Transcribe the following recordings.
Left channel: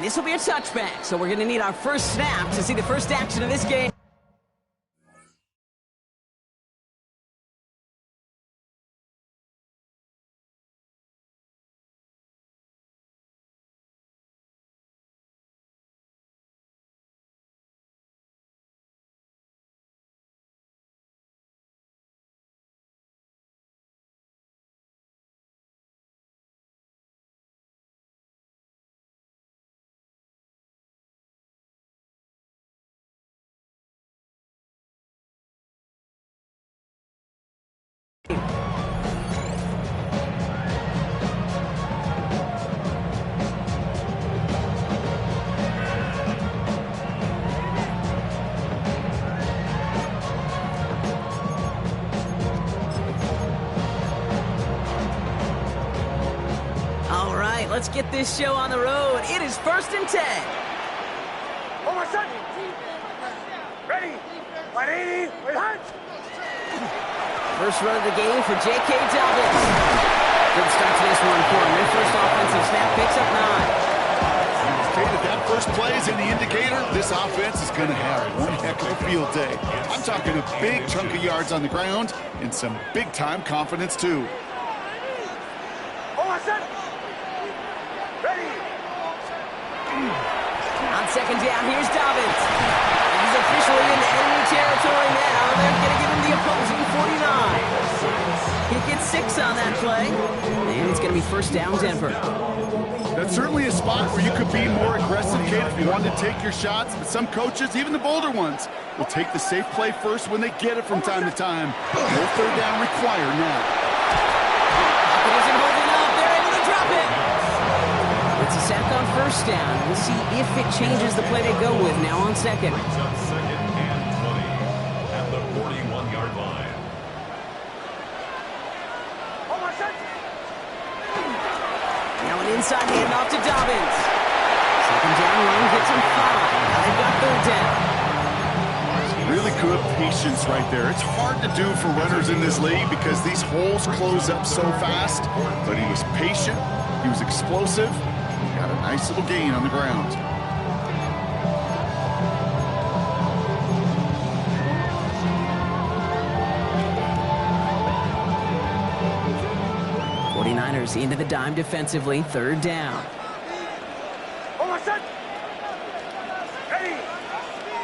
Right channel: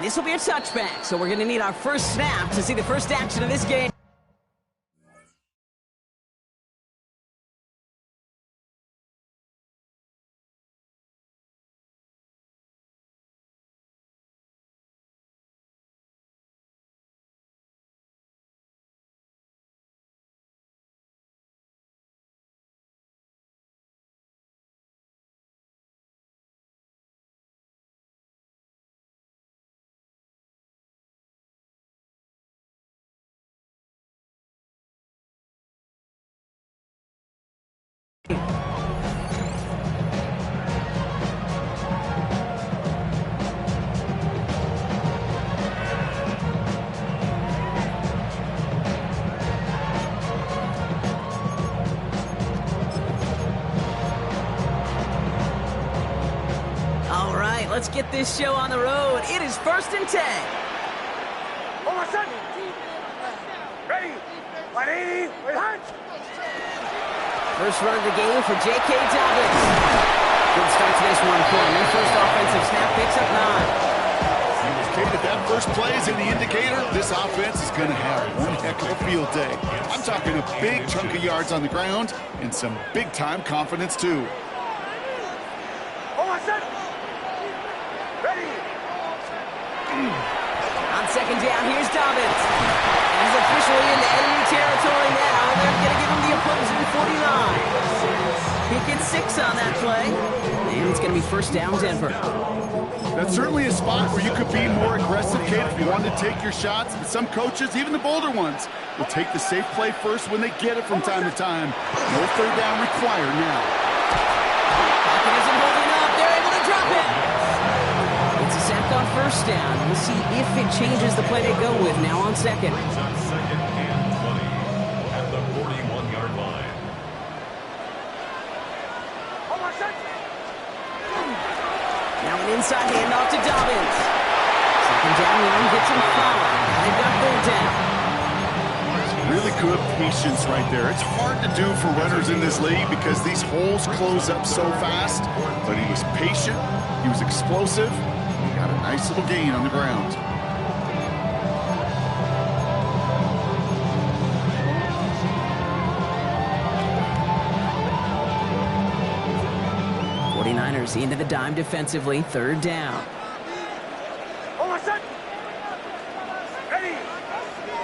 And this will be a touchback, so we're going to need our first snap to see the first action of this game. All right, let's get this show on the road. It is 1st and 10. Oh, my son! Ready! 180, wait, hunt! First run of the game for J.K. Dobbins. Good start to this one for him. Their first offensive snap picks up 9. Indicated that first play is in the indicator. This offense is going to have one heck of a field day. I'm talking a big chunk of yards on the ground and some big-time confidence, too. Oh, my son! Ready! On 2nd down, here's Dobbins. And he's officially into enemy territory now. They're going to give him the opposing 49. He gets 6 on that play. And it's going to be 1st down, Denver. That's certainly a spot where you could be more aggressive, Kate, if you wanted to take your shots. But some coaches, even the bolder ones, will take the safe play first when they get it from time to time. No 3rd down required now. Pocket isn't holding up. They're able to drop it. It's a sack on 1st down. We'll see if it changes the play they go with now on 2nd. Brings up 2nd and 20 at the 41-yard line. Oh, my son! Now an inside handoff to Dobbins. 2nd down run gets him 5. Now they've got 3rd down. Really good patience right there. It's hard to do for runners in this league because these holes close up so fast. But he was patient. He was explosive. He got a nice little gain on the ground. Into the dime defensively. 3rd down. Oh, my son! Ready!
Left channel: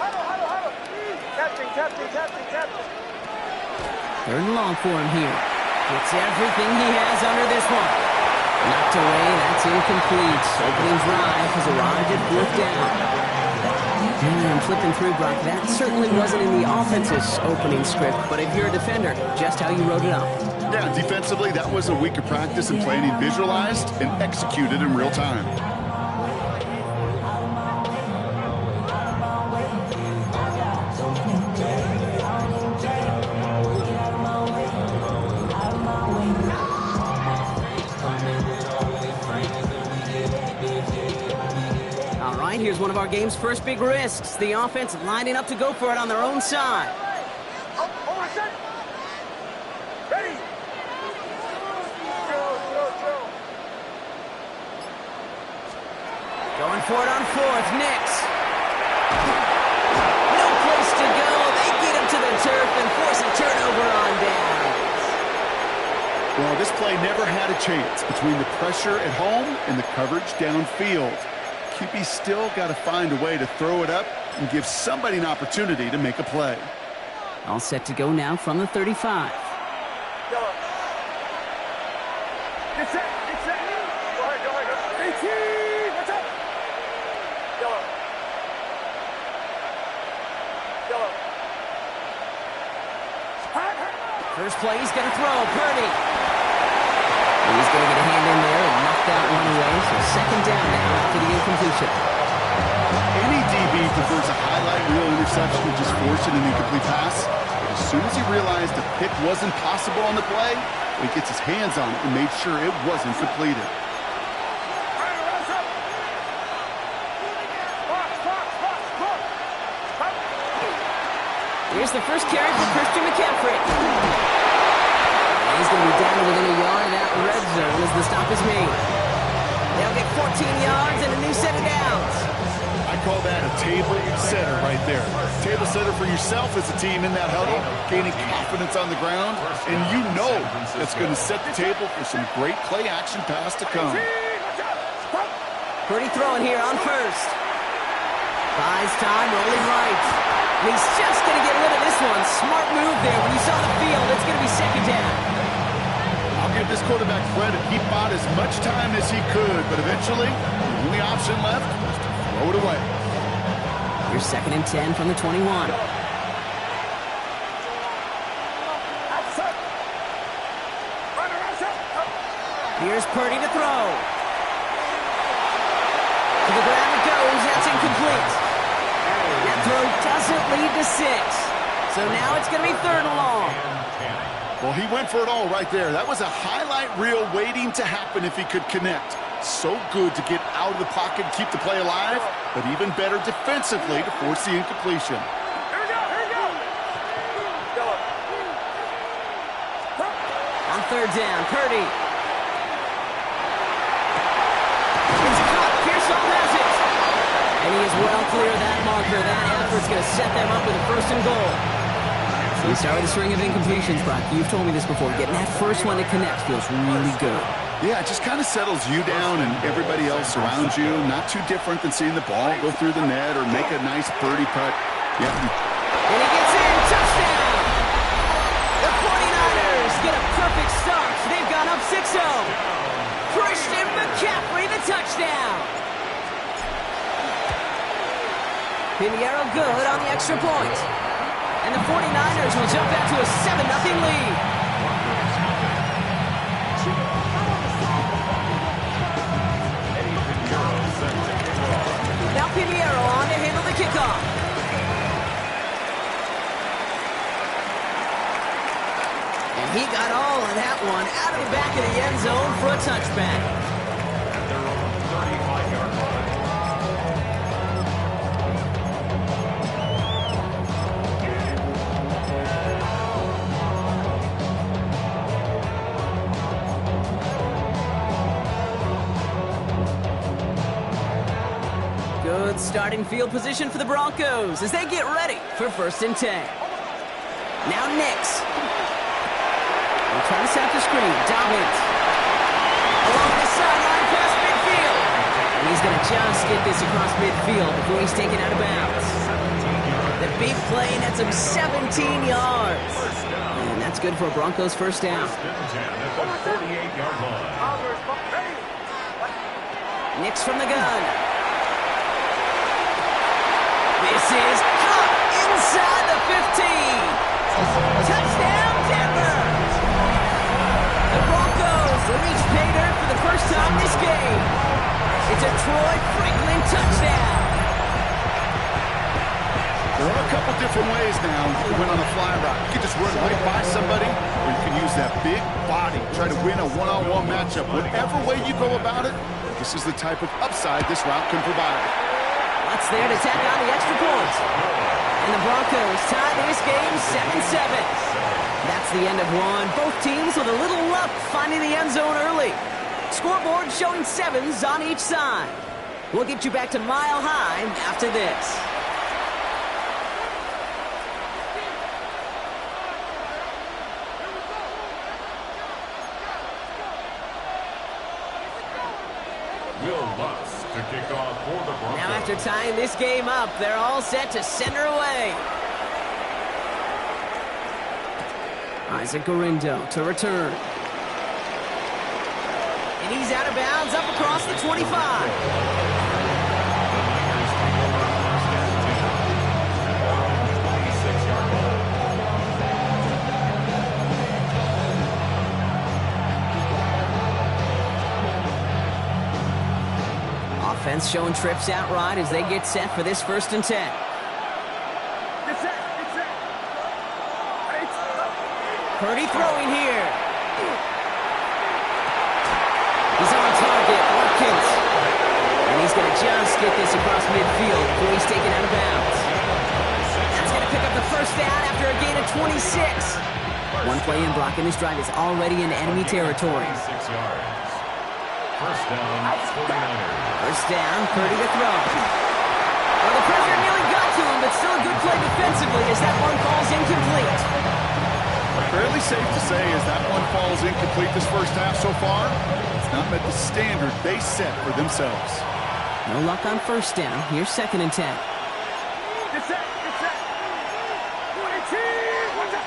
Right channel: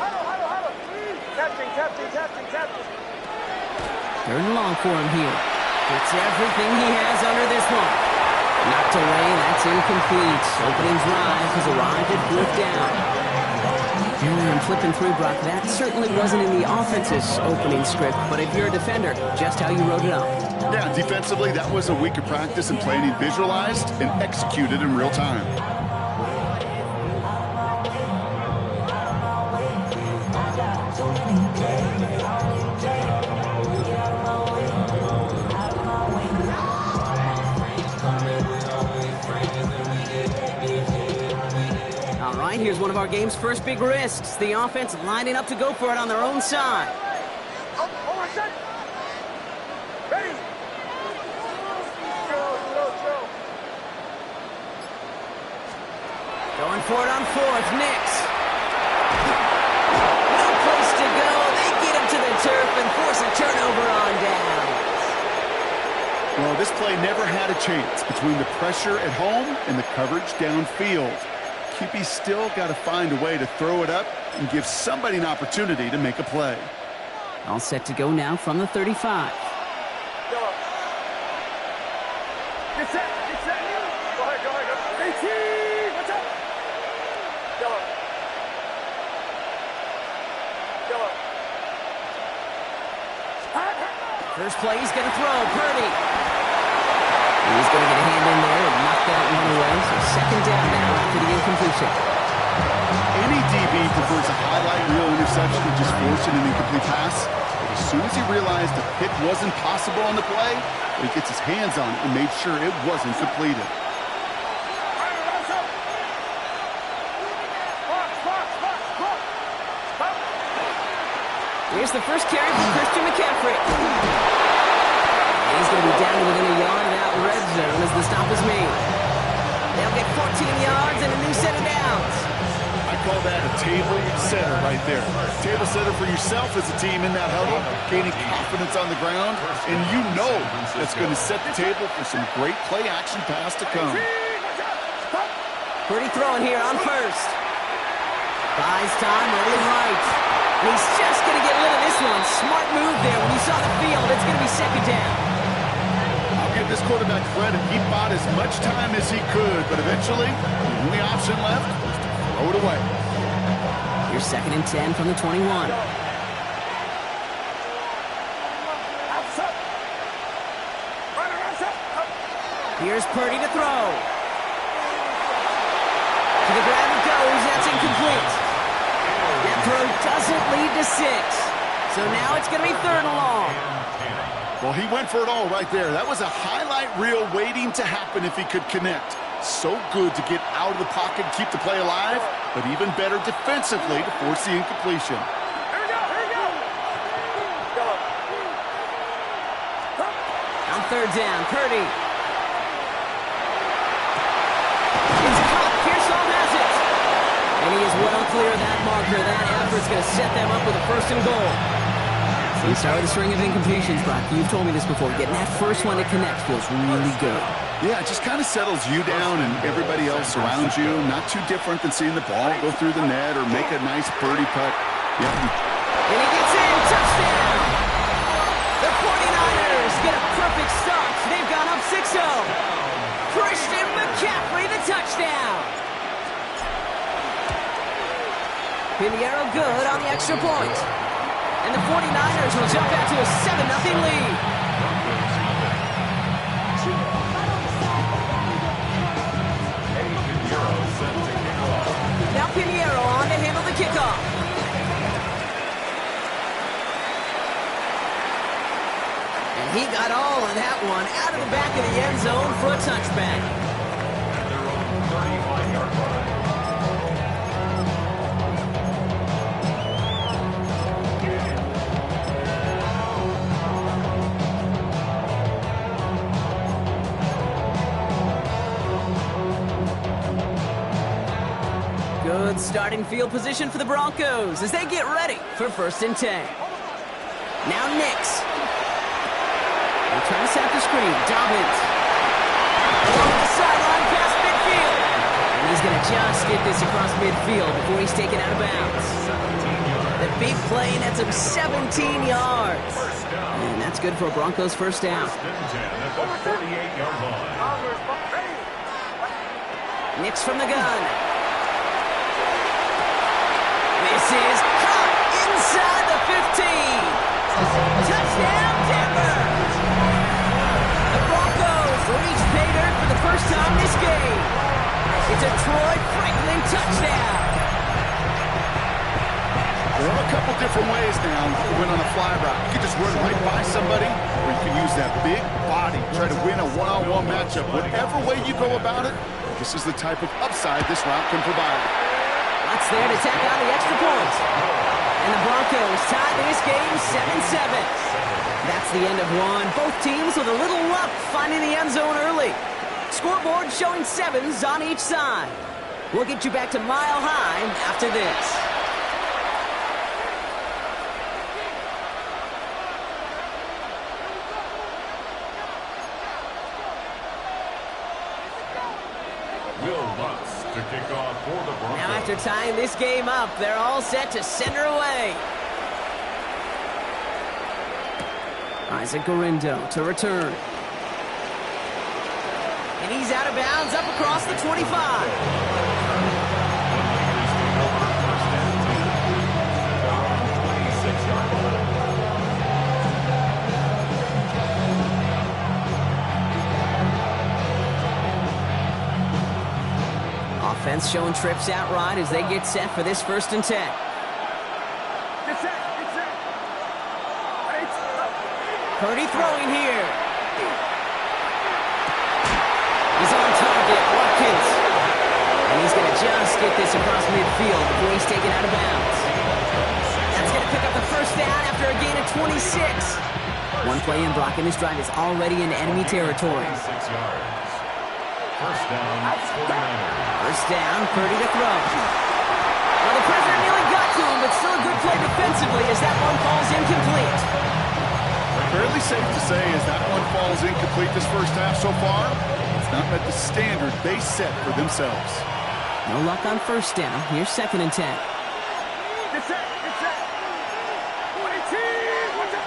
Huddle! Captain. 3rd and long for him here. Gets everything he has under this one. Knocked away, that's incomplete. Opening drive has arrived at 4th down. I'm flipping through, Brock. That certainly wasn't in the offense's opening script, but if you're a defender, just how you wrote it up. Yeah, defensively, that was a week of practice and planning visualized and executed in real time. All right, here's one of our game's first big risks. The offense lining up to go for it on their own side. Oh, my son! Ready! Joe. Going for it on 4th, Nix. No place to go. They get him to the turf and force a turnover on downs. Well, this play never had a chance between the pressure at home and the coverage downfield. QB still got to find a way to throw it up and give somebody an opportunity to make a play. All set to go now from the 35. Yellow. Get set. Go ahead. 18, what's up? Yellow. First play, he's going to throw. Purdy. He's going to get a hand in there and knock that one away. So 2nd down now after the incompletion. Any DB prefers a highlight reel interception to just forcing an incomplete pass. But as soon as he realized a pick wasn't possible on the play, he gets his hands on it and made sure it wasn't completed. Here's the first carry for Christian McCaffrey. And he's going to be down to within a yard of that red zone as the stop is made. They'll get 14 yards and a new set of downs. I call that a table setter right there. Table setter for yourself as a team in that huddle, gaining confidence on the ground, and you know that's going to set the table for some great play-action pass to come. Purdy throwing here on first. Buys time, rolling right. And he's just going to get rid of this one. Smart move there. When you saw the field, it's going to be second down. I'll give this quarterback credit. He bought as much time as he could, but eventually, the only option left was to throw it away. Here's 2nd and 10 from the 21. Here's Purdy to throw. To the ground it goes. That's incomplete. That throw doesn't lead to 6. So now it's going to be 3rd and long. Well, he went for it all right there. That was a highlight reel waiting to happen if he could connect. So good to get out of the pocket and keep the play alive, but even better defensively to force the incompletion. Here we go, here we go. On 3rd down, Purdy. It's caught. Pearsall has it. And he is well clear of that marker. That effort's going to set them up with a 1st and goal. So we started a string of incompletions, Brock. You've told me this before. Getting that first one to connect feels really good. Yeah, it just kind of settles you down and everybody else around you. Not too different than seeing the ball go through the net or make a nice birdie putt. Yeah. And he gets in. Touchdown! The 49ers get a perfect start. They've gone up 6-0. Christian McCaffrey, the touchdown. Pinheiro good on the extra point. And the 49ers will jump out to a 7-0 lead. Now Pinheiro on to handle the kickoff. And he got all of that one out of the back of the end zone for a touchback. At their own 35-yard line. Good starting field position for the Broncos as they get ready for 1st and 10. Now Nix. We'll try to set the screen. Dobbins. Along the sideline past midfield. And he's going to just get this across midfield before he's taken out of bounds. The big play nets him 17 yards. And that's good for a Broncos 1st down. 1st and 10 at the 48-yard line. Nix from the gun. This is caught inside the 15. Touchdown, Denver! The Broncos reach pay dirt for the first time this game. It's a Troy Franklin touchdown. There are a couple different ways now to win on a fly route. You can just run right by somebody, or you can use that big body, try to win a one-on-one matchup. Whatever way you go about it, this is the type of upside this route can provide. Lots there to tack on the extra point. And the Broncos tie this game 7-7. That's the end of one. Both teams with a little luck finding the end zone early. Scoreboard showing 7s on each side. We'll get you back to Mile High after this. To kick off for the Broncos. Now after tying this game up, they're all set to send her away. Isaac Gorindo to return. And he's out of bounds up across the 25. The Niners take over 1st and 10 at their own 26-yard line. Offense showing trips out right as they get set for this 1st and 10. Get set, get set. Purdy throwing here. He's on target, Watkins. And he's going to just get this across midfield before he's taken out of bounds. That's going to pick up the 1st down after a gain of 26. One play in, Brock, and this drive is already into enemy territory. 6 yards. First down, 49ers. First down, Purdy to throw. Well, the pressure nearly got to him, but still a good play defensively as that one falls incomplete. Fairly safe to say as that one falls incomplete this first half so far, it's not met the standard they set for themselves. No luck on first down. Here's 2nd and 10. Get set. Get set. 22. Watch out.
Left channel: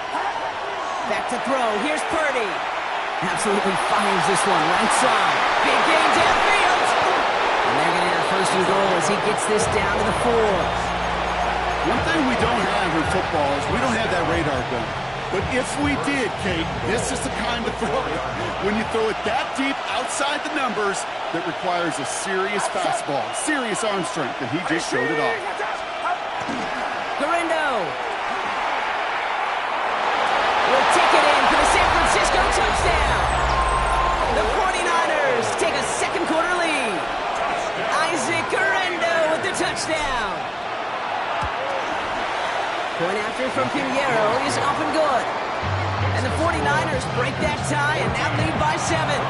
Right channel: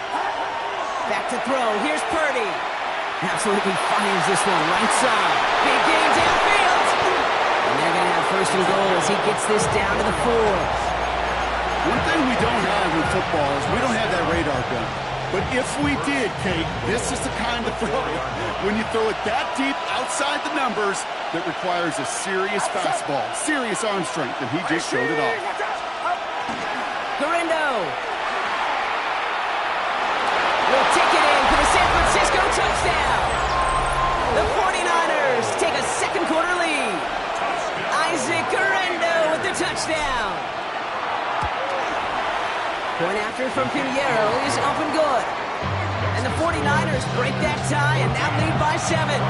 Back to throw. Here's Purdy. Absolutely fires this one right side. Big gain downfield. And they're going to have 1st and goal as he gets this down to the 4. One thing we don't have in football is we don't have that radar gun. But if we did, Kate, this is the kind of throw, when you throw it that deep outside the numbers, that requires a serious fastball, serious arm strength, and he just showed it off. Garindo will take it in for the San Francisco touchdown. The 49ers take a second quarter lead. Isaac Garindo with the touchdown. Point after from Pinheiro is up and good. And the 49ers break that tie and now lead by 7.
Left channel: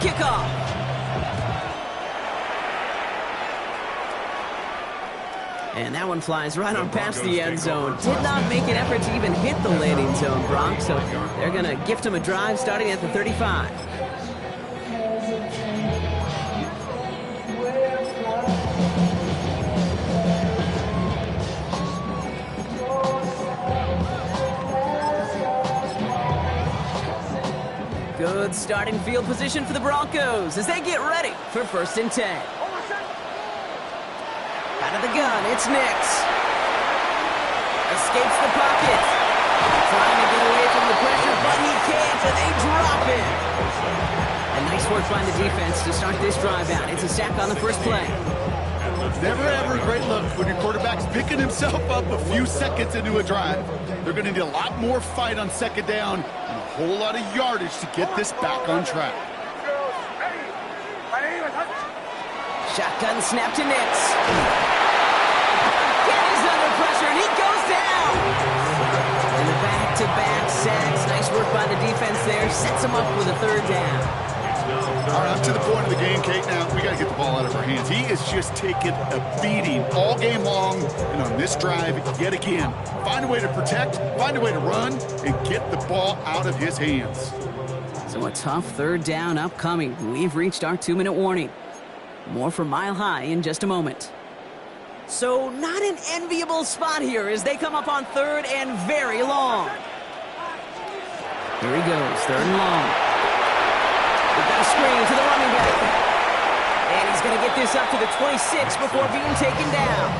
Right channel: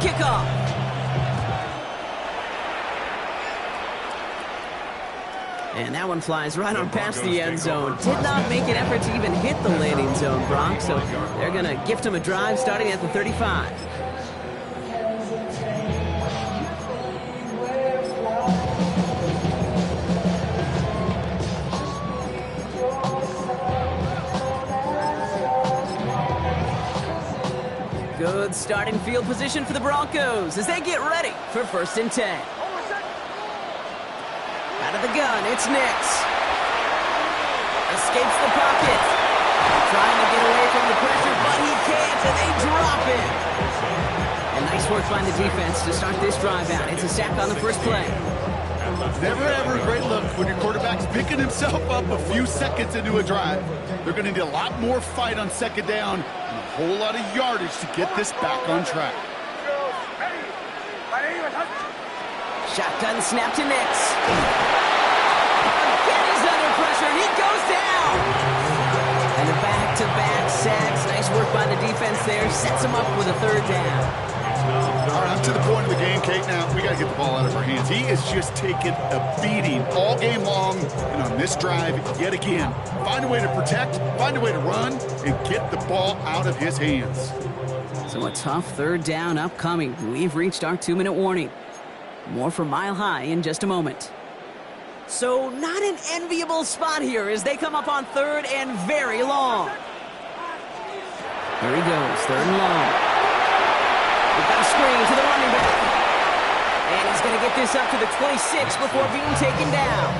Kickoff. And that one flies right on past the end zone. Did not make an effort to even hit the landing zone, Bronx. So they're going to gift him a drive starting at the 35. Good starting field position for the Broncos as they get ready for 1st and 10. Out of the gun, it's Nix. Escapes the pocket. Trying to get away from the pressure, but he can't, and they drop him. And nice work by the defense to start this drive out. It's a sack on the first play. Never ever a great look when your quarterback's picking himself up a few seconds into a drive. They're going to need a lot more fight on 2nd down and a whole lot of yardage to get this back on track. Shotgun snap to Nix. Again, he's under pressure, and he goes down. And the back-to-back sacks. Nice work by the defense there. Sets him up with a 3rd down. All right, I'm to the point of the game, Kate. Now, we got to get the ball out of our hands. He is just taking a beating all game long, and on this drive, yet again. Find a way to protect, find a way to run, and get the ball out of his hands. So a tough 3rd down upcoming. We've reached our 2-minute warning. More from Mile High in just a moment. So not an enviable spot here as they come up on 3rd and very long. Here he goes, 3rd and long. We've got a screen to the running back. And he's going to get this up to the 26 before being taken down.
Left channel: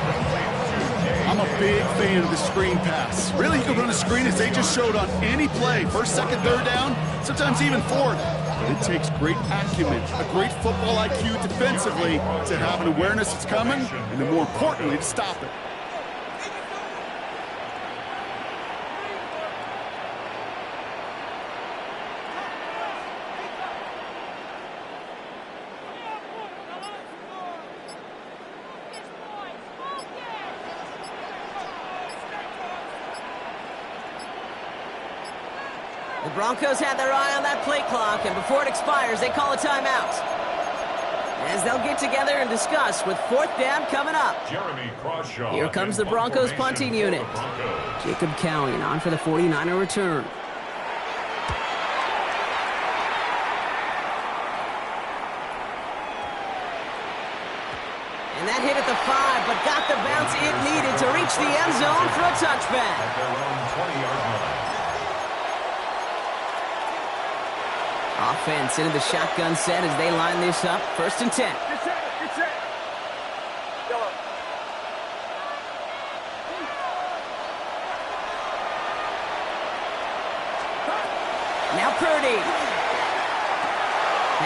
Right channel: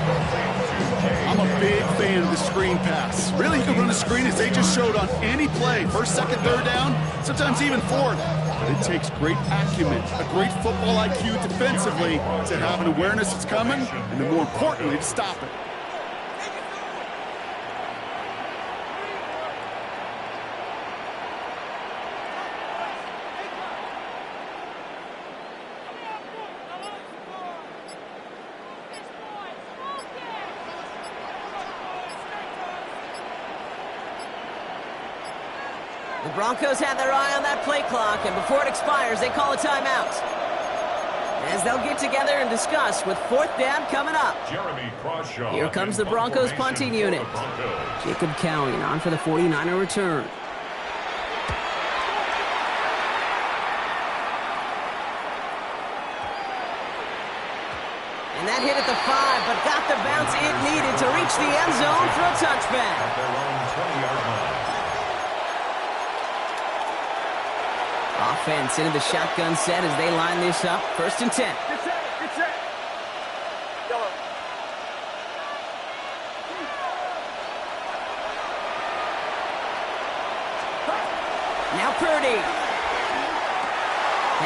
I'm a big fan of the screen pass. Really, you can run a screen as they just showed on any play. 1st, 2nd, 3rd down, sometimes even 4th. But it takes great acumen, a great football IQ defensively to have an awareness it's coming, and then more importantly, to stop it. The Broncos had their eye on that play clock, and before it expires, they call a timeout. As they'll get together and discuss with 4th down coming up. Here comes the Broncos punting unit. Jacob Cowie on for the 49er return. And that hit at the 5, but got the bounce it needed to reach the end zone for a touchback. At their own 20-yard line. Offense into the shotgun set as they line this up. 1st and 10. Get set. Get set. Yellow. Now Purdy.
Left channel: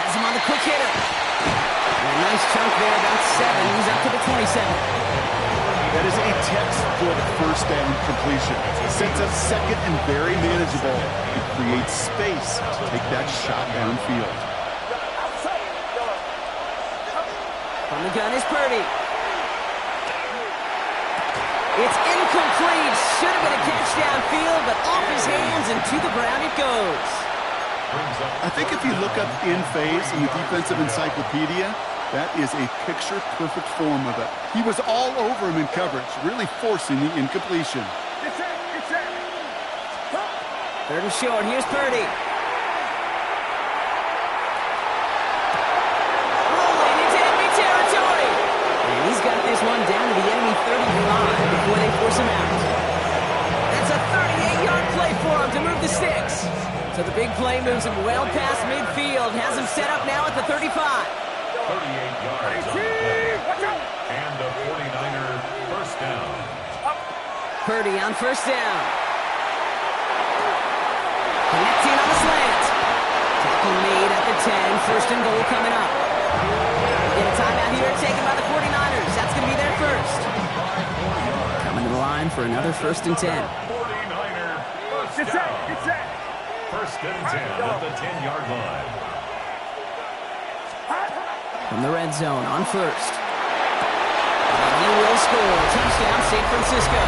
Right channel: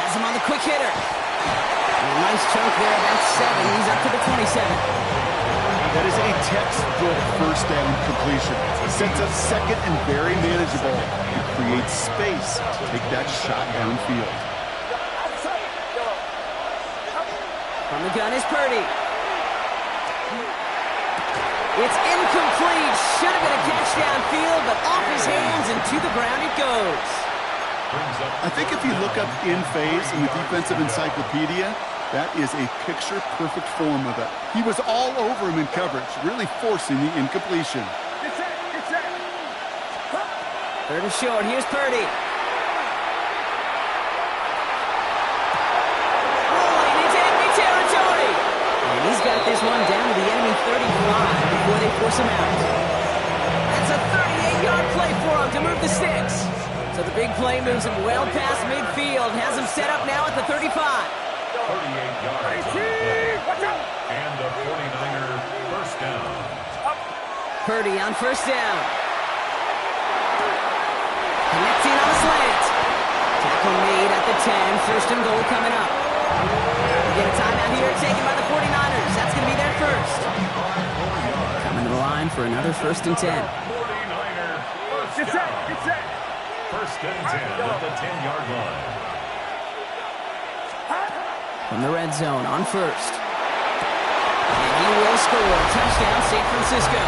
Has him on the quick hitter. And a nice chunk there, about 7. He's up to the 27. That is a textbook first down completion. Sets up second and very manageable and creates space to take that shot downfield. From the gun is Purdy. It's incomplete. Should have been a catch downfield, but off his hands and to the ground it goes. I think if you look up in phase in the defensive encyclopedia, that is a picture-perfect form of it. He was all over him in coverage, really forcing the incompletion. Third and short. Here's Purdy. Rolling into enemy territory. And he's got this one down to the enemy 35 before they force him out. That's a 38-yard play for him to move the sticks. So the big play moves him well past midfield. Has him set up now at the 35. 38 yards on the play. And the 49er first down. Purdy on first down. Connecting on the slant. Tackle made at the 10. First and goal coming up. We get a timeout here taken by the 49ers. That's going to be their first. Coming to the line for another first and 10. 49er first down. First and 10 at the 10-yard line. From the red zone on first. And he will score. Touchdown, San Francisco.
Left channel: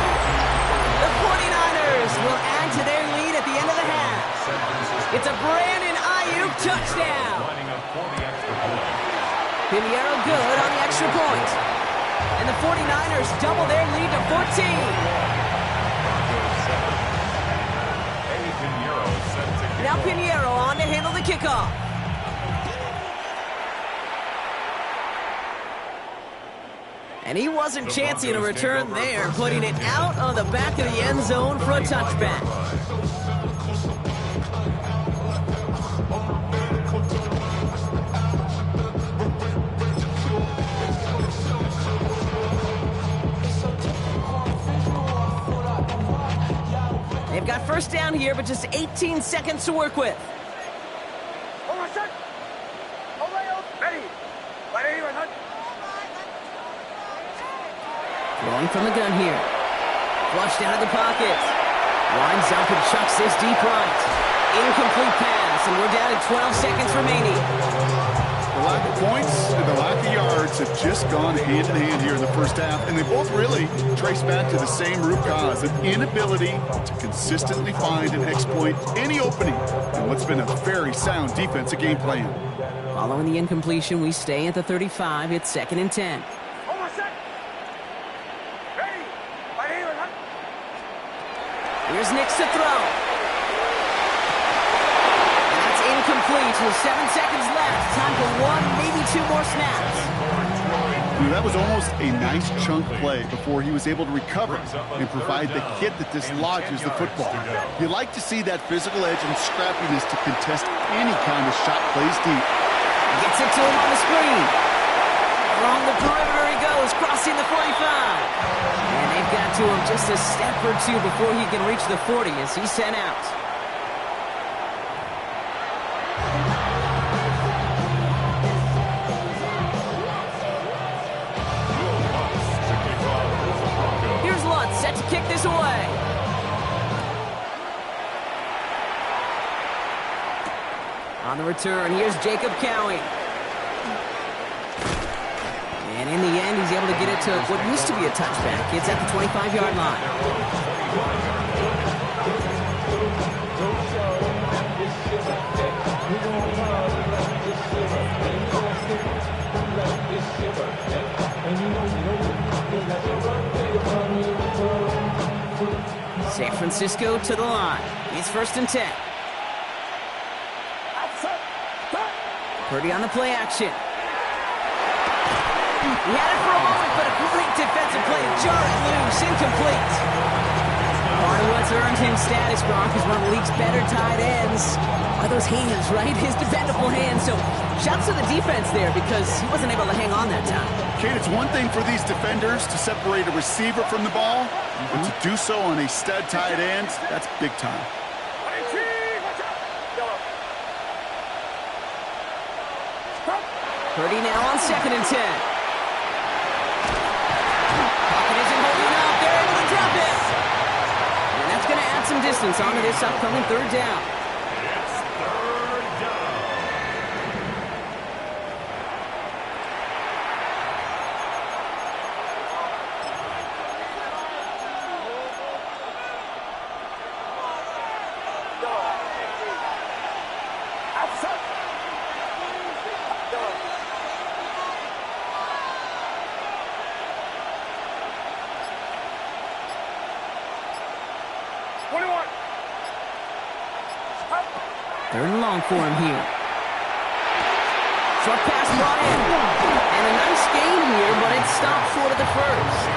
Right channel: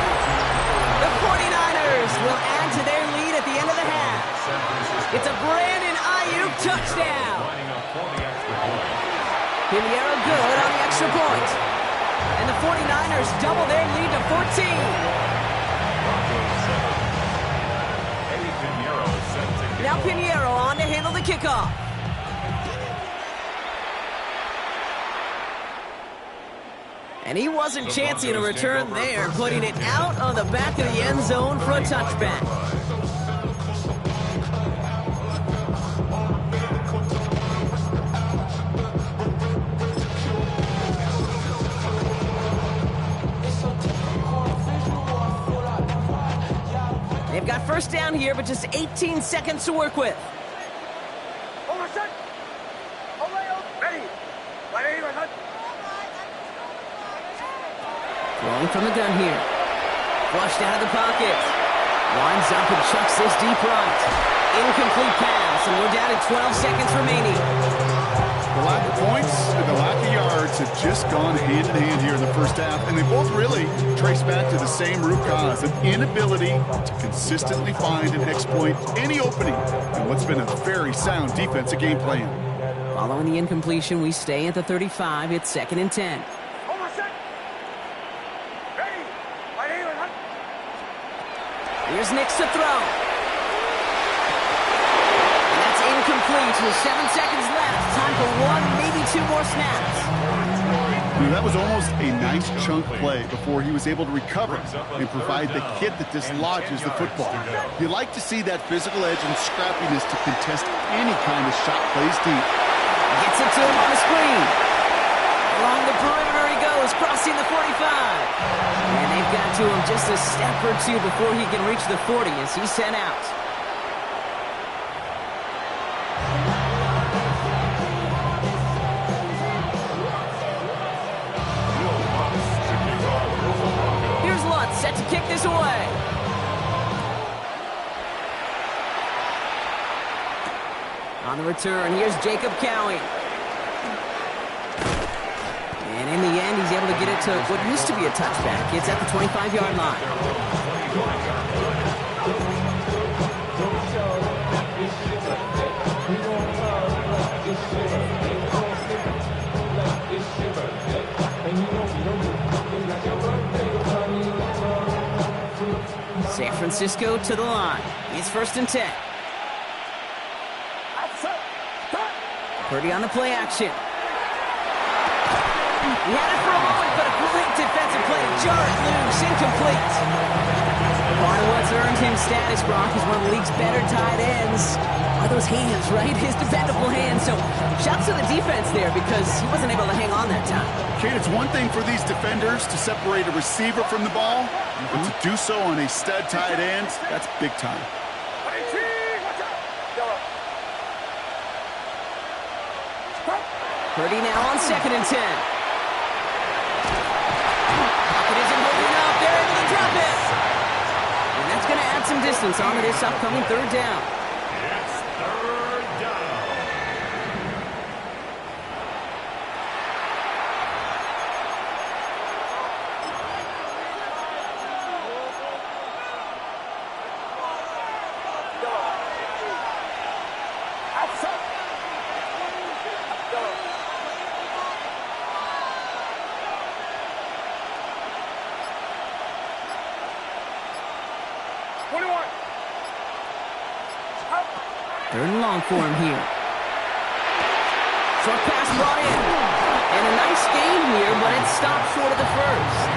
The 49ers will add to their lead at the end of the half. It's a Brandon Ayuk touchdown. Pinheiro good on the extra point. And the 49ers double their lead to 14. Now Pinheiro on to handle the kickoff. And he wasn't chancing a return there, putting it out of the back of the end zone for a touchback. They've got first down here, but just 18 seconds to work with. Throwing from the gun here. Flushed out of the pocket. Winds up and chucks this deep right. Incomplete pass, and we're down to 12 seconds remaining. The lack of points and the lack of yards have just gone hand in hand here in the first half, and they both really trace back to the same root cause, an inability to consistently find and exploit any opening in what's been a very sound defensive game plan. Following the incompletion, we stay at the 35. It's second and 10. Here's Nix to throw. And that's incomplete with 7 seconds left. Time for one, maybe two more snaps. That was almost a nice chunk play before he was able to recover and provide the hit that dislodges the football. You like to see that physical edge and scrappiness to contest any kind of shot plays deep. Gets it to him on the screen. Along the perimeter he goes, crossing the 45. And they've got to him just a step or two before he can reach the 40 as he's sent out. Here's Lutz set to kick this away. On the return, here's Jacob Cowie. And in the end, he's able to get it to what used to be a touchback. It's at the 25-yard line. San Francisco to the line. It's first and 10. Purdy on the play action. He had it for a moment, but a great defensive play to jar it loose. Incomplete. Part of what's earned him status, Brock, is one of the league's better tight ends. Are those hands, right? His dependable hands. So shouts to the defense there because he wasn't able to hang on that time. Kate, it's one thing for these defenders to separate a receiver from the ball, but to do so on a stud tight end, that's big time. Purdy now on second and 10. Pocket isn't holding distance onto this upcoming third down. It's third down. Outside. 21. Third and long for him here. Short pass brought in. And a nice gain here, but it stopped short of the first.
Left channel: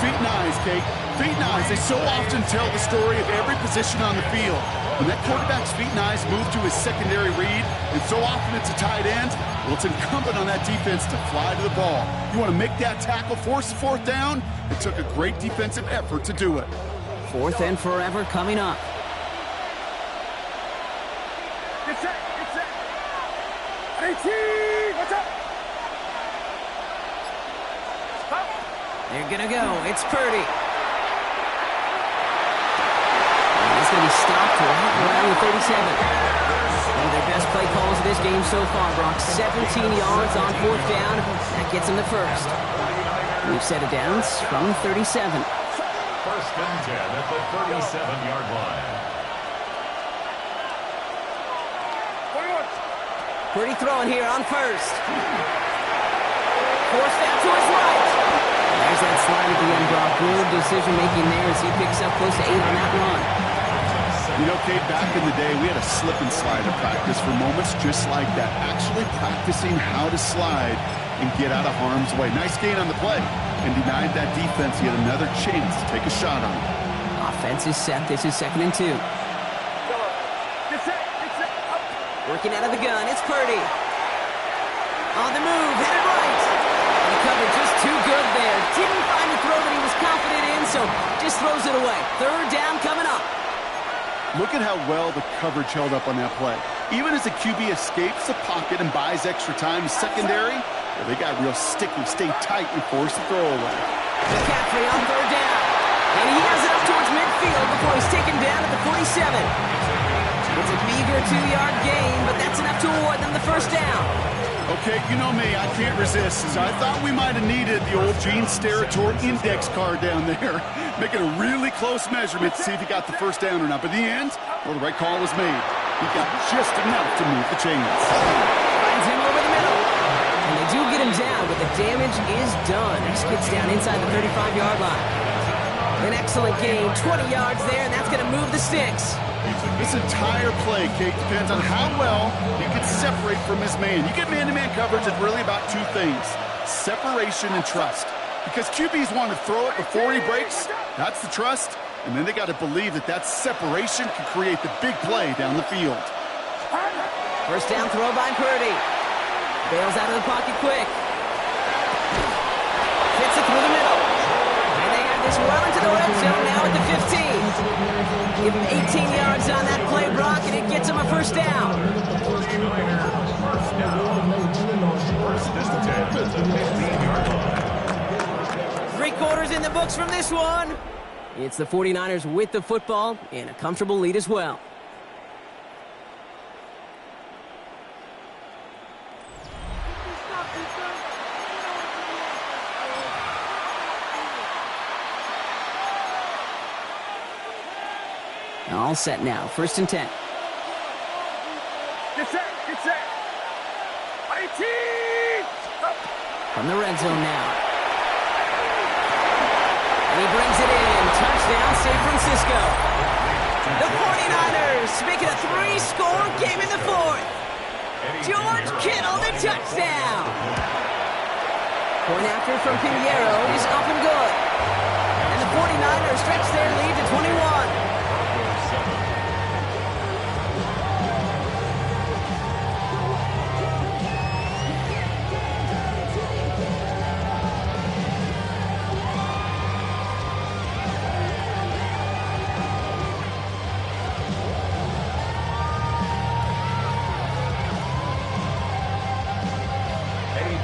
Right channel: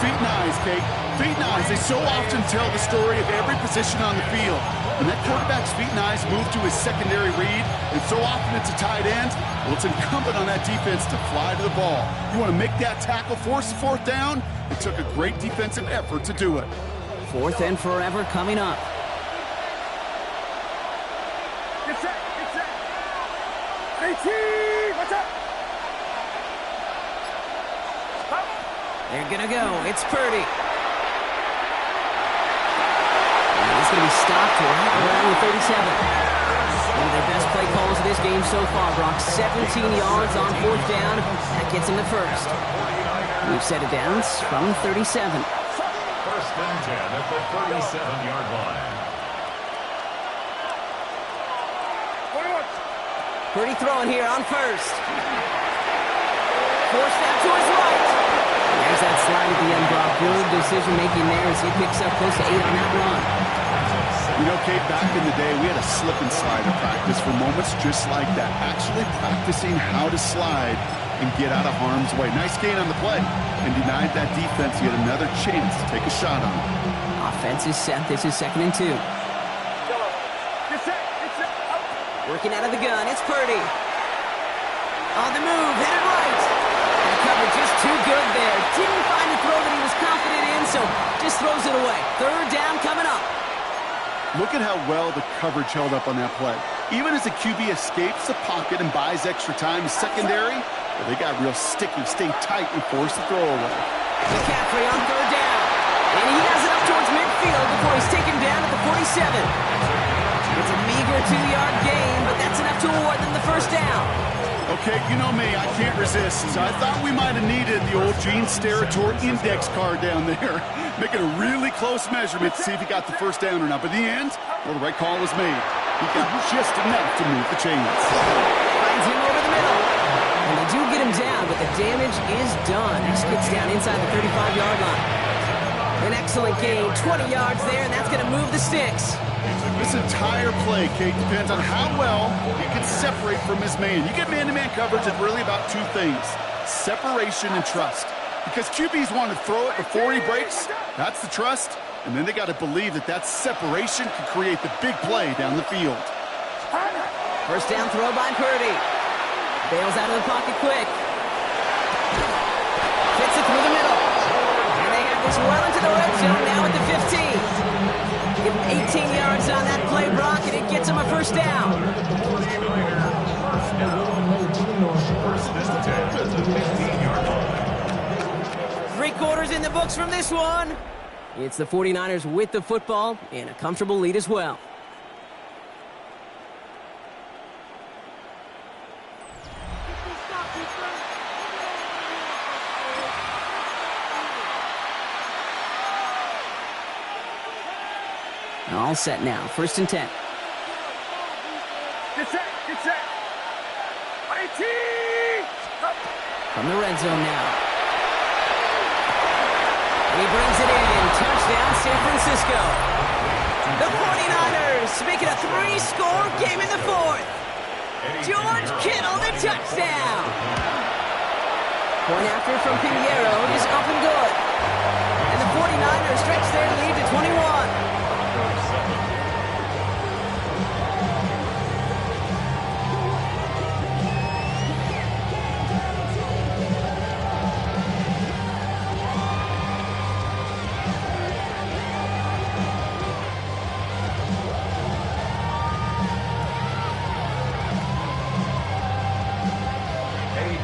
Feet and eyes, Kate. Feet and eyes. They so often tell the story of every position on the field. When that quarterback's feet and eyes move to his secondary read, and so often it's a tight end, well, it's incumbent on that defense to fly to the ball. You want to make that tackle, force the fourth down? It took a great defensive effort to do it. Fourth and forever coming up. Get set. Get set. 18. What's up? Stop. They're going to go. It's Purdy. And he's going to be stopped right around the 37. One of their best play calls of this game so far, Brock. 17 yards on fourth down. That gets him the first. We've set it down from 37. First and 10 at the 37-yard line. 21. Purdy throwing here on first. Forced out to his right. And there's that slide at the end, Brock. Good decision-making there as he picks up close to 8 on that run. You know, Kate, back in the day, we had a slip and slide at practice for moments just like that. Actually practicing how to slide and get out of harm's way. Nice gain on the play, and denied that defense yet another chance to take a shot on him. Offense is set. This is 2nd and 2. Get set. Get set. Up. Working out of the gun. It's Purdy. On the move. Headed right. And the cover just too good there. Didn't find a throw that he was confident in, so just throws it away. Third down coming up. Look at how well the coverage held up on that play. Even as the QB escapes the pocket and buys extra time secondary, well, they got real sticky, stay tight, and force the throw away. McCaffrey on third down. And he has it up towards midfield before he's taken down at the 47. It's a meager 2-yard gain, but that's enough to award them the first down. Okay, you know me, I can't resist. So I thought we might have needed the old Gene Steratore index card down there. Making a really close measurement to see if he got the first down or not. But in the end, well, the right call was made. He got just enough to move the chains. Finds him over the middle. And they do get him down, but the damage is done. This gets down inside the 35-yard line. An excellent gain, 20 yards there, and that's going to move the sticks. This entire play, Kate, depends on how well he can separate from his man. You get man-to-man coverage, it's really about two things: separation and trust. Because QBs want to throw it before he breaks, that's the trust, and then they got to believe that that separation can create the big play down the field. First down throw by Purdy. Bails out of the pocket quick. Fits it through the middle. And they have this well into the red zone now at the 15. Give him 18 yards on that play, Brock, and it gets him a first down. First and 10 at the 15-yard line. 3 quarters in the books from this one. It's the 49ers with the football and a comfortable lead as well. All set now. First and 10. Get set. Get set. 18. Up. From the red zone now. And he brings it in. Touchdown, San Francisco. The 49ers make it a 3-score game in the fourth. George Kittle, the touchdown. Point after from Pinheiro is up and good. And the 49ers stretch their lead to 21.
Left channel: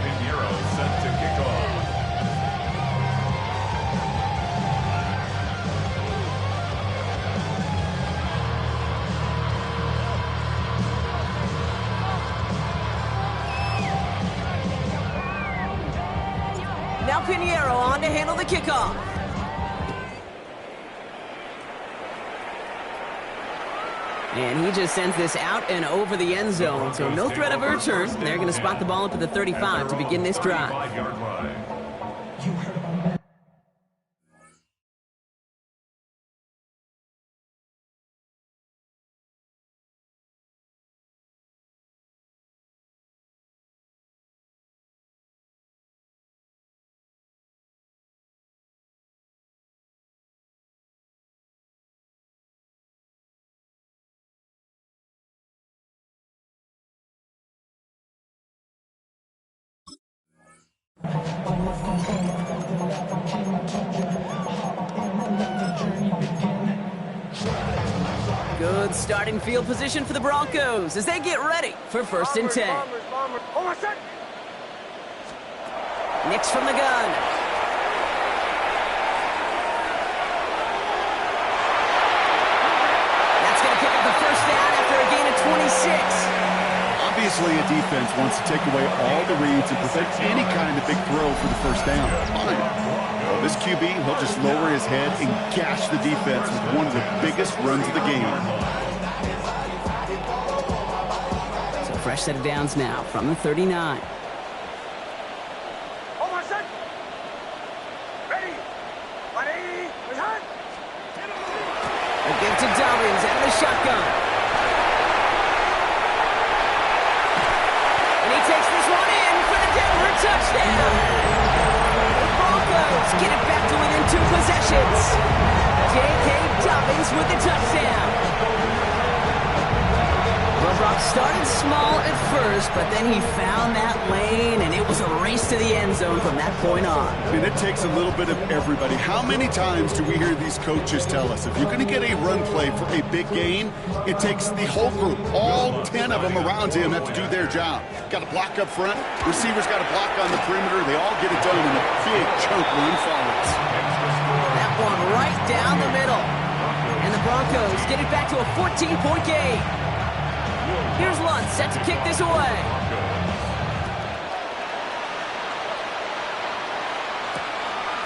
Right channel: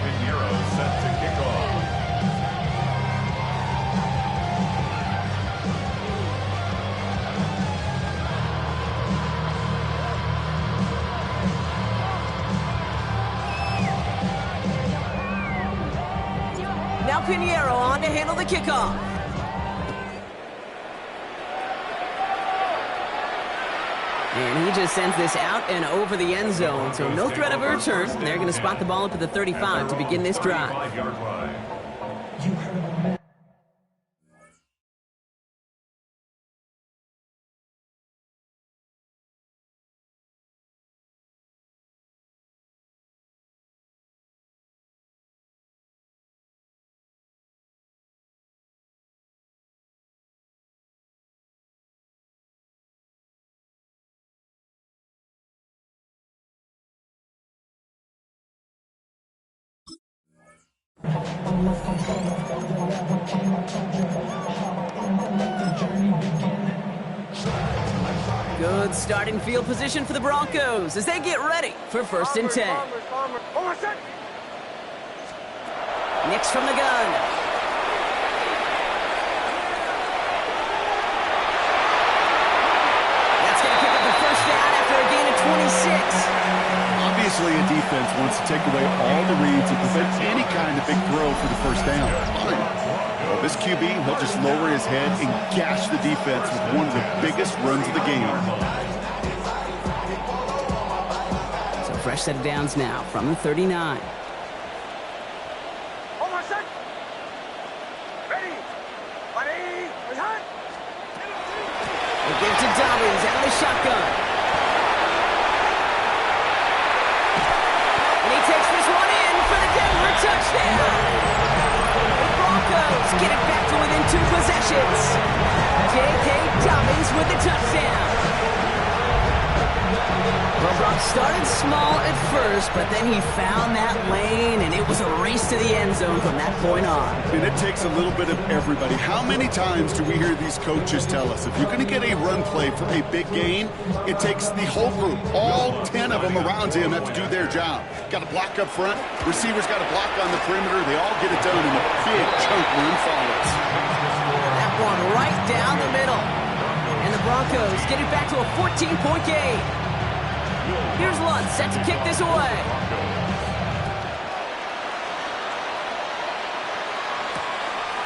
Pinheiro set to kick off. Pinheiro on to handle the kickoff. And he just sends this out and over the end zone, so no threat of a return. They're going to spot the ball up at the 35 to begin this drive. You heard about Madden. Good starting field position for the Broncos as they get ready for 1st and 10. Nix from the gun. That's going to pick up the 1st down after a gain of 26. Obviously, a defense wants to take away all the reads and prevent any kind of big throw for the 1st down. Fine. Well, this QB, he'll just lower his head and gash the defense with one of the biggest runs of the game. So fresh set of downs now from the 39. Hold on, set. Ready. Ready. Return. A give to Dobbins out of the shotgun. And he takes this one in for the Denver touchdown. The Broncos get it back to within 2 possessions. J.K. Dobbins with the touchdown. Well, Brock started small at first, but then he found that lane, and it was a race to the end zone from that point on. And it takes a little bit of everybody. How many times do we hear these coaches tell us, if you're going to get a run play for a big gain, it takes the whole group, all 10 of them around him have to do their job. Got to block up front, receivers got to block on the perimeter, they all get it done, and a big chunk run follows. That one right down the middle. And the Broncos get it back to a 14-point game. Here's Lunt set to kick this away.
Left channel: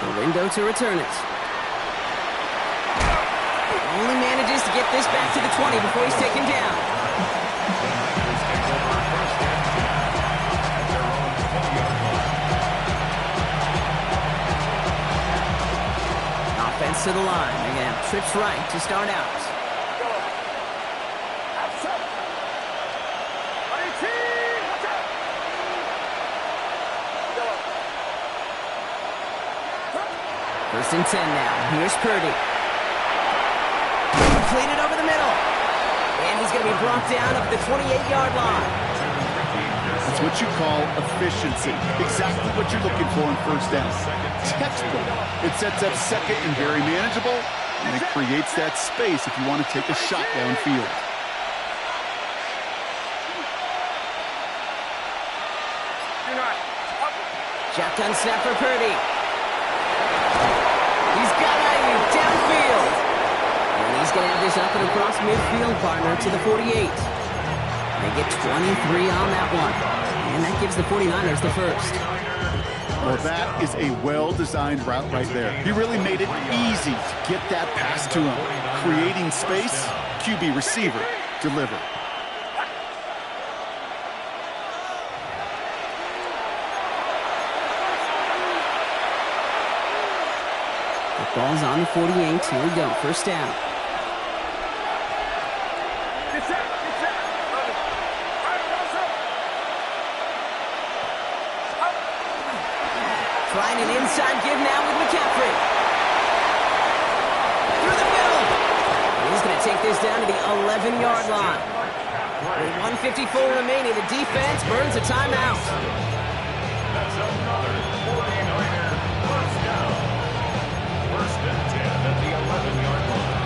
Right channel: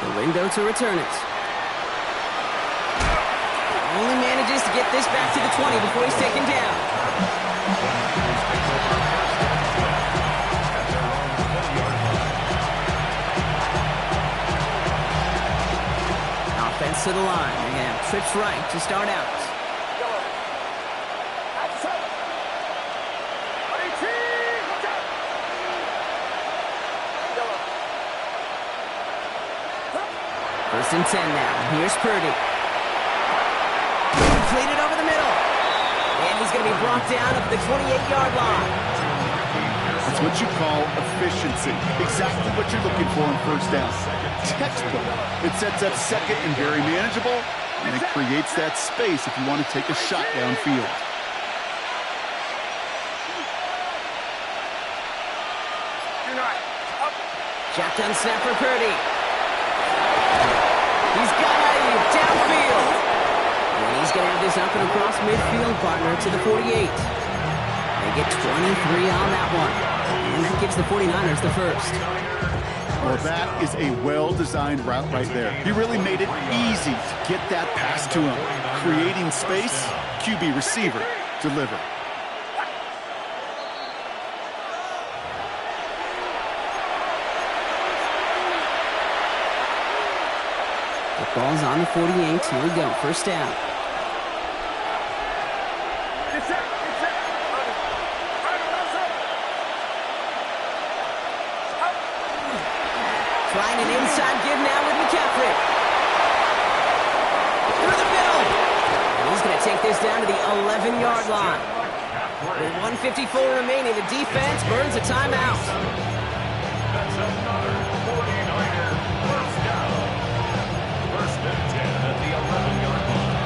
The window to return it. Only manages to get this back to the 20 before he's taken down. The Niners take over 1st and 10 at their own 20-yard line. Offense to the line. They're going to have trips right to start out. First and 10 now. Here's Purdy. Completed over the middle. And he's going to be brought down up at the 28-yard line. That's what you call efficiency. Exactly what you're looking for in 1st down. Textbook. It sets up 2nd and very manageable, and it creates that space if you want to take a shot downfield. Shotgun snap for Purdy. He's got Ayuk downfield. And he's going to have this up and across midfield, partner, to the 48. They get 23 on that one. And that gives the 49ers the 1st. Well, that is a well-designed route right there. He really made it easy to get that pass to him. Creating space, QB receiver, deliver. The ball's on the 48. Here we go. 1st down. Trying an inside give now with McCaffrey. Through the middle. And he's going to take this down to the 11-yard line. With 1:54 remaining, the defense burns a timeout. That's another 49er 1st down. 1st and 10 at the 11-yard line.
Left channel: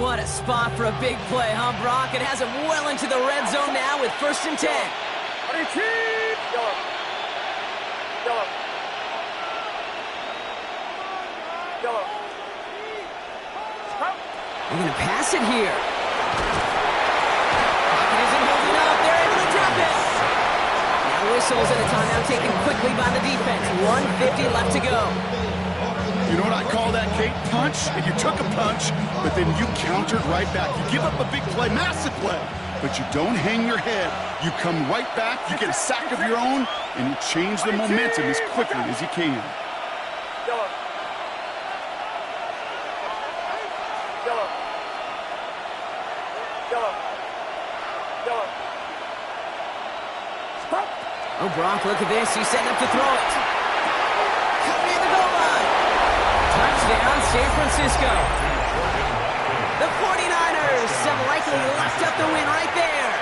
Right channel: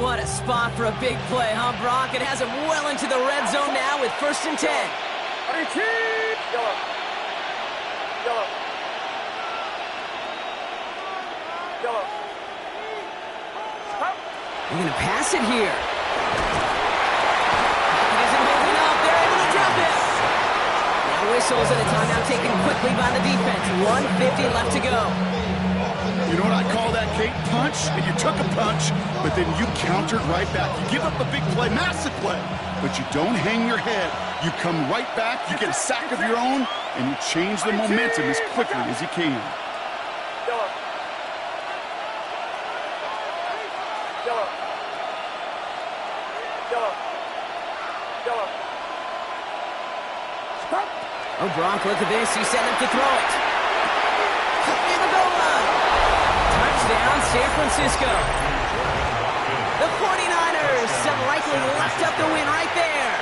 What a spot for a big play, huh, Brock? It has him well into the red zone now with 1st and 10. Yellow. Yellow. Yellow. They're going to pass it here. whistles and a timeout taken quickly by the defense. 1:50 left to go. You know what I call that, Kate? Punch, and you took a punch, but then you countered right back. You give up a big play, massive play, but you don't hang your head. You come right back, you get a sack of your own, and you change the momentum as quickly as you can. Oh, Gronk, look at this. He's setting up to throw it. Cut near the goal line. Touchdown, San Francisco. The 49ers have likely locked up the win right there.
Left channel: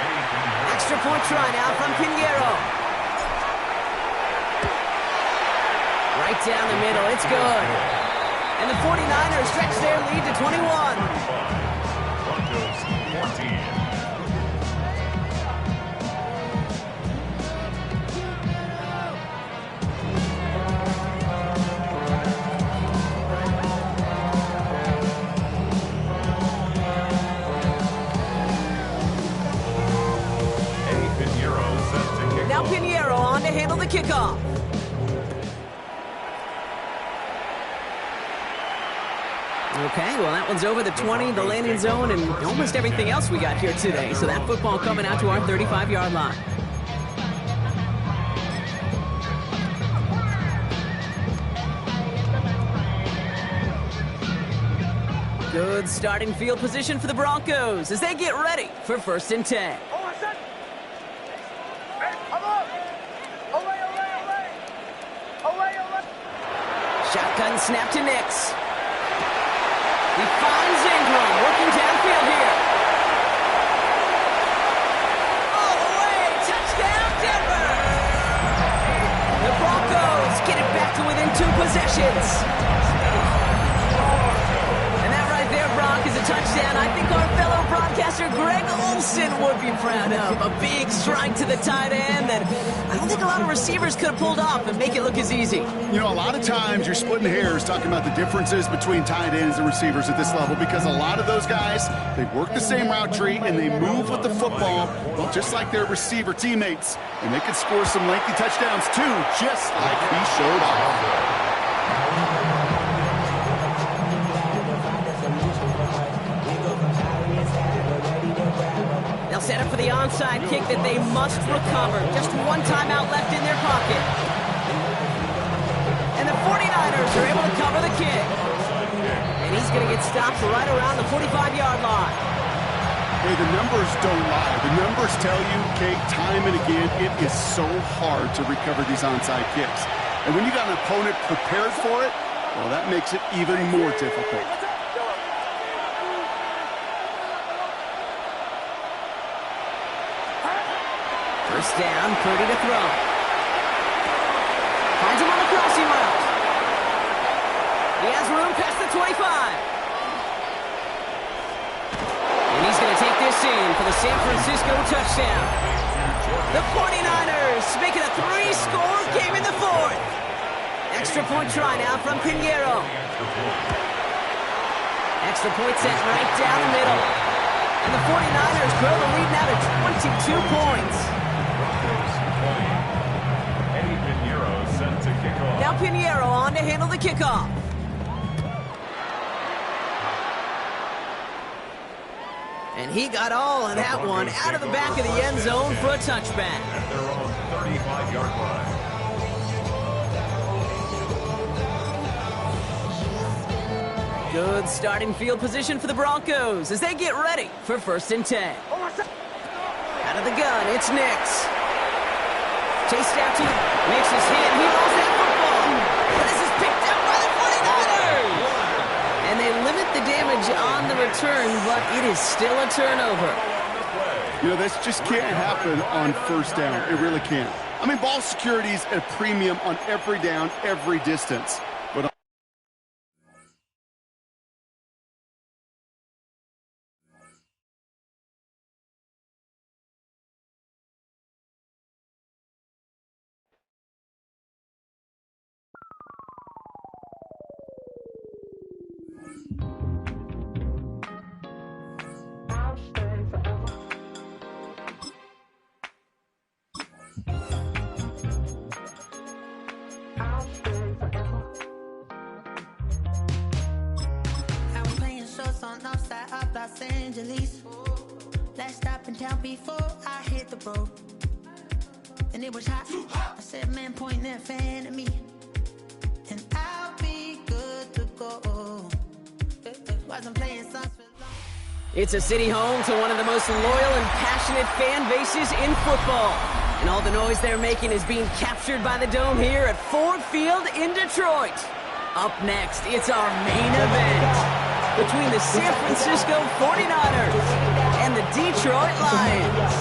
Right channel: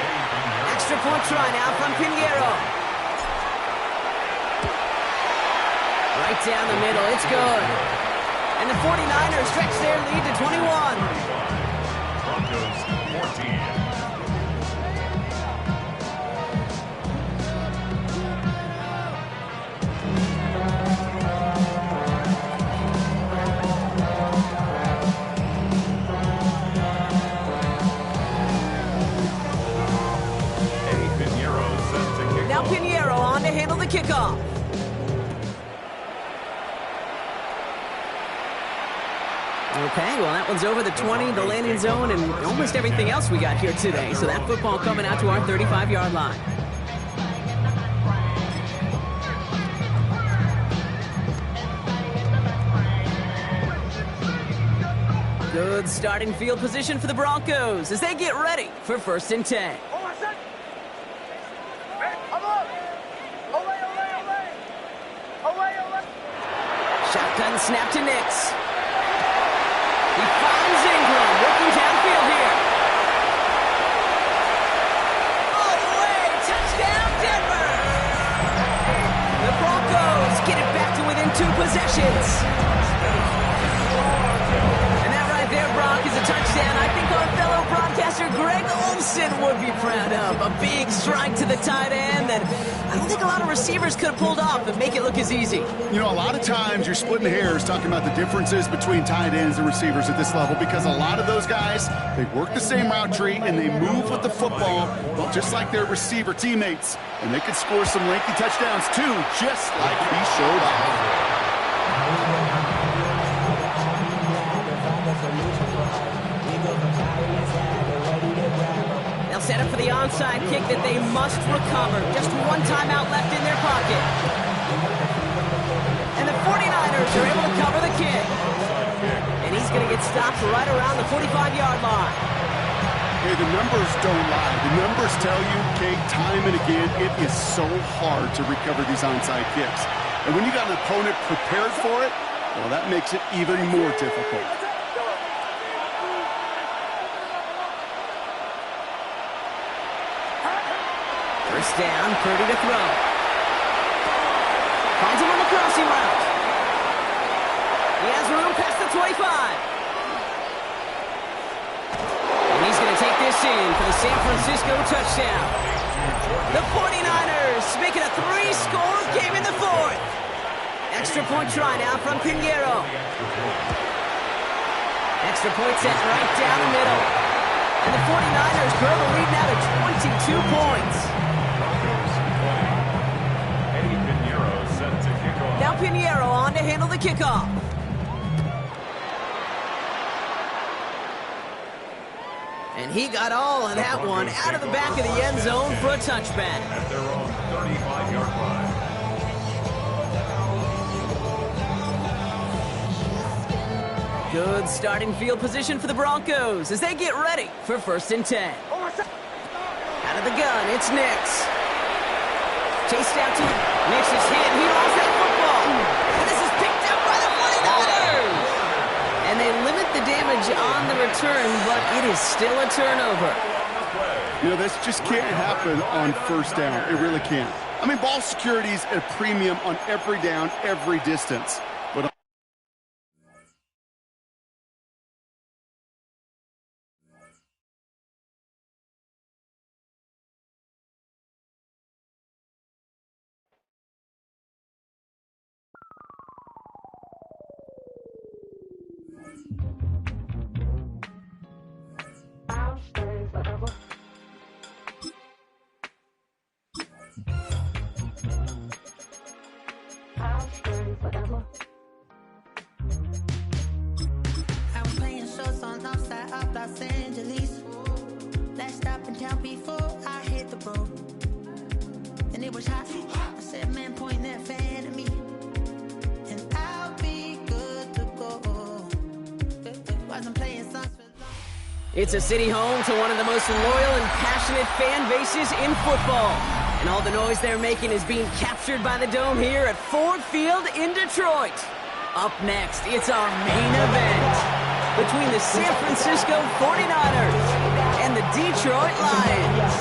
Extra point try now from Pinheiro. Right down the middle. It's good. And the 49ers stretch their lead to 21. 35. Broncos 14. Now Pinheiro on to handle the kickoff. Okay, well, that one's over the 20, the landing zone, and almost everything else we got here today. So that football coming out to our 35-yard line. Good starting field position for the Broncos as they get ready for 1st and 10. Shotgun snap to Nix. He finds Ingram working downfield here. All the way, touchdown Denver! The Broncos get it back to within 2 possessions. And that right there, Brock, is a touchdown I think our fellow broadcaster Greg Olson would be proud of. A big strike to the tight end that I don't think a lot of receivers could have pulled off and make it look as easy. You know, a lot of times you're splitting hairs talking about the differences between tight ends and receivers at this level because a lot of those guys, they work the same route tree and they move with the football, well, just like their receiver teammates. And they could score some lengthy touchdowns too, just like he showed off. They'll set up for the onside kick that they must recover. Just one timeout left in their pocket. And the 49ers are able to cover the kick. And he's going to get stopped right around the 45-yard line. Hey, the numbers don't lie. The numbers tell you, Kate, time and again, it is so hard to recover these onside kicks. And when you got an opponent prepared for it, well, that makes it even more difficult. First down, Purdy to throw. Finds him on the crossing route. He has room past the 25. And he's going to take this in for the San Francisco touchdown. The 49ers making a 3-score game in the 4th. Extra point try now from Pinheiro. Extra point set right down the middle. And the 49ers grow the lead now to 22 points. Set to kick off. Now Pinheiro on to handle the kickoff. And he got all of that one out of the back of the end zone for a touchback. At their own 35-yard line. Good starting field position for the Broncos as they get ready for 1st and 10. Out of the gun, it's Nix. Chased out to Nix is hit. He lost that football. And this is picked up by the 49ers. And they limit the damage on the return, but it is still a turnover. You know, this just can't happen on 1st down. It really can't. I mean, ball security is at a premium on every down, every distance. But Los Angeles. Last stop in town before I hit the road. And it was hot. I said, man, point that fan at me. And I'll be good to go. Wasn't playing songs for long. It's a city home to one of the most loyal and passionate fan bases in football. And all the noise they're making is being captured by the Dome here at Ford Field in Detroit. Up next, it's our main event between the San Francisco 49ers and the Detroit Lions.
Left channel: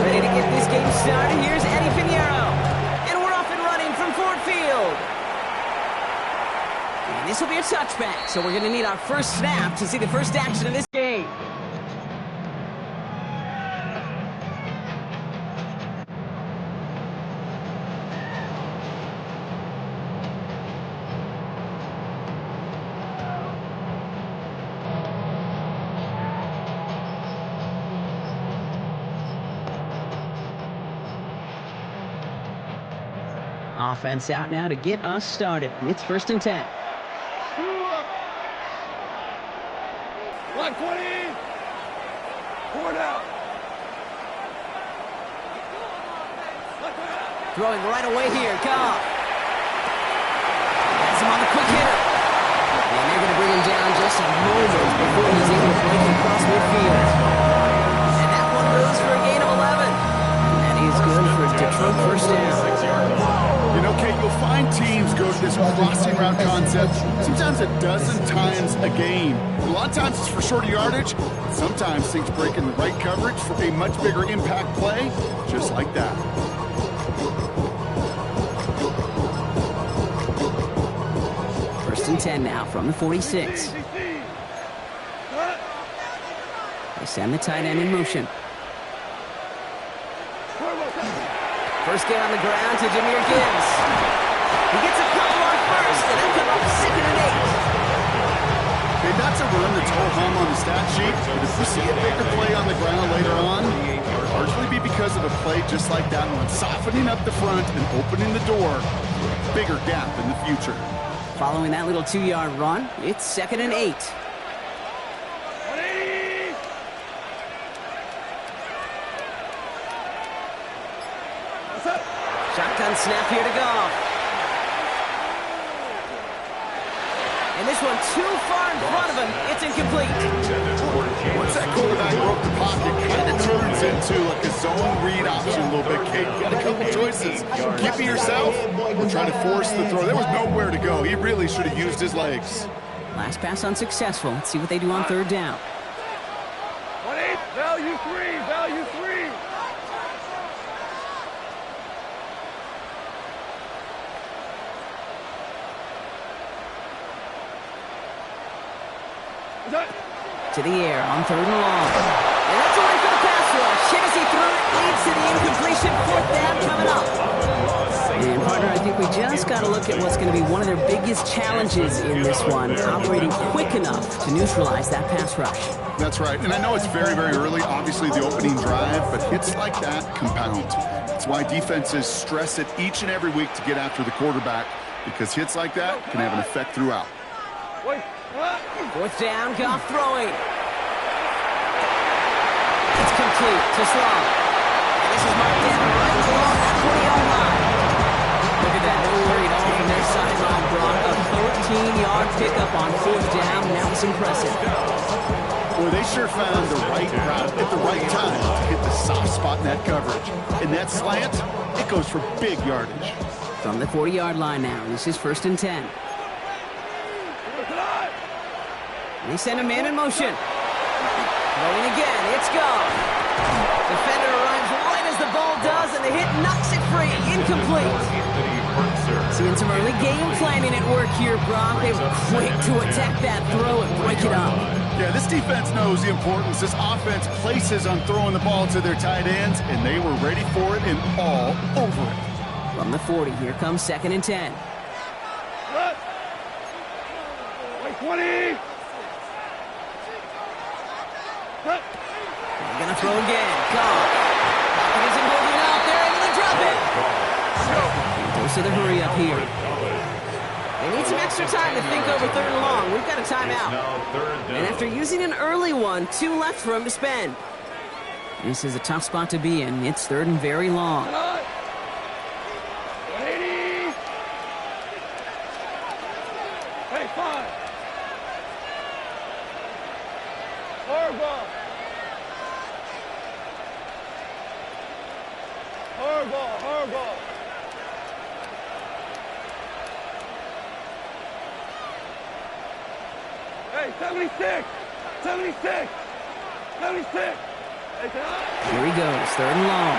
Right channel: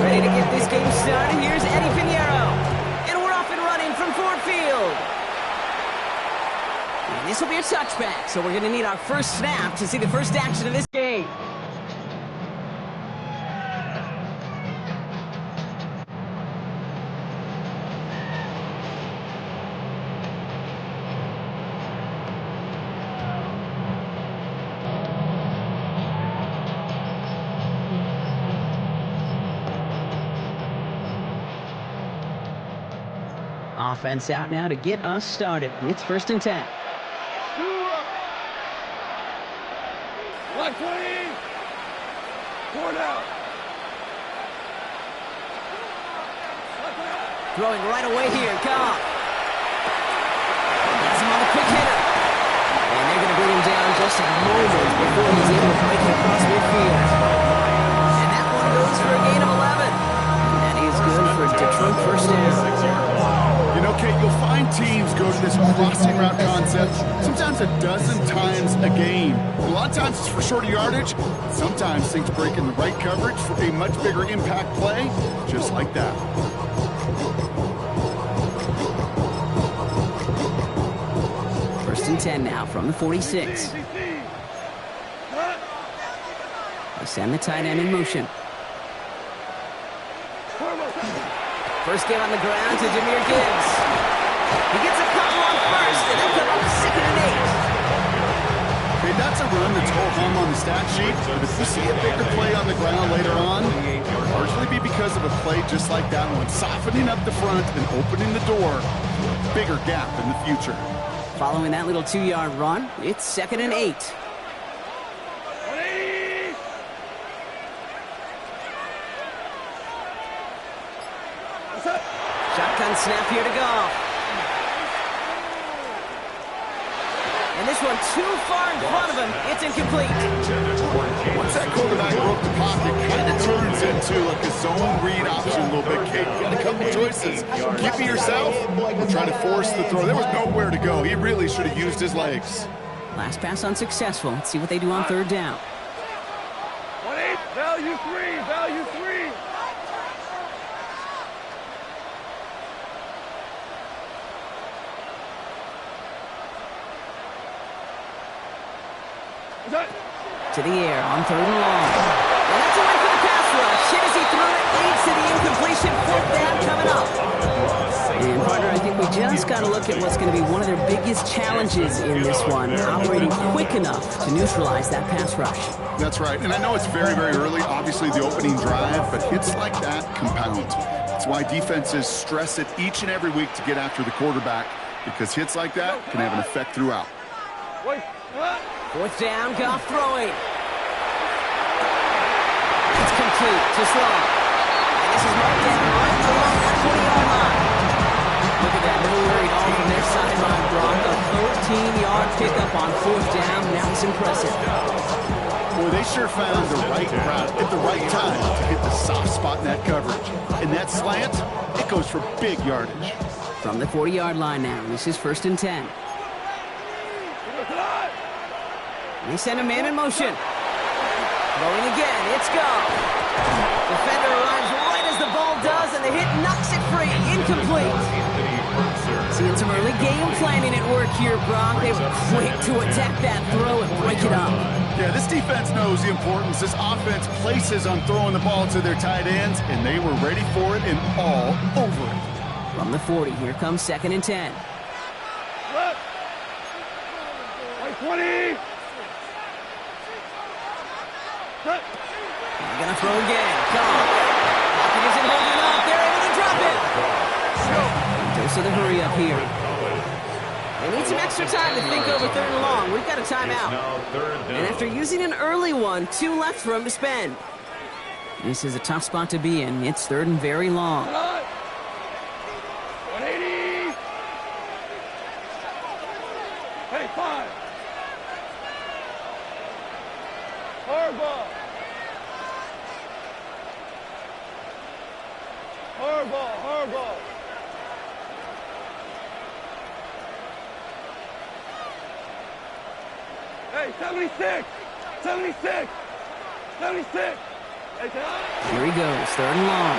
Ready to get this game started? Here's Eddie Pinheiro. And we're off and running from Ford Field. And this will be a touchback, so we're going to need our first snap to see the first action of this game. Offense out now to get us started. It's 1st and 10. Black 20! Forward out! Throwing right away here, Goff. Has him on the quick hitter. And they're going to bring him down just a moment before he's able to break it across midfield. And that one goes for a gain of 11. And that is good for Detroit first down. You know, Kate, you'll find teams go to this crossing route concept sometimes a dozen times a game. A lot of times it's for shorter yardage. Sometimes things break in the right coverage for a much bigger impact play, just like that. First and 10 now from the 46. They send the tight end in motion. First game on the ground to Jahmyr Gibbs. He gets a couple on first, and they'll come up 2nd and 8. Okay, that's a run that's ho-hum on the stat sheet, but if you see a bigger play on the ground later on, it'll largely be because of a play just like that one, softening up the front and opening the door for a bigger gap in the future. Following that little 2-yard run, it's 2nd and 8. Shotgun snap here to Goff. And this one too far in front of him. It's incomplete. Once that quarterback broke the pocket, kind of turns into like a zone read option a little bit, Kate. You got a couple choices. Keep it yourself or try to force the throw. There was nowhere to go. He really should have used his legs. Last pass unsuccessful. Let's see what they do on 3rd down. 1-8, value 3, value 3. To the air on 3rd and long. And that's a win for the pass rush. Hit as he threw it, leads to the incompletion. 4th down coming up. And partner, I think we just got to look at what's going to be one of their biggest challenges in this one, operating quick enough to neutralize that pass rush. That's right, and I know it's very, very early, obviously the opening drive, but hits like that compound. That's why defenses stress it each and every week to get after the quarterback, because hits like that can have an effect throughout. 4th down, Goff throwing. It's complete to Strong. And this is marked down right along that 40-yard line. Look at that, no worry at all from their sideline, Brock. A 13-yard pickup on 4th down, and that was impressive. Boy, they sure found the right route at the right time to hit the soft spot in that coverage. And that slant, it goes for big yardage. From the 40-yard line now, this is 1st and 10. And they send a man in motion. Throwing again, it's Goff. Defender arrives right as the ball does, and the hit knocks it free. Incomplete. Seeing some early game planning at work here, Brock. They were quick to attack that throw and break it up. Yeah, this defense knows the importance this offense places on throwing the ball to their tight ends, and they were ready for it and all over it. From the 40, here comes 2nd and 10. 20. They're gonna throw again. Gone. Pocket isn't holding up. They're able to drop it. Dose of the hurry up here. They need some extra time to think over 3rd and long. We've got a timeout. And after using an early one, 2 left for him to spend. This is a tough spot to be in. It's 3rd and very long. 180. Hey, 5. Hardball. Hardball, hardball. Hey, 76! 76! 76! Hey, here he goes, 3rd and long.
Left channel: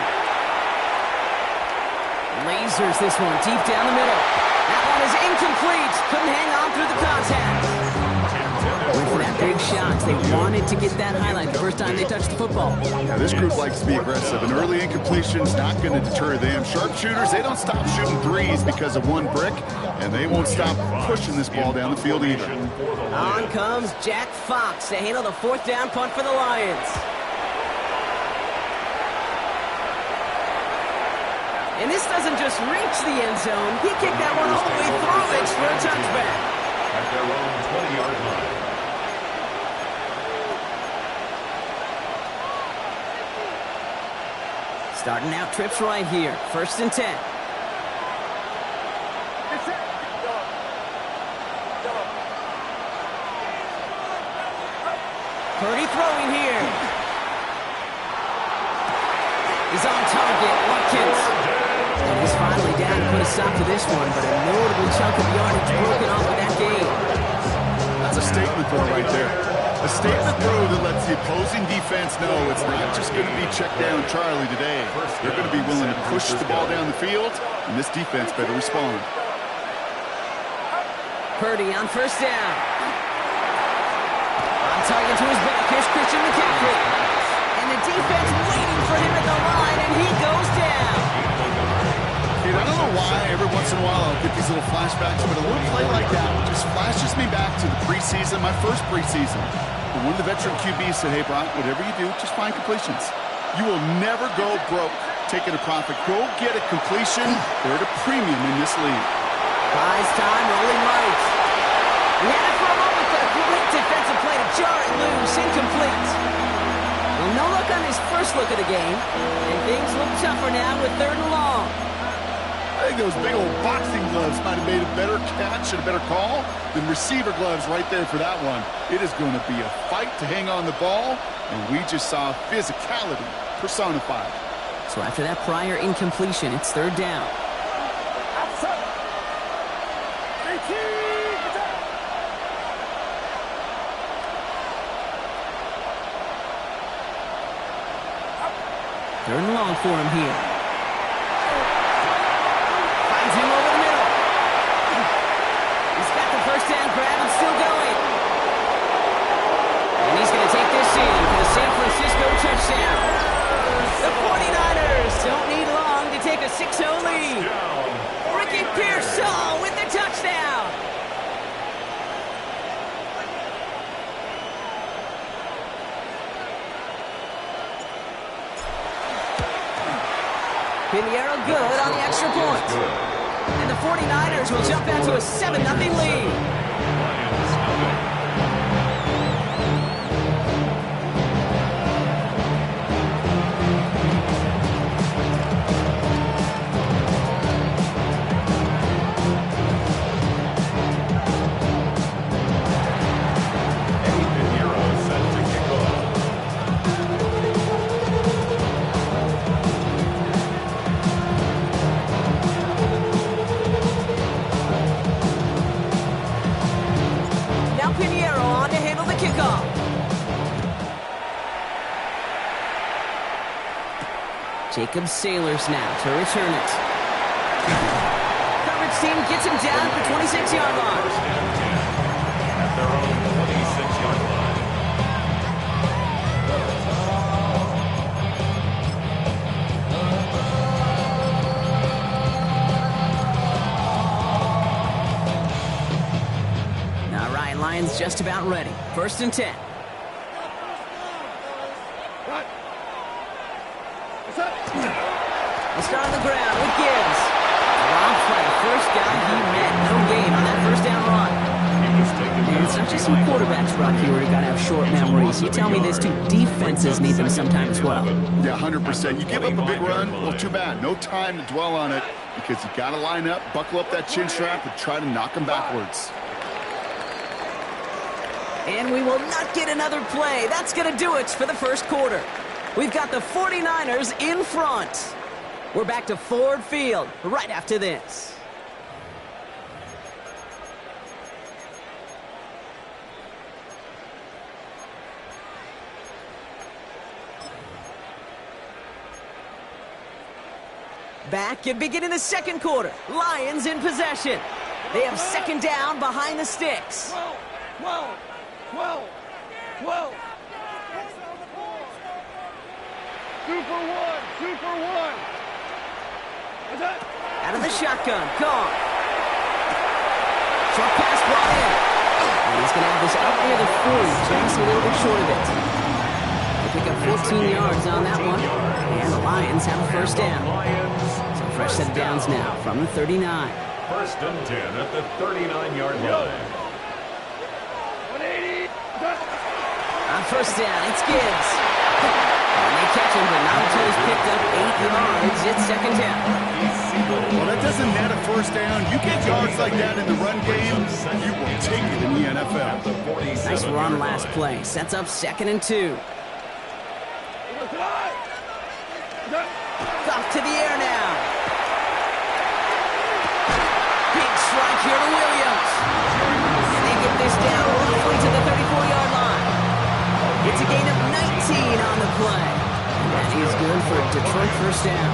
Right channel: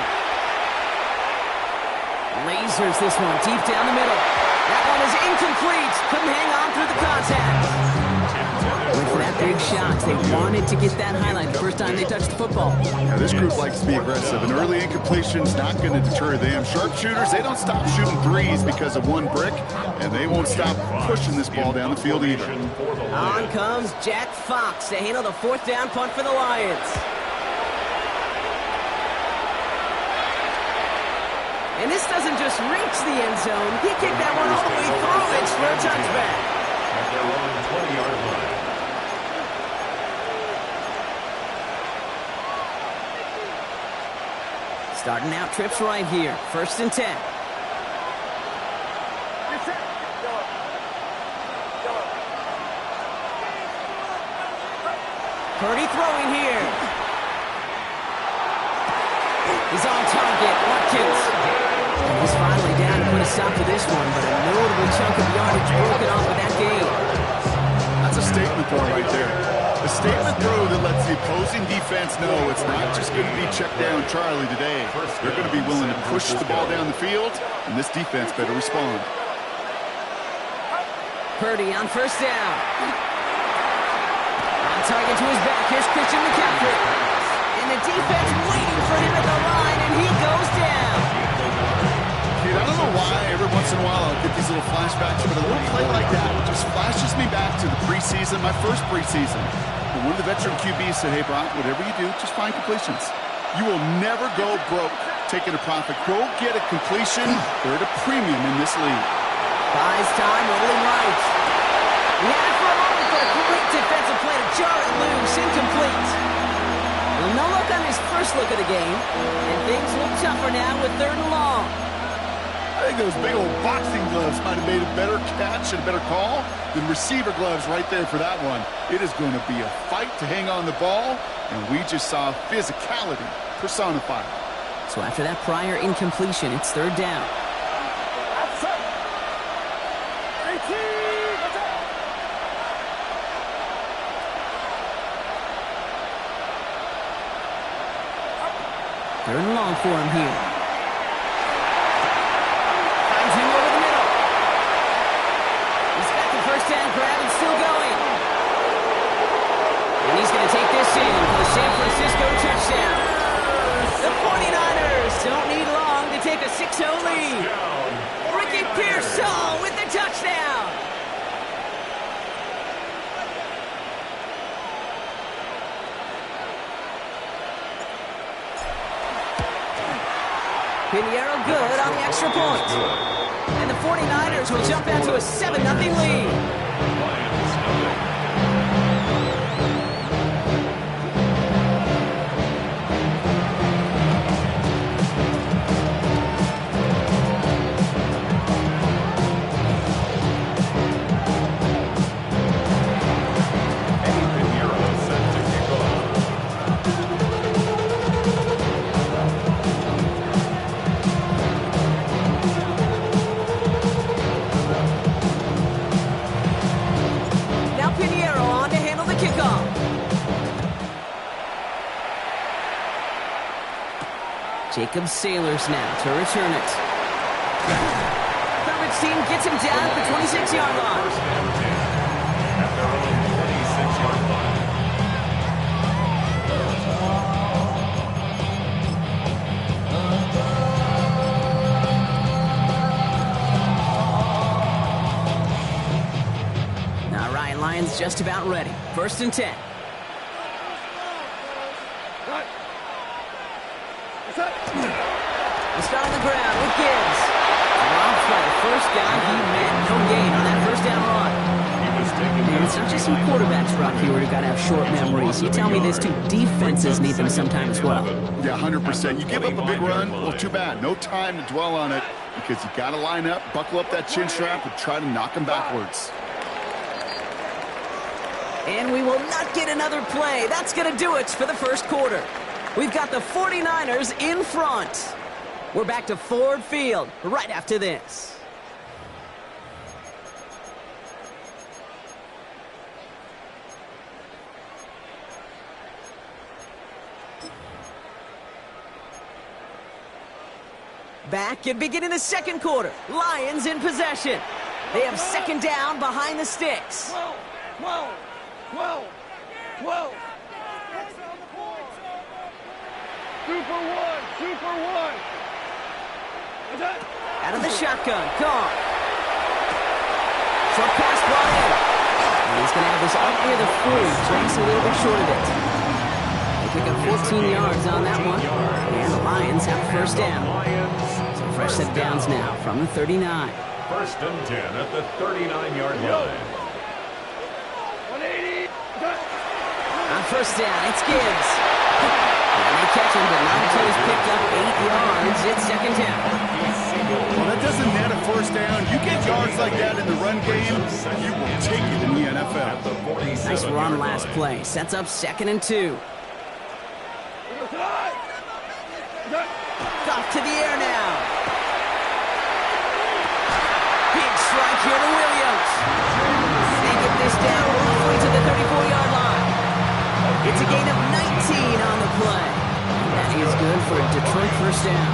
Lasers this one deep down the middle. That one is incomplete. Couldn't hang on through the contact. Went for that big shot. They wanted to get that highlight the first time they touched the football. Yeah, this group likes to be aggressive. An early incompletion's not going to deter them. Sharpshooters, they don't stop shooting threes because of one brick, and they won't stop pushing this ball down the field either. On comes Jack Fox to handle the 4th down punt for the Lions. And this doesn't just reach the end zone. He kicked that one all the way through it for a touchback. At their own 20-yard line. Starting out trips right here. 1st and 10. Purdy throwing here. He's on target. Watkins. And he's finally down to put a stop to this one, but a notable chunk of yardage broken off with that game. That's a statement throw right there. A statement throw that lets the opposing defense know it's not just going to be check down Charlie today. They're going to be willing to push the ball down the field, and this defense better respond. Purdy on 1st down. On target to his back. Here's Christian McCaffrey. And the defense waiting for him at the line, and he goes down. Dude, I don't know why every once in a while I'll get these little flashbacks, but a little play like that just flashes me back to the preseason, my first preseason. When one of the veteran QBs said, hey, Brock, whatever you do, just find completions. You will never go broke taking a profit. Go get a completion. They're at a premium in this league. Buys time, rolling right. He had it for a moment, but a great defensive play to jar it loose. Incomplete. Well, no luck on his first look of the game, and things look tougher now with 3rd and long. I think those big old boxing gloves might have made a better catch and a better call than receiver gloves right there for that one. It is going to be a fight to hang on the ball, and we just saw physicality personified. So after that prior incompletion, it's 3rd down. Outside. 18. What's up? Third and long for him here. Finds him over the middle. He's got the 1st down grab and still going. And he's going to take this in for the San Francisco touchdown. The 49ers don't need long to take a 6-0 lead. Ricky Pearsall with the touchdown. Pinheiro good on the extra point. And the 49ers will jump out to a 7-0 lead. Lions, nothing. Jacob Sailors now to return it. Coverage team gets him down at the 26-yard line. 1st and 10 at their own 26-yard line. All right, Lions is just about ready. 1st and 10. We'll start on the ground with Gibbs. Rob play. First guy he met. No gain on that first down run. And it's not just some quarterbacks, Rock, here who got to have short memories. You tell me this too. Defenses need them sometime as well. Yeah, 100%. You give up a big run, well, too bad. No time to dwell on it because you got to line up, buckle up that chin strap, and try to knock them backwards. And we will not get another play. That's going to do it for the first quarter. We've got the 49ers in front. We're back to Ford Field right after this. Back and beginning the second quarter. Lions in possession. They have second down behind the sticks. 12. Super one. Out of the shotgun, Goff. Short pass brought in. And he's going to have this up near the 40, just a little bit short of it. They pick up 14 yards on that one. And the Lions have a first down. So fresh set of downs now from the 39. 1st and 10 at the 39-yard line. 180. On first down, it's Gibbs. And they catch him, but not until he's picked up 8 yards. It's second down. Well, that doesn't net a first down. You get yards like that in the run game, you will take it in the NFL. Nice run last play. Sets up 2nd and 2. Off to the air now. Big strike here to Williams. And they get this down roughly to the 34-yard line. It's a gain of 19 on the play. And that is good for a Detroit first down.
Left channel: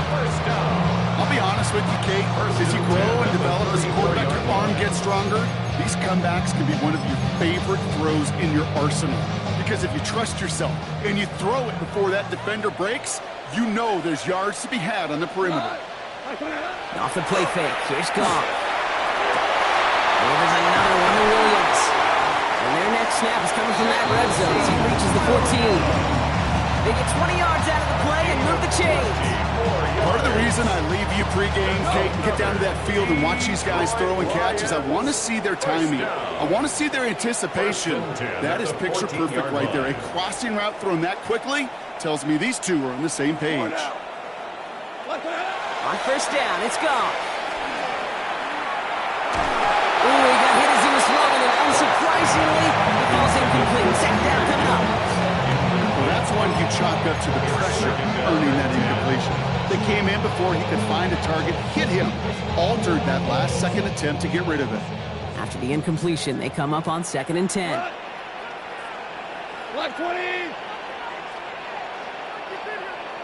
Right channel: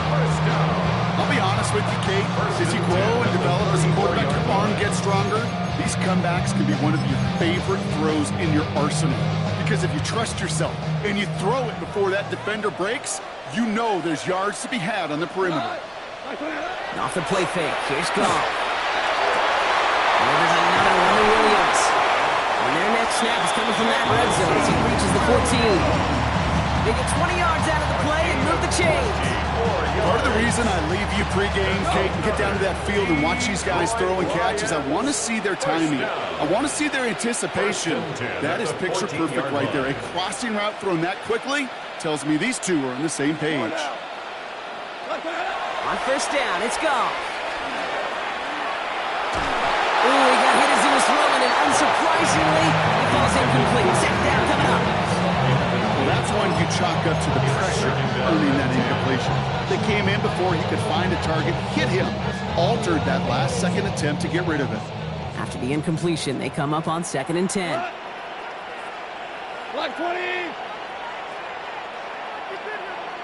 I'll be honest with you, Kate. As you grow and develop as a quarterback, your arm gets stronger. These comebacks can be one of your favorite throws in your arsenal. Because if you trust yourself and you throw it before that defender breaks, you know there's yards to be had on the perimeter. Off the play fake. Here's Goff. There's another one to Williams. And their next snap is coming from that red zone as he reaches the 14. They get 20 yards out of the play and move the chains. Part of the reason I leave you pregame, Kate, and get down to that field and watch these guys throw and catch is I want to see their timing. I want to see their anticipation. That is picture perfect right there. A crossing route thrown that quickly tells me these two are on the same page. On first down, it's Goff. Ooh, he got hit as he was throwing, and unsurprisingly, it falls incomplete. Second down coming up. Well, that's one you chalk up to the pressure earning that incompletion. They came in before he could find a target, hit him, altered that last-second attempt to get rid of it. After the incompletion, they come up on 2nd and 10. Black 20.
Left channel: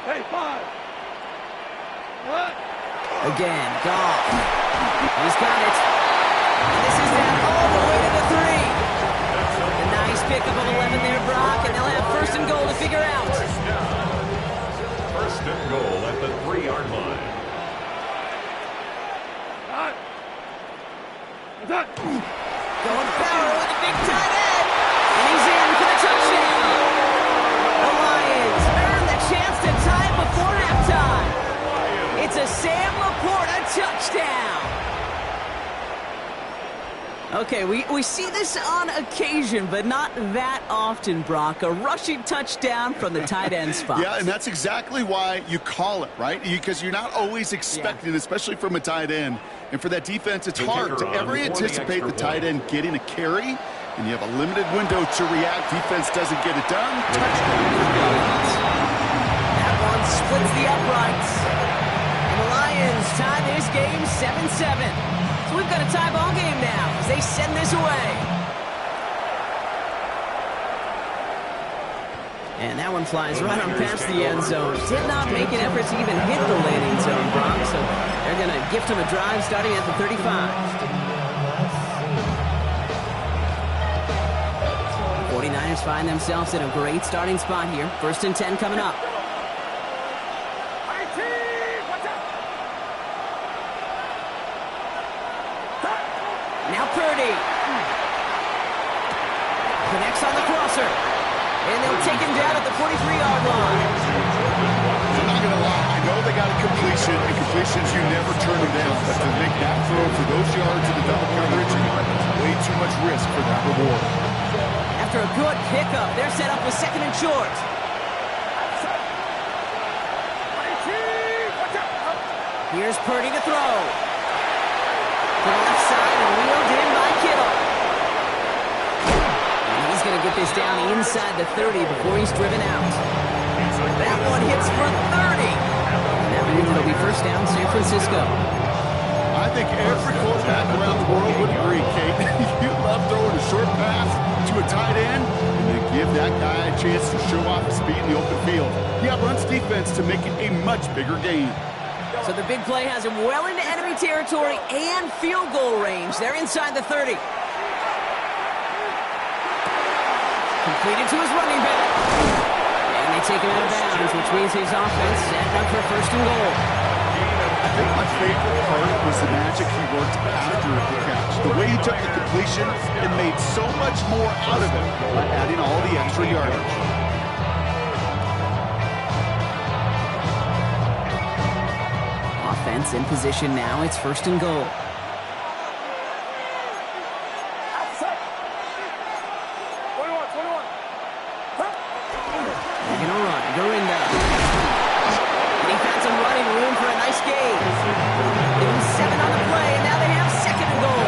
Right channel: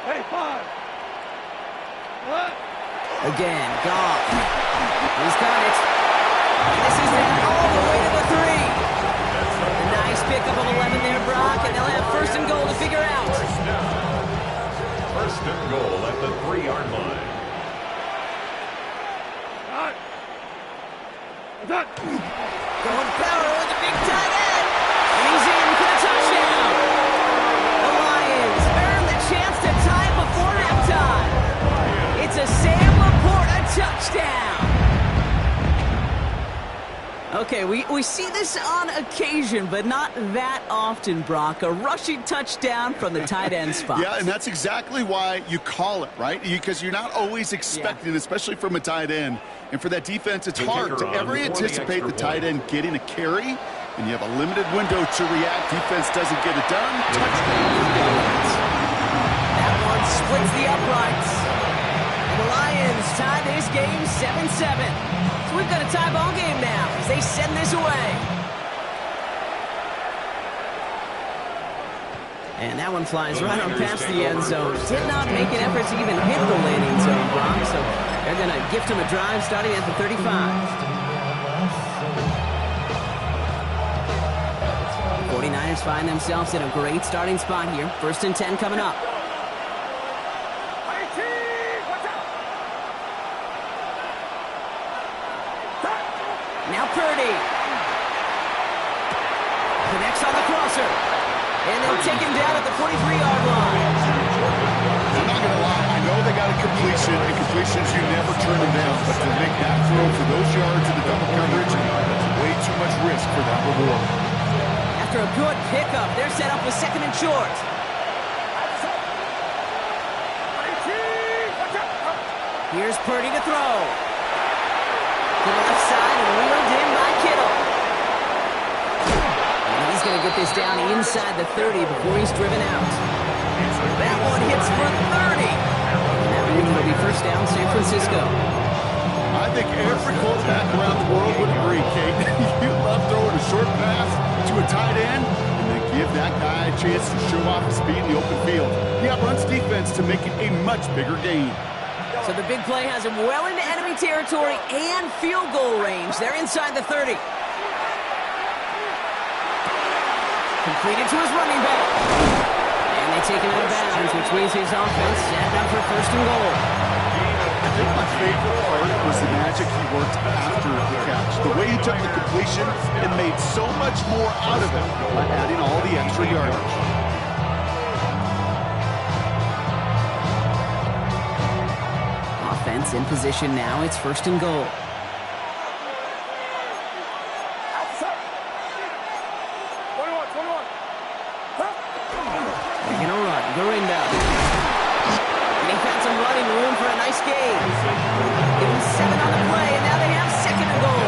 Hey, 5. What? Again, Goff. He's got it. And this is down all the way to the 3. A nice pickup of 11 there, Brock, and they'll have 1st and goal to figure out. 1st and goal at the 3-yard line. Going power with the big tight end. And he's in for the touchdown. The Lions earn the chance to tie before halftime. It's a Sam Laporta touchdown. Okay, we see this on occasion, but not that often, Brock. A rushing touchdown from the tight end spot. Yeah, and that's exactly why you call it, right? Because you're not always expecting, especially from a tight end. And for that defense, it's hard to ever anticipate the tight end getting a carry, and you have a limited window to react. Defense doesn't get it done. Touchdown for the offense. That one splits the uprights. And the Lions tie this game 7-7. So we've got a tie ball game now as they send this away. And that one flies right on past the end zone. Did not make an effort to even hit the landing zone, Brock. So they're going to gift him a drive starting at the 35. 49ers find themselves in a great starting spot here. 1st and 10 coming up. Now Purdy. Connects on the crosser. And they'll take him down at the 43-yard line. I'm not going to lie. I know they got a completion, and completions, you never turn them down. But to make that throw for those yards in the double coverage, it's way too much risk for that reward. After a good pickup, they're set up with second and short. Here's Purdy to throw. To the left side and wheeled in by Kittle. And he's going to get this down inside the 30 before he's driven out. That one hits for 30. And that means it'll be first down San Francisco. I think every quarterback around the world would agree, Kate. You love throwing a short pass to a tight end and then give that guy a chance to show off his speed in the open field. He outruns defense to make it a much bigger gain. So the big play has him well into enemy territory and field goal range. They're inside the 30. Completed to his running back. And they take him out of bounds, which means his offense set up for first and goal. I think my favorite part was the magic he worked after the catch. The way he took the completion and made so much more out of it by adding all the extra yardage. Offense in position now. It's first and goal. They're going to run. Gurindo. And he found some running room for a nice gain. Give him 7 on the play, and now they have second and goal.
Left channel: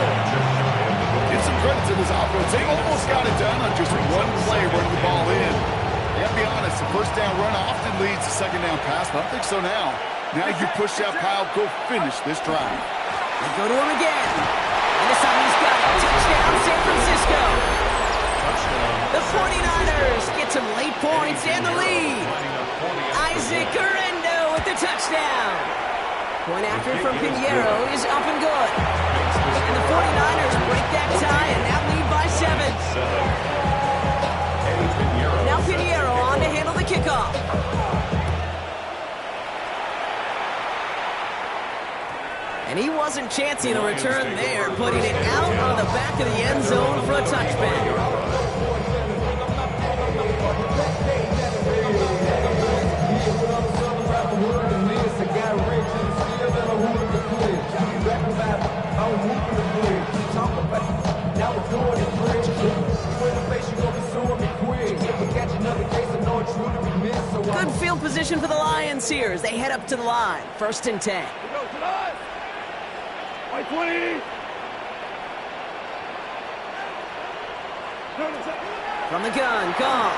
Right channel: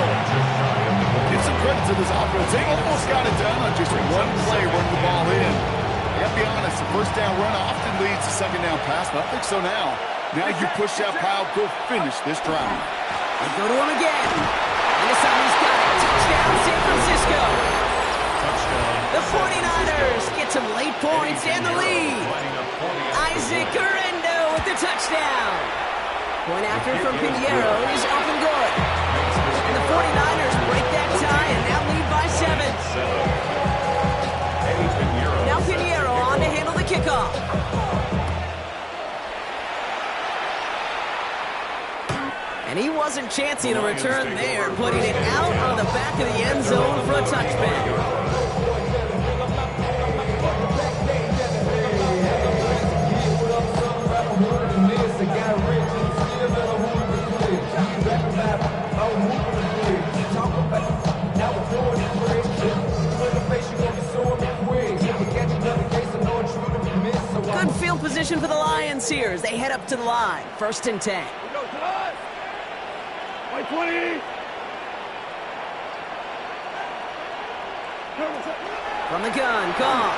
Give some credit to this offense. They almost got it done on just one play running the ball in. I got to be honest, the first down run often leads to second down pass, but I don't think so now. Now you push that pile, go finish this drive. They go to him again. And this time he's got it. Touchdown, San Francisco. The 49ers get some late points and the lead. Isaac Gurindo with the touchdown. Point after from Pinheiro is up and good. And the 49ers break that tie and now lead by 7. Now Pinheiro on to handle the kickoff. And he wasn't chancing a return there, putting it out on the back of the end zone for a touchback. Good field position for the Lions here as they head up to the line. First and 10. White 20. From the gun, Goff.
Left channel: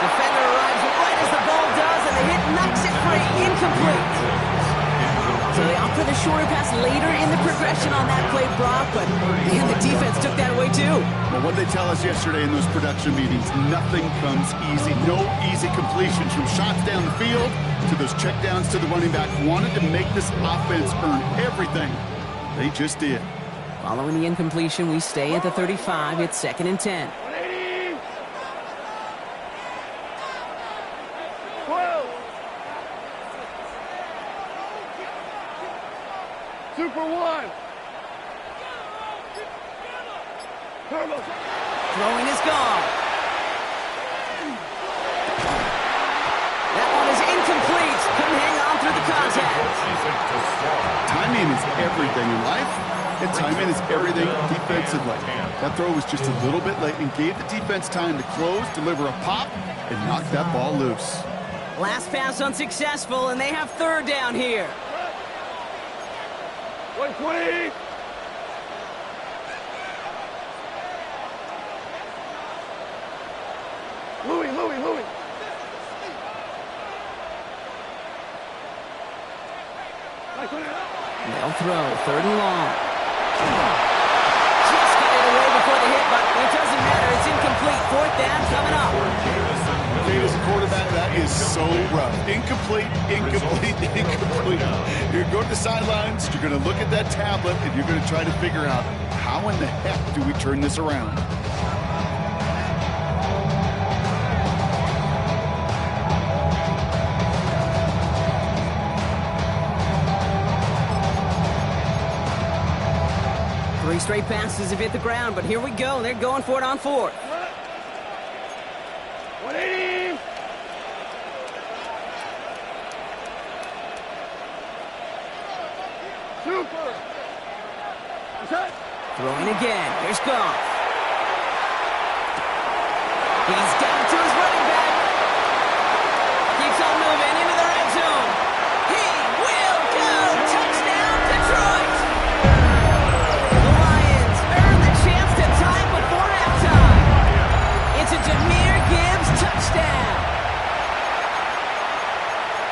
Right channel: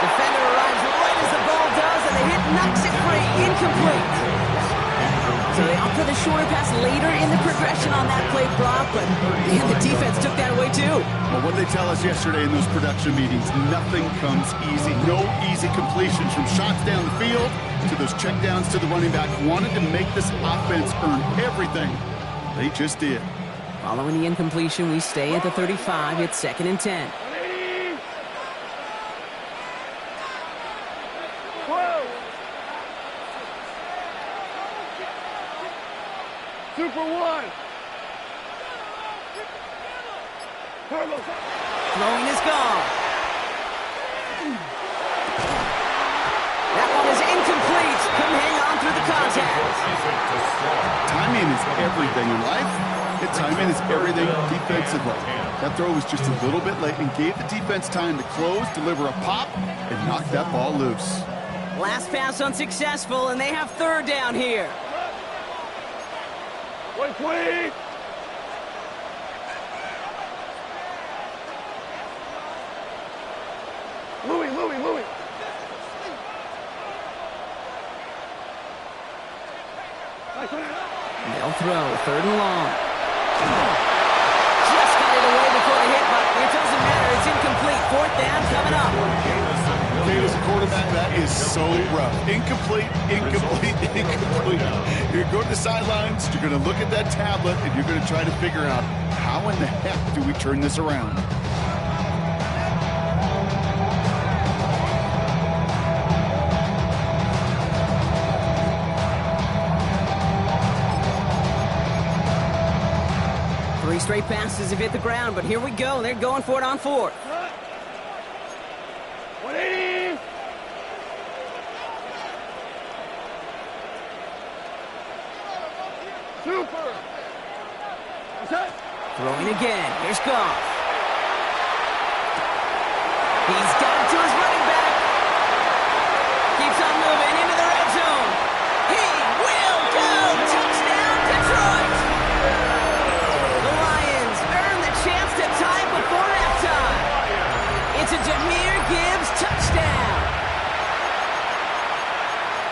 Defender arrives right as the ball does, and the hit knocks it free. Incomplete. So they opt for the shorter pass later in the progression on that play, Brock, but man, the defense took that away too. Well, what did they tell us yesterday in those production meetings? Nothing comes easy. No easy completions from shots down the field to those checkdowns to the running back. Wanted to make this offense earn everything. They just did. Following the incompletion, we stay at the 35. It's second and 10. 180. 12. Super 1. Turbo. Throwing is gone. That one is incomplete. Couldn't hang on through the contact. Timing is everything in life, and timing is everything defensively. That throw was just a little bit late and gave the defense time to close, deliver a pop, and knock that ball loose. Last pass unsuccessful, and they have third down here. 120. Louis. They'll throw, third and long. Just got it away before the hit, but it doesn't matter. It's incomplete. Fourth down coming up. Kate, as a quarterback, that is so rough. Incomplete. You're going to the sidelines, you're going to look at that tablet, and you're going to try to figure out how in the heck do we turn this around? straight passes have hit the ground, but here we go. They're going for it on fourth. 180. Super. What's that? Throwing again. Here's Goff. He's got it to his running back. Keeps on moving into the red zone. He will go. Touchdown, Detroit. The Lions earn the chance to tie before halftime. It's a Jahmyr Gibbs touchdown.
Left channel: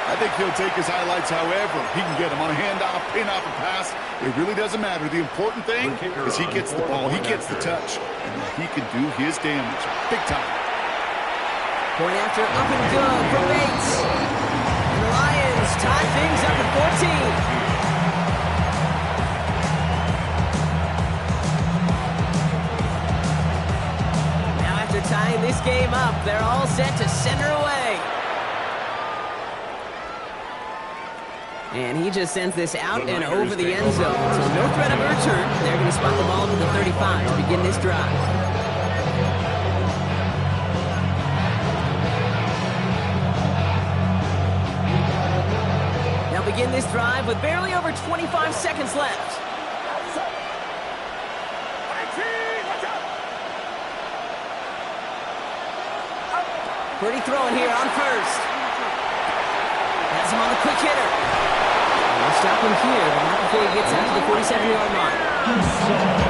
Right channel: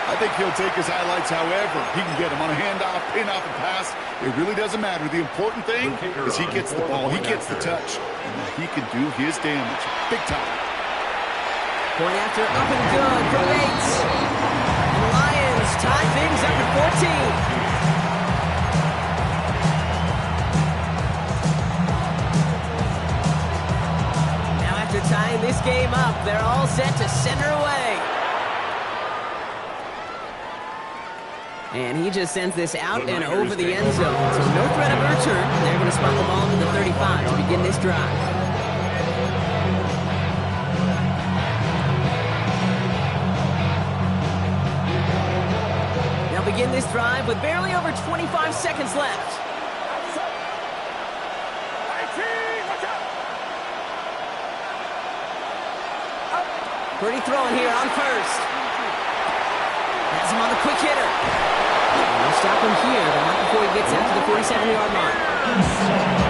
I think he'll take his highlights however he can get them on a handoff, pin off, and pass. It really doesn't matter. The important thing is he gets the ball, he gets the touch, and he can do his damage big time. Point after up and good for Bates. And the Lions tie things up at 14. Now after tying this game up, they're all set to center away. And he just sends this out and over the end zone. So no threat of a return. They're going to spot the ball to the 35 to begin this drive. They'll begin this drive with barely over 25 seconds left. Purdy throwing here on first. Has him on the quick hitter. They'll stop him here, but not before he gets out to the 47-yard line.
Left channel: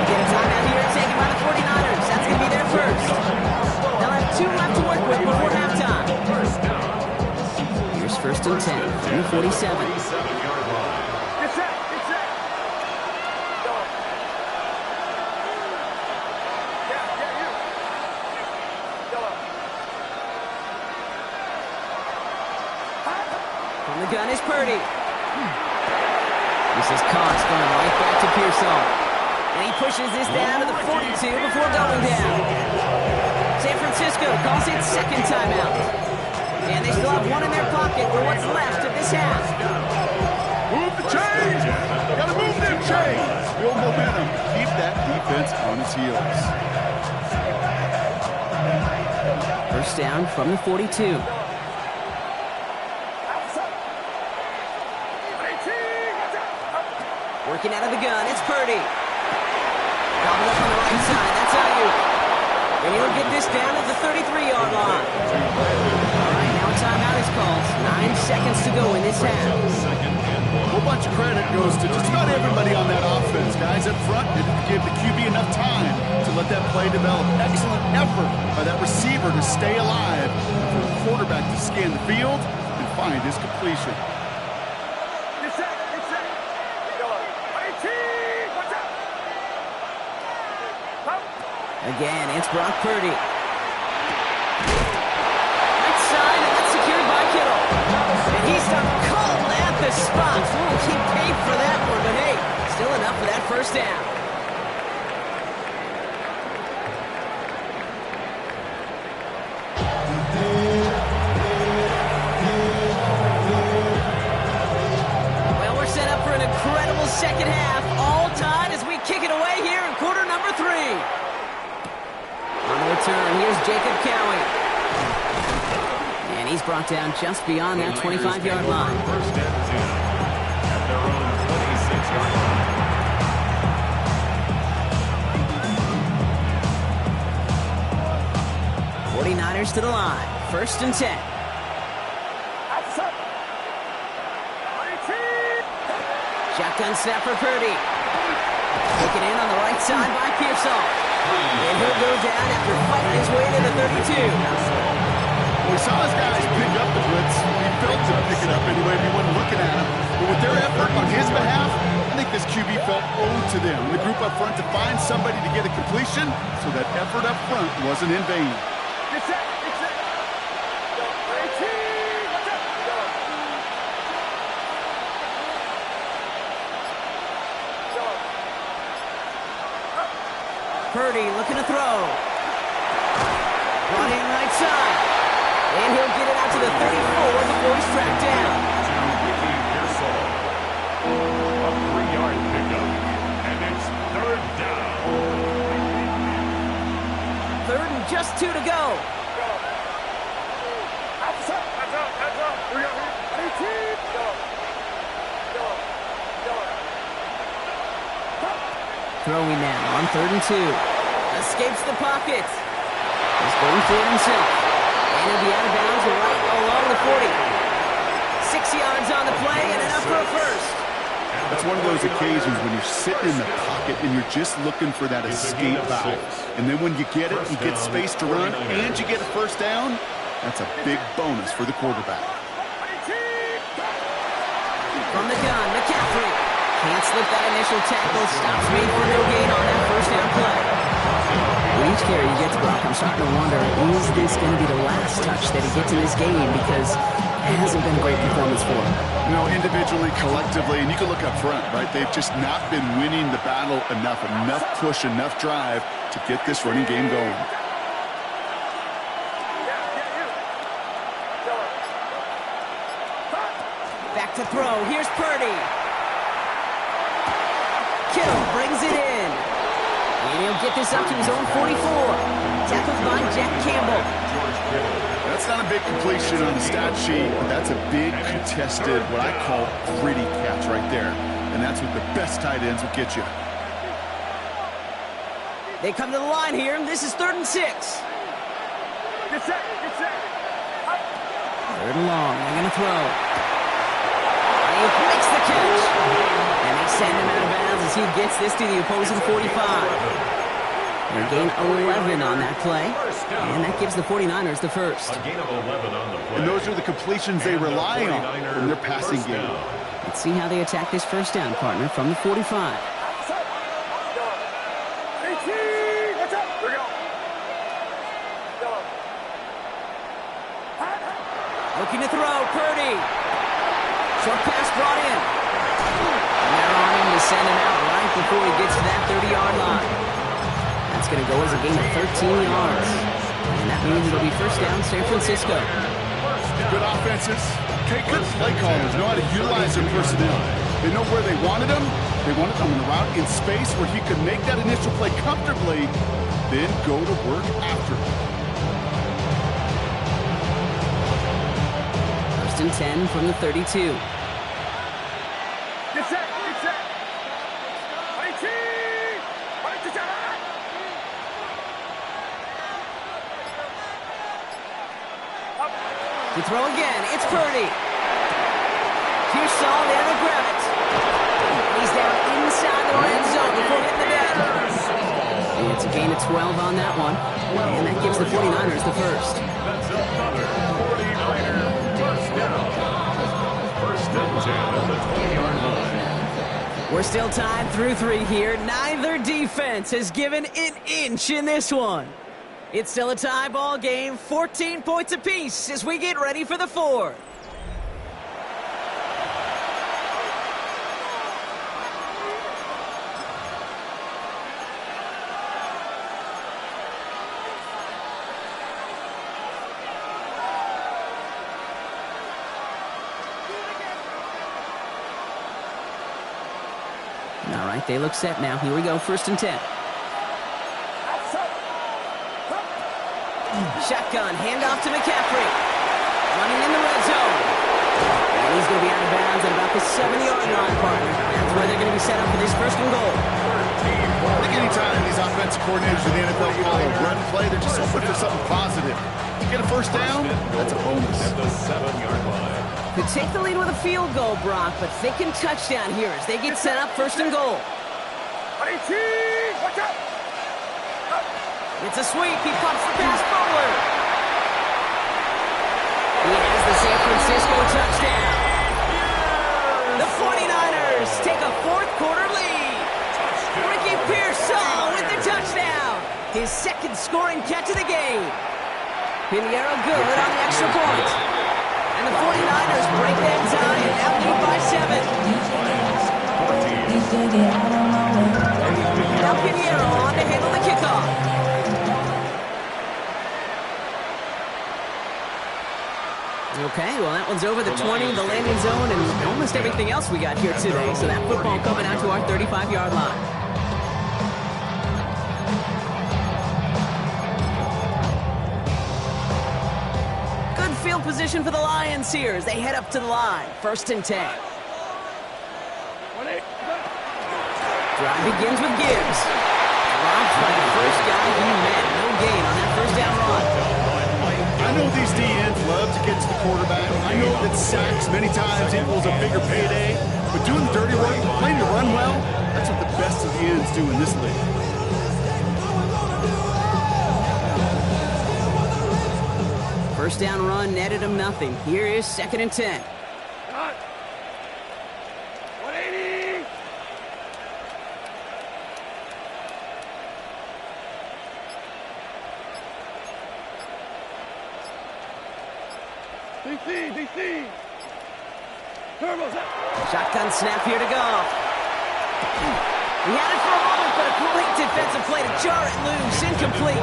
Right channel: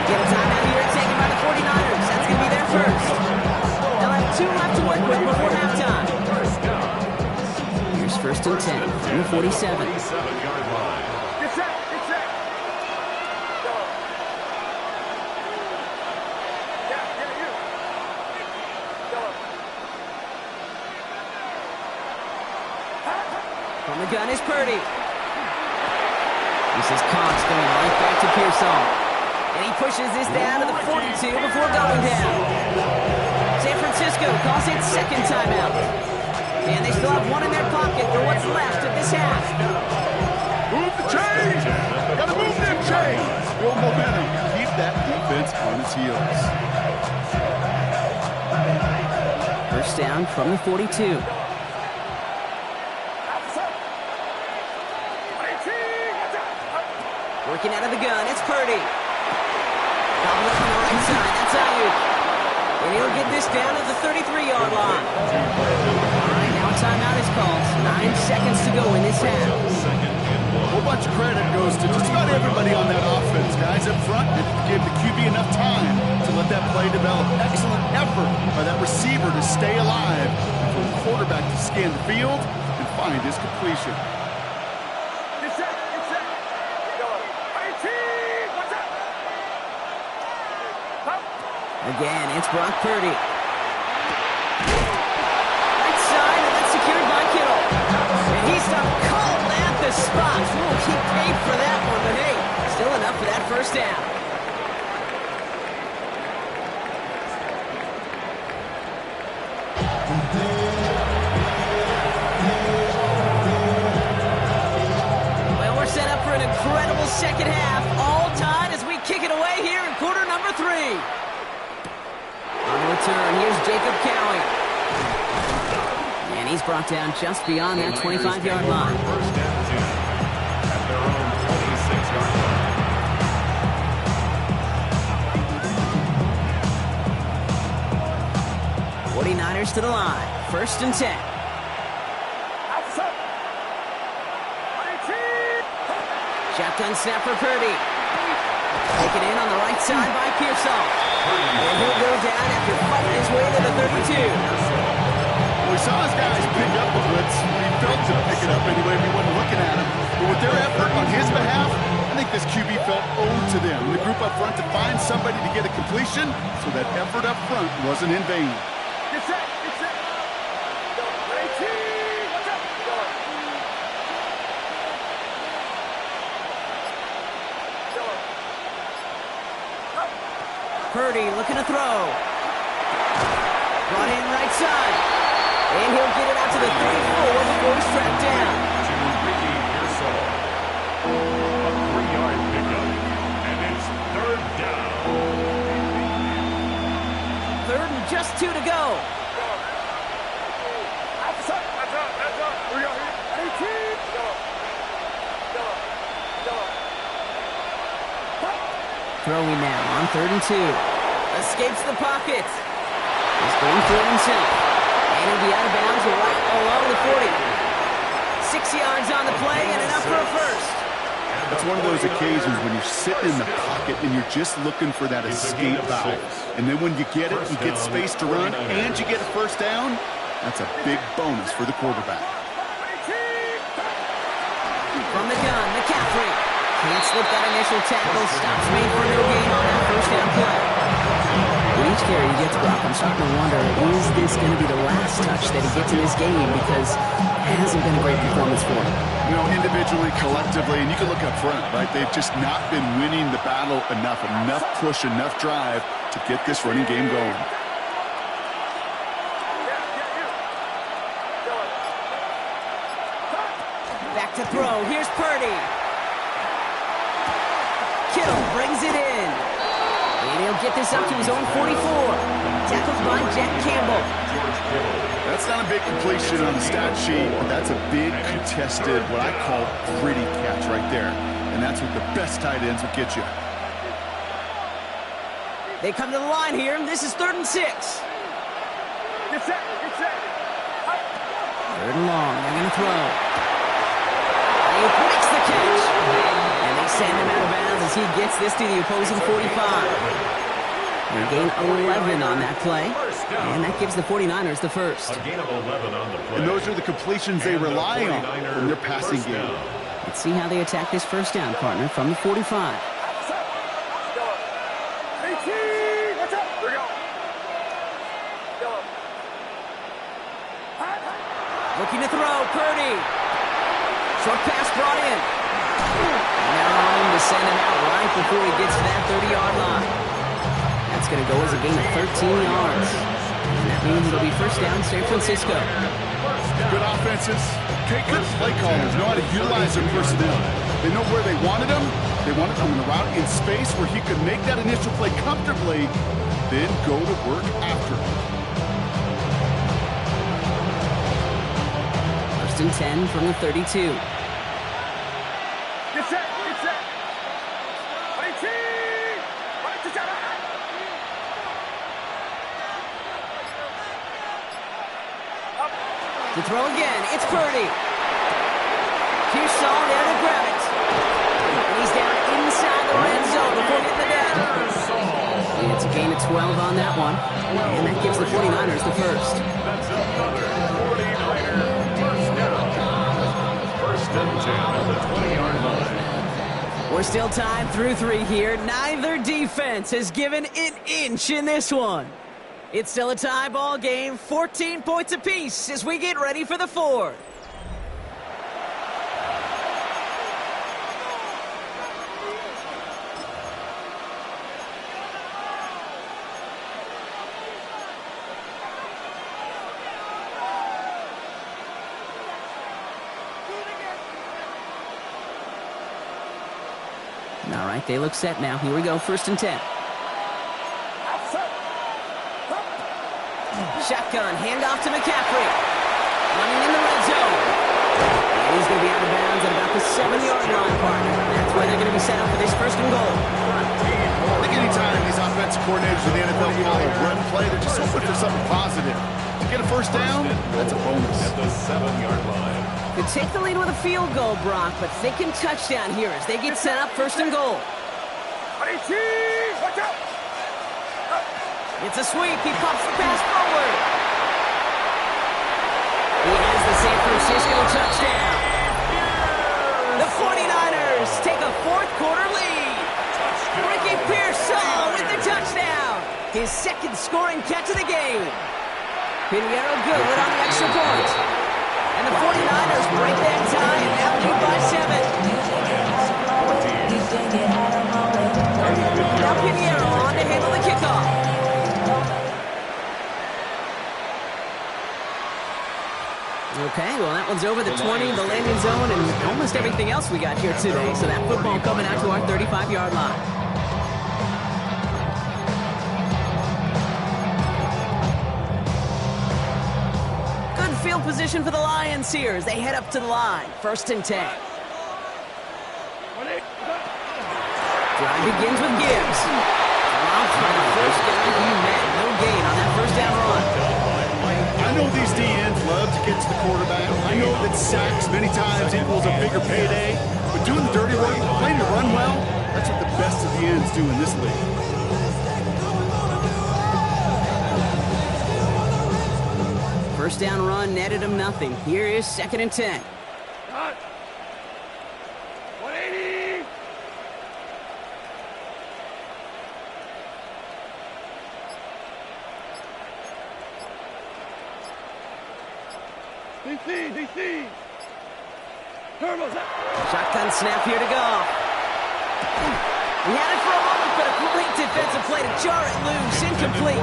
Get a timeout here taken by the 49ers. That's going to be their first. They'll have 2 left to work with before halftime. Here's first and 10 from the 47. 47-yard line. Get set. Go. Yeah, you. Go. From the gun is Purdy. This is Cox going right back to Pearsall. And he pushes this down to the 42 before going down. San Francisco calls it second timeout. And they still have one in their pocket for what's left of this half. Move the chains! Gotta move them chains! Build momentum. Keep that defense on its heels. First down from the 42. Working out of the gun, it's Purdy. Gobbled up on the right side, that's Ayuk. And he'll get this down to the 33-yard line. All right, now a timeout is called. 9 seconds to go in this half. A whole bunch of credit goes to just about everybody on that offense. Guys up front didn't give the QB enough time to let that play develop. Excellent effort by that receiver to stay alive and for the quarterback to scan the field and find his completion. Get set. Go. 18. What's up? Again, it's Brock Purdy. Right side, and that's secured by Kittle. And he's done cold at the spot. Ooh, he paid for that one, but hey, still enough for that first down. Well, we're set up for an incredible second half. All tied as we kick it away here in quarter number 3. On the return, here's Jacob Cowie. And he's brought down just beyond that 25-yard line. First and 10 at their own 26-yard line. 49ers to the line. First and 10. Shotgun snap for Purdy. Taken in on the right side by Pearsall. And he'll go down after fighting his way to the 32. Well, we saw his guys pick up the blitz. He felt to pick it up anyway if he wasn't looking at him. But with their effort on his behalf, I think this QB felt owed to them. And the group up front to find somebody to get a completion, so that effort up front wasn't in vain. Get set. Go. 18. What's up? Go. Purdy looking to throw. Brought in right side. And he'll get it out to the 34 before he's tracked down. To Ricky Pearsall. A 3-yard pickup. And And it's third down. Third and just 2 to go. That's up. Here we go. Throwing now on 3rd and 2. Escapes the pocket. He's going for it himself. And he'll be out of bounds right along the 40. 6 yards on the play and enough for a first. It's one of those occasions when you're sitting in the pocket and you're just looking for that escape valve. And then when you get it, you get space to run, and you get a first down. That's a big bonus for the quarterback. From the gun, McCaffrey. Can't slip that initial tackle. Stops made for no gain on that first down play. With each carry he gets, Brock, I'm starting to wonder, is this going to be the last touch that he gets in this game? Because it hasn't been a great performance for him. You know, individually, collectively, and you can look up front, right? They've just not been winning the battle enough push, enough drive to get this running game going. Back to throw. Here's Purdy. Kittle brings it in. And he'll get this up to his own 44. Tackled by Jack Campbell. That's not a big completion on the stat sheet, but that's a big contested, what I call gritty catch right there. And that's what the best tight ends will get you. They come to the line here, and this is 3rd and 6. Get set. 3rd and long. They're going to throw. He makes the catch. And they send him out of bounds as he gets this to the opposing 45. They gain 11 on that play. And that gives the 49ers the first. A gain of 11 on the play. And those are the completions they rely on in their passing game. Let's see how they attack this first down, partner, from the 45. Watch out. Here we go. Looking to throw, Purdy. Short pass brought in. And they're on him to send him out right before he gets to that 30-yard line. That's going to go as a gain of 13 yards. And that means it'll be first down, San Francisco. Good offenses. Okay, good play callers know how to utilize their personnel. They know where they wanted him. They wanted him in the route in space where he could make that initial play comfortably, then go to work after. First and 10 from the 32. Get set. To throw again, it's Purdy. Pearsall there to grab it. And he's down inside the red zone before hitting the net. And it's a gain of 12 on that one. And that gives the 49ers the first. That's another 49er first down. First and 10 at the 20-yard line. We're still tied through 3 here. Neither defense has given an inch in this one. It's still a tie ball game, 14 points apiece as we get ready for the 4th. All right, they look set now. Here we go, first and 10. Shotgun, handoff to McCaffrey. Running in the red zone. And he's going to be out of bounds at about the 7-yard line, partner. That's where they're going to be set up for this first and goal. I think anytime these offensive coordinators in the NFL call a run play, they're just hoping for something positive. To get a first down, that's a bonus. At the 7-yard line. Could take the lead with a field goal, Brock, but thinking touchdown here as they get set up first and goal. Watch out. It's a sweep. He pumps the pass forward. He has the San Francisco touchdown. The 49ers take a fourth-quarter lead. Ricky Pearsall with the touchdown. His second scoring catch of the game. Pinheiro good on the extra point. And the 49ers break that tie and now lead by 7. Now Pinheiro on to handle the kickoff. Okay, well, that one's over the 20, the landing zone, and almost everything else we got here today. So that football coming out to our 35-yard line. field position for the Lions here as they head up to the line. 1st and 10. Drive begins with Gibbs. Dropped by the first guy he met. No gain on that 1st down run. I know these D-ends love to get to the quarterback. I know that sacks many times equals a bigger payday. But doing the dirty work, playing to run well, that's what the best of the ends do in this league. 1st down run netted him nothing. Here is 2nd and 10. Cut. 180. DC. Turbos up. Shotgun snap here to go. He had it for a moment, but a great defensive play to jar it loose. Incomplete.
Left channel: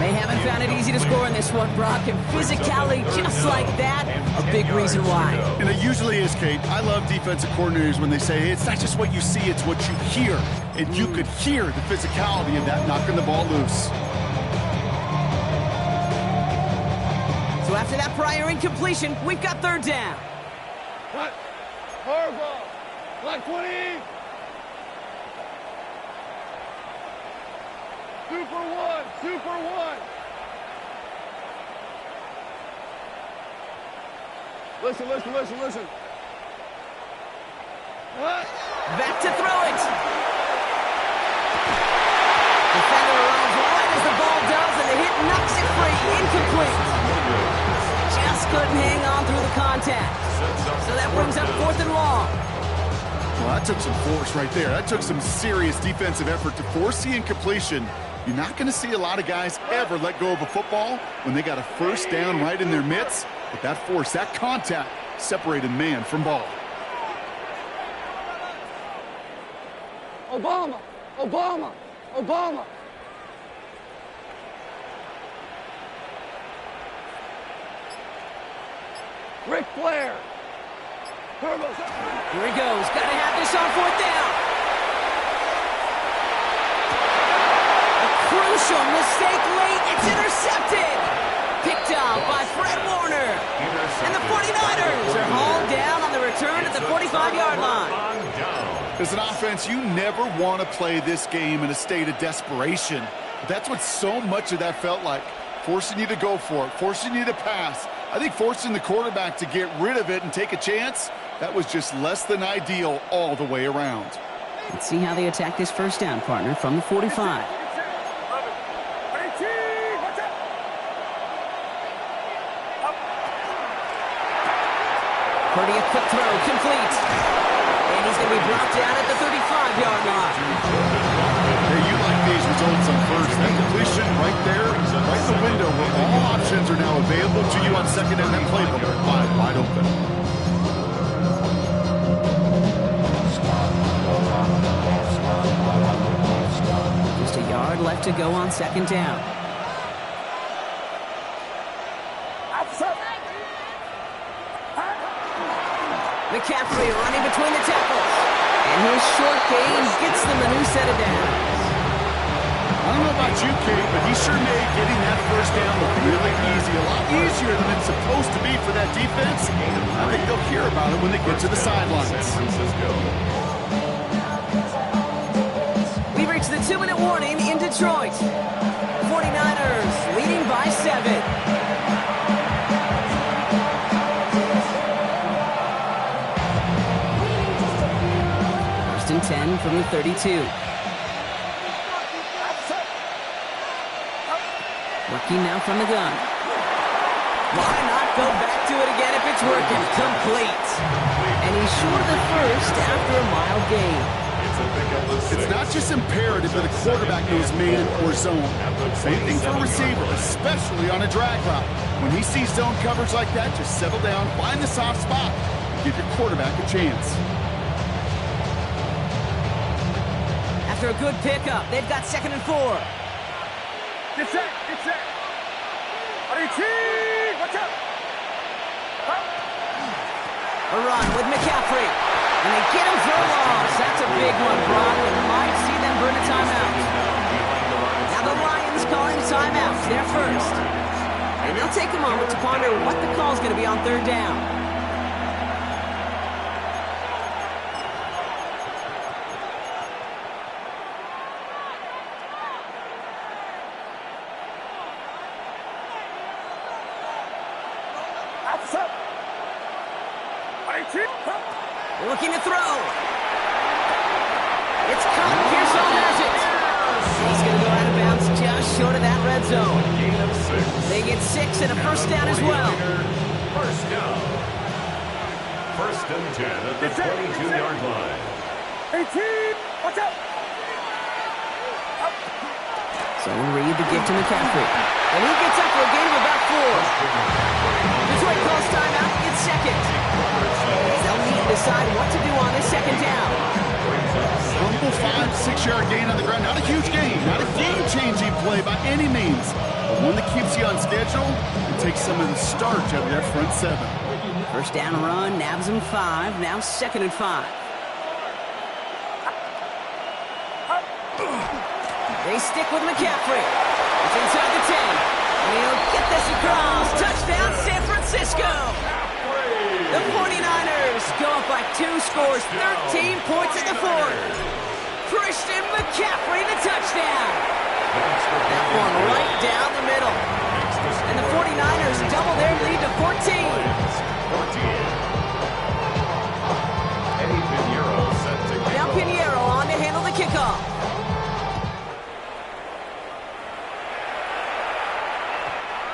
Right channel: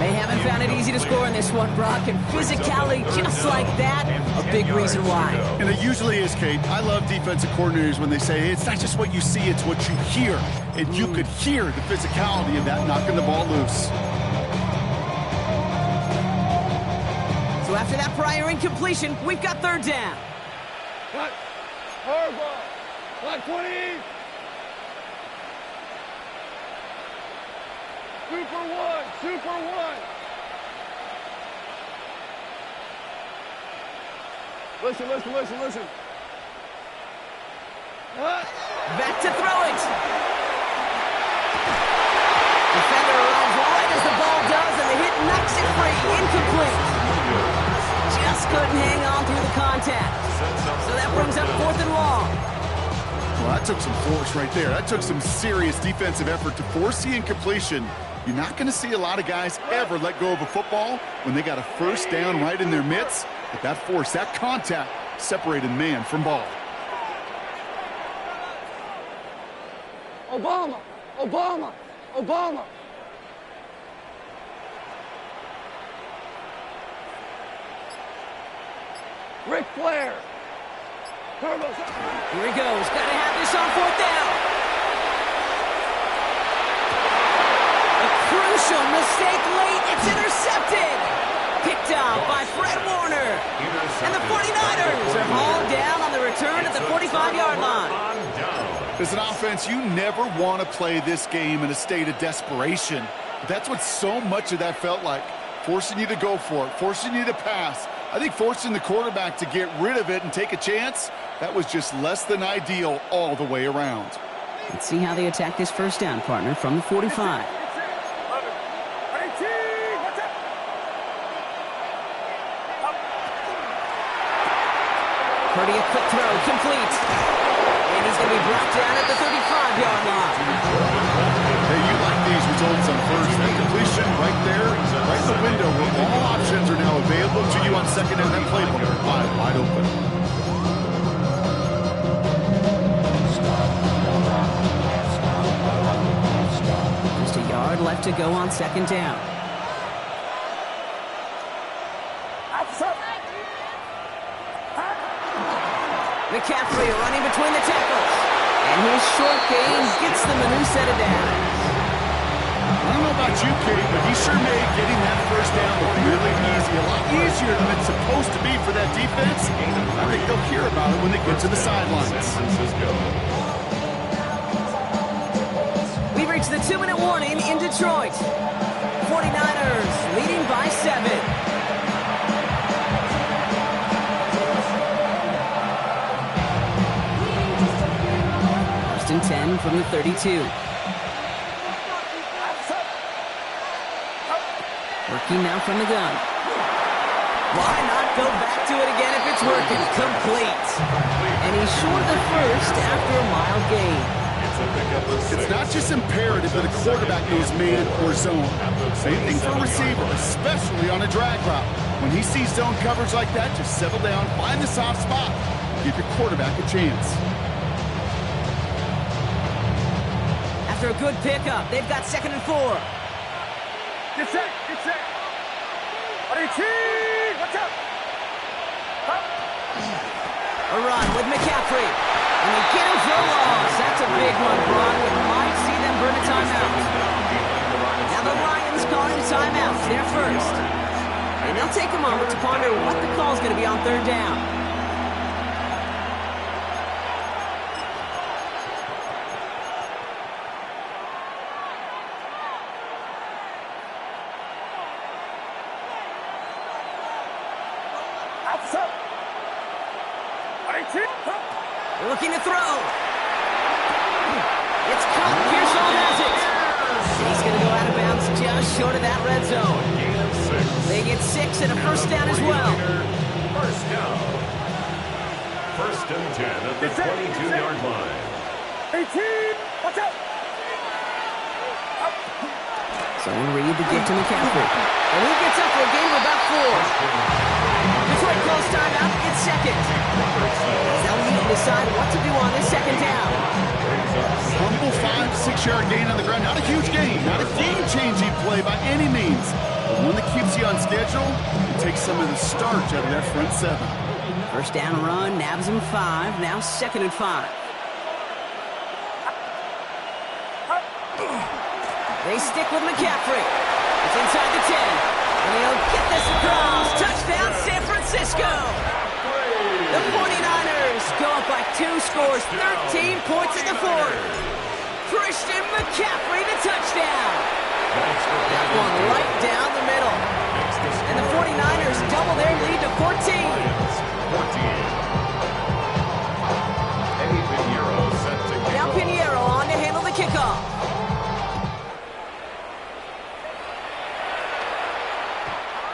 They haven't found it easy to score in this one, Brock, and physicality just like that, a big reason why. And it usually is, Kate. I love defensive coordinators when they say, hey, it's not just what you see, it's what you hear. And you could hear the physicality of that knocking the ball loose. So after that prior incompletion, we've got 3rd down. Cut. Hardball. Black 20. Super one. Listen. Back to throw it. Defender arrives right as the ball does, and the hit knocks it free. Incomplete. Just couldn't hang on through the contact. So that brings up 4th and long. Well, that took some force right there. That took some serious defensive effort to force the incompletion. You're not going to see a lot of guys ever let go of a football when they got a 1st down right in their midst. But that force, that contact, separated man from ball. Obama. Ric Flair. Turbos up. Here he goes. Got to have this on 4th down. A crucial mistake late. It's intercepted. Picked up by Fred Warner. And the 49ers are hauled down on the return at the 45-yard line. As an offense, you never want to play this game in a state of desperation. That's what so much of that felt like. Forcing you to go for it, forcing you to pass. I think forcing the quarterback to get rid of it and take a chance, that was just less than ideal all the way around. Let's see how they attack this 1st down, partner, from the 45. Purdy, a quick throw, complete. And he's going to be brought down at the 35-yard line. Hey, you like these results on 1st. That completion right there, right in the window where all options are now available to you on 2nd and that playbook wide open. Just a yard left to go on 2nd down. McCaffrey running between the tackles. And his short gain gets them a new set of downs. I don't know about you, Kate, but he sure made getting that 1st down look really easy. A lot easier than it's supposed to be for that defense. I think they'll hear about it when they get to the sidelines. We've reached the 2-minute warning in Detroit. 49ers leading by 7. 1st and 10 from the 32. Working now from the gun. Why not go back to it again if it's working? Complete. And he's short of the 1st after a mild gain. It's not just imperative that a quarterback knows man or zone. Same thing for a receiver, especially on a drag route. When he sees zone coverage like that, just settle down, find the soft spot, and give your quarterback a chance. After a good pickup, they've got 2nd and 4. Get set. RT, watch out. A run with McCaffrey. And they get him for a loss. That's a big one, Brock. We might see them burn a timeout. Now the Lions calling a timeout. They're first. And they'll take a moment to ponder what the call is going to be on third down. Looking to throw. It's caught. Pearsall has it. He's going to go out of bounds just short of that red zone. Gain of 6. They get 6 and a first down as well. First down. First and 10 at the 22-yard line. 18, watch out. So Reed the gift to McCaffrey. And he gets up for a gain of about 4. Detroit calls timeout. It's second. They'll need to decide what to do on this second down. Humble 5-6-yard gain on the ground. Not a huge gain. Not a game-changing play by any means. But one that keeps you on schedule and takes some of the starch out of that front 7. First down run. Nabs him 5. Now second and 5. They stick with McCaffrey. It's inside the 10. And he'll get this across. Touchdown, San Francisco. The 49ers go up by 2 scores, 13 points in the 4th. Christian McCaffrey, the touchdown. That one right down the middle. And the 49ers double their lead to 14. Eddie Pinheiro set to kick Now off. Pinheiro on to handle the kickoff.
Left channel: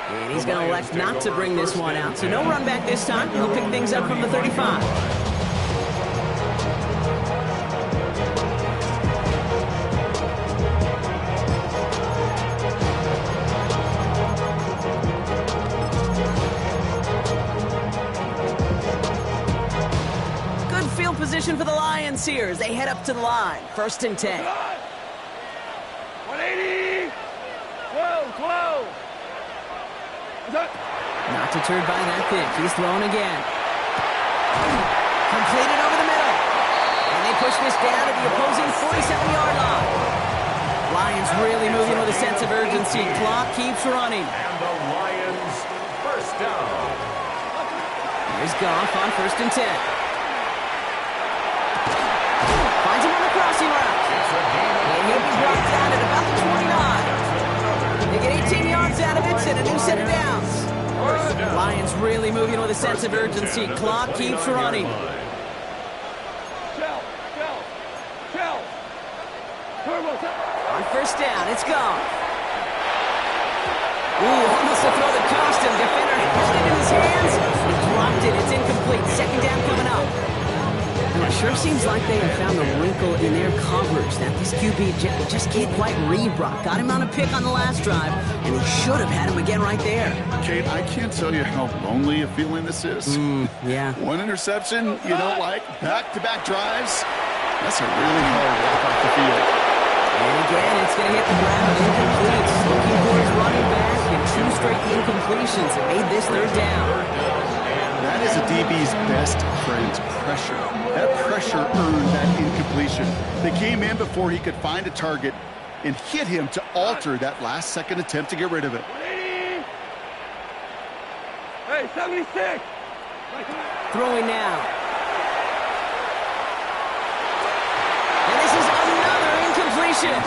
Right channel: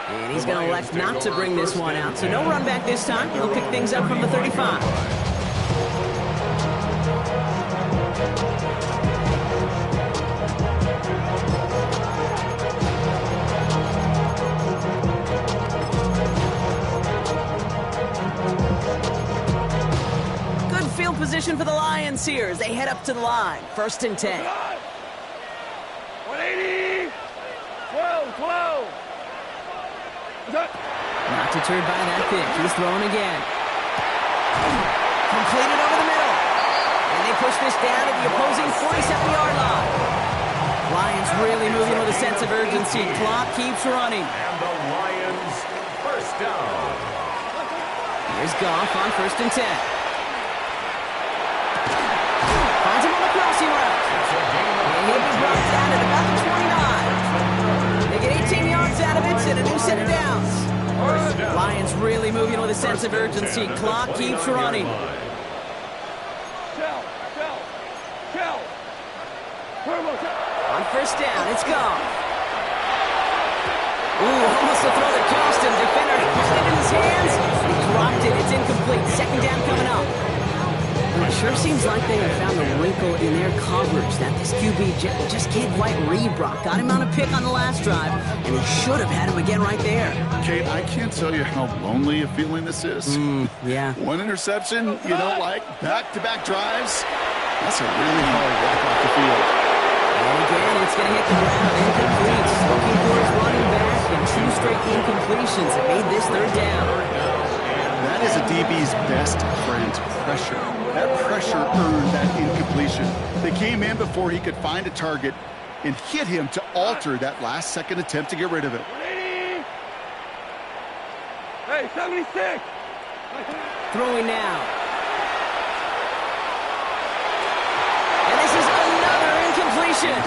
And he's going to elect not to bring this one out. So no run back this time. He'll pick things up from the 35. Good field position for the Lions here as they head up to the line. First and 10. 180, 12. Not deterred by that pitch. He's throwing again. Completed over the middle. And they push this down to the opposing 47-yard line. Lions really moving with a sense of urgency. Clock keeps running. And the Lions first down. Here's Goff on first and 10. Finds him on the crossing route. It's a gain of And he'll be brought down at about the 29. They get 18 yards out of it and a new set of downs. First down. Lions really moving with a sense of urgency. Clock keeps running. Shell. Turbo. On first down, it's gone. Ooh, almost a throw that cost him. Defender held it in his hands. He dropped it. It's incomplete. Second down coming up. Well, it sure seems like they have found the wrinkle in their coverage that this QB just can't quite read Brock. Got him on a pick on the last drive, and he should have had him again right there. Kate, I can't tell you how lonely a feeling this is. Yeah. One interception, you don't like, back-to-back drives. That's a really hard walk off the field. And again, it's going to hit the ground. Incomplete. Looking for his running back, and 2 straight incompletions that made this third down. That is a DB's best friend, pressure. That pressure earned that incompletion. They came in before he could find a target and hit him to alter that last-second attempt to get rid of it. 180. Hey, 76. Throwing now. And this is another incompletion.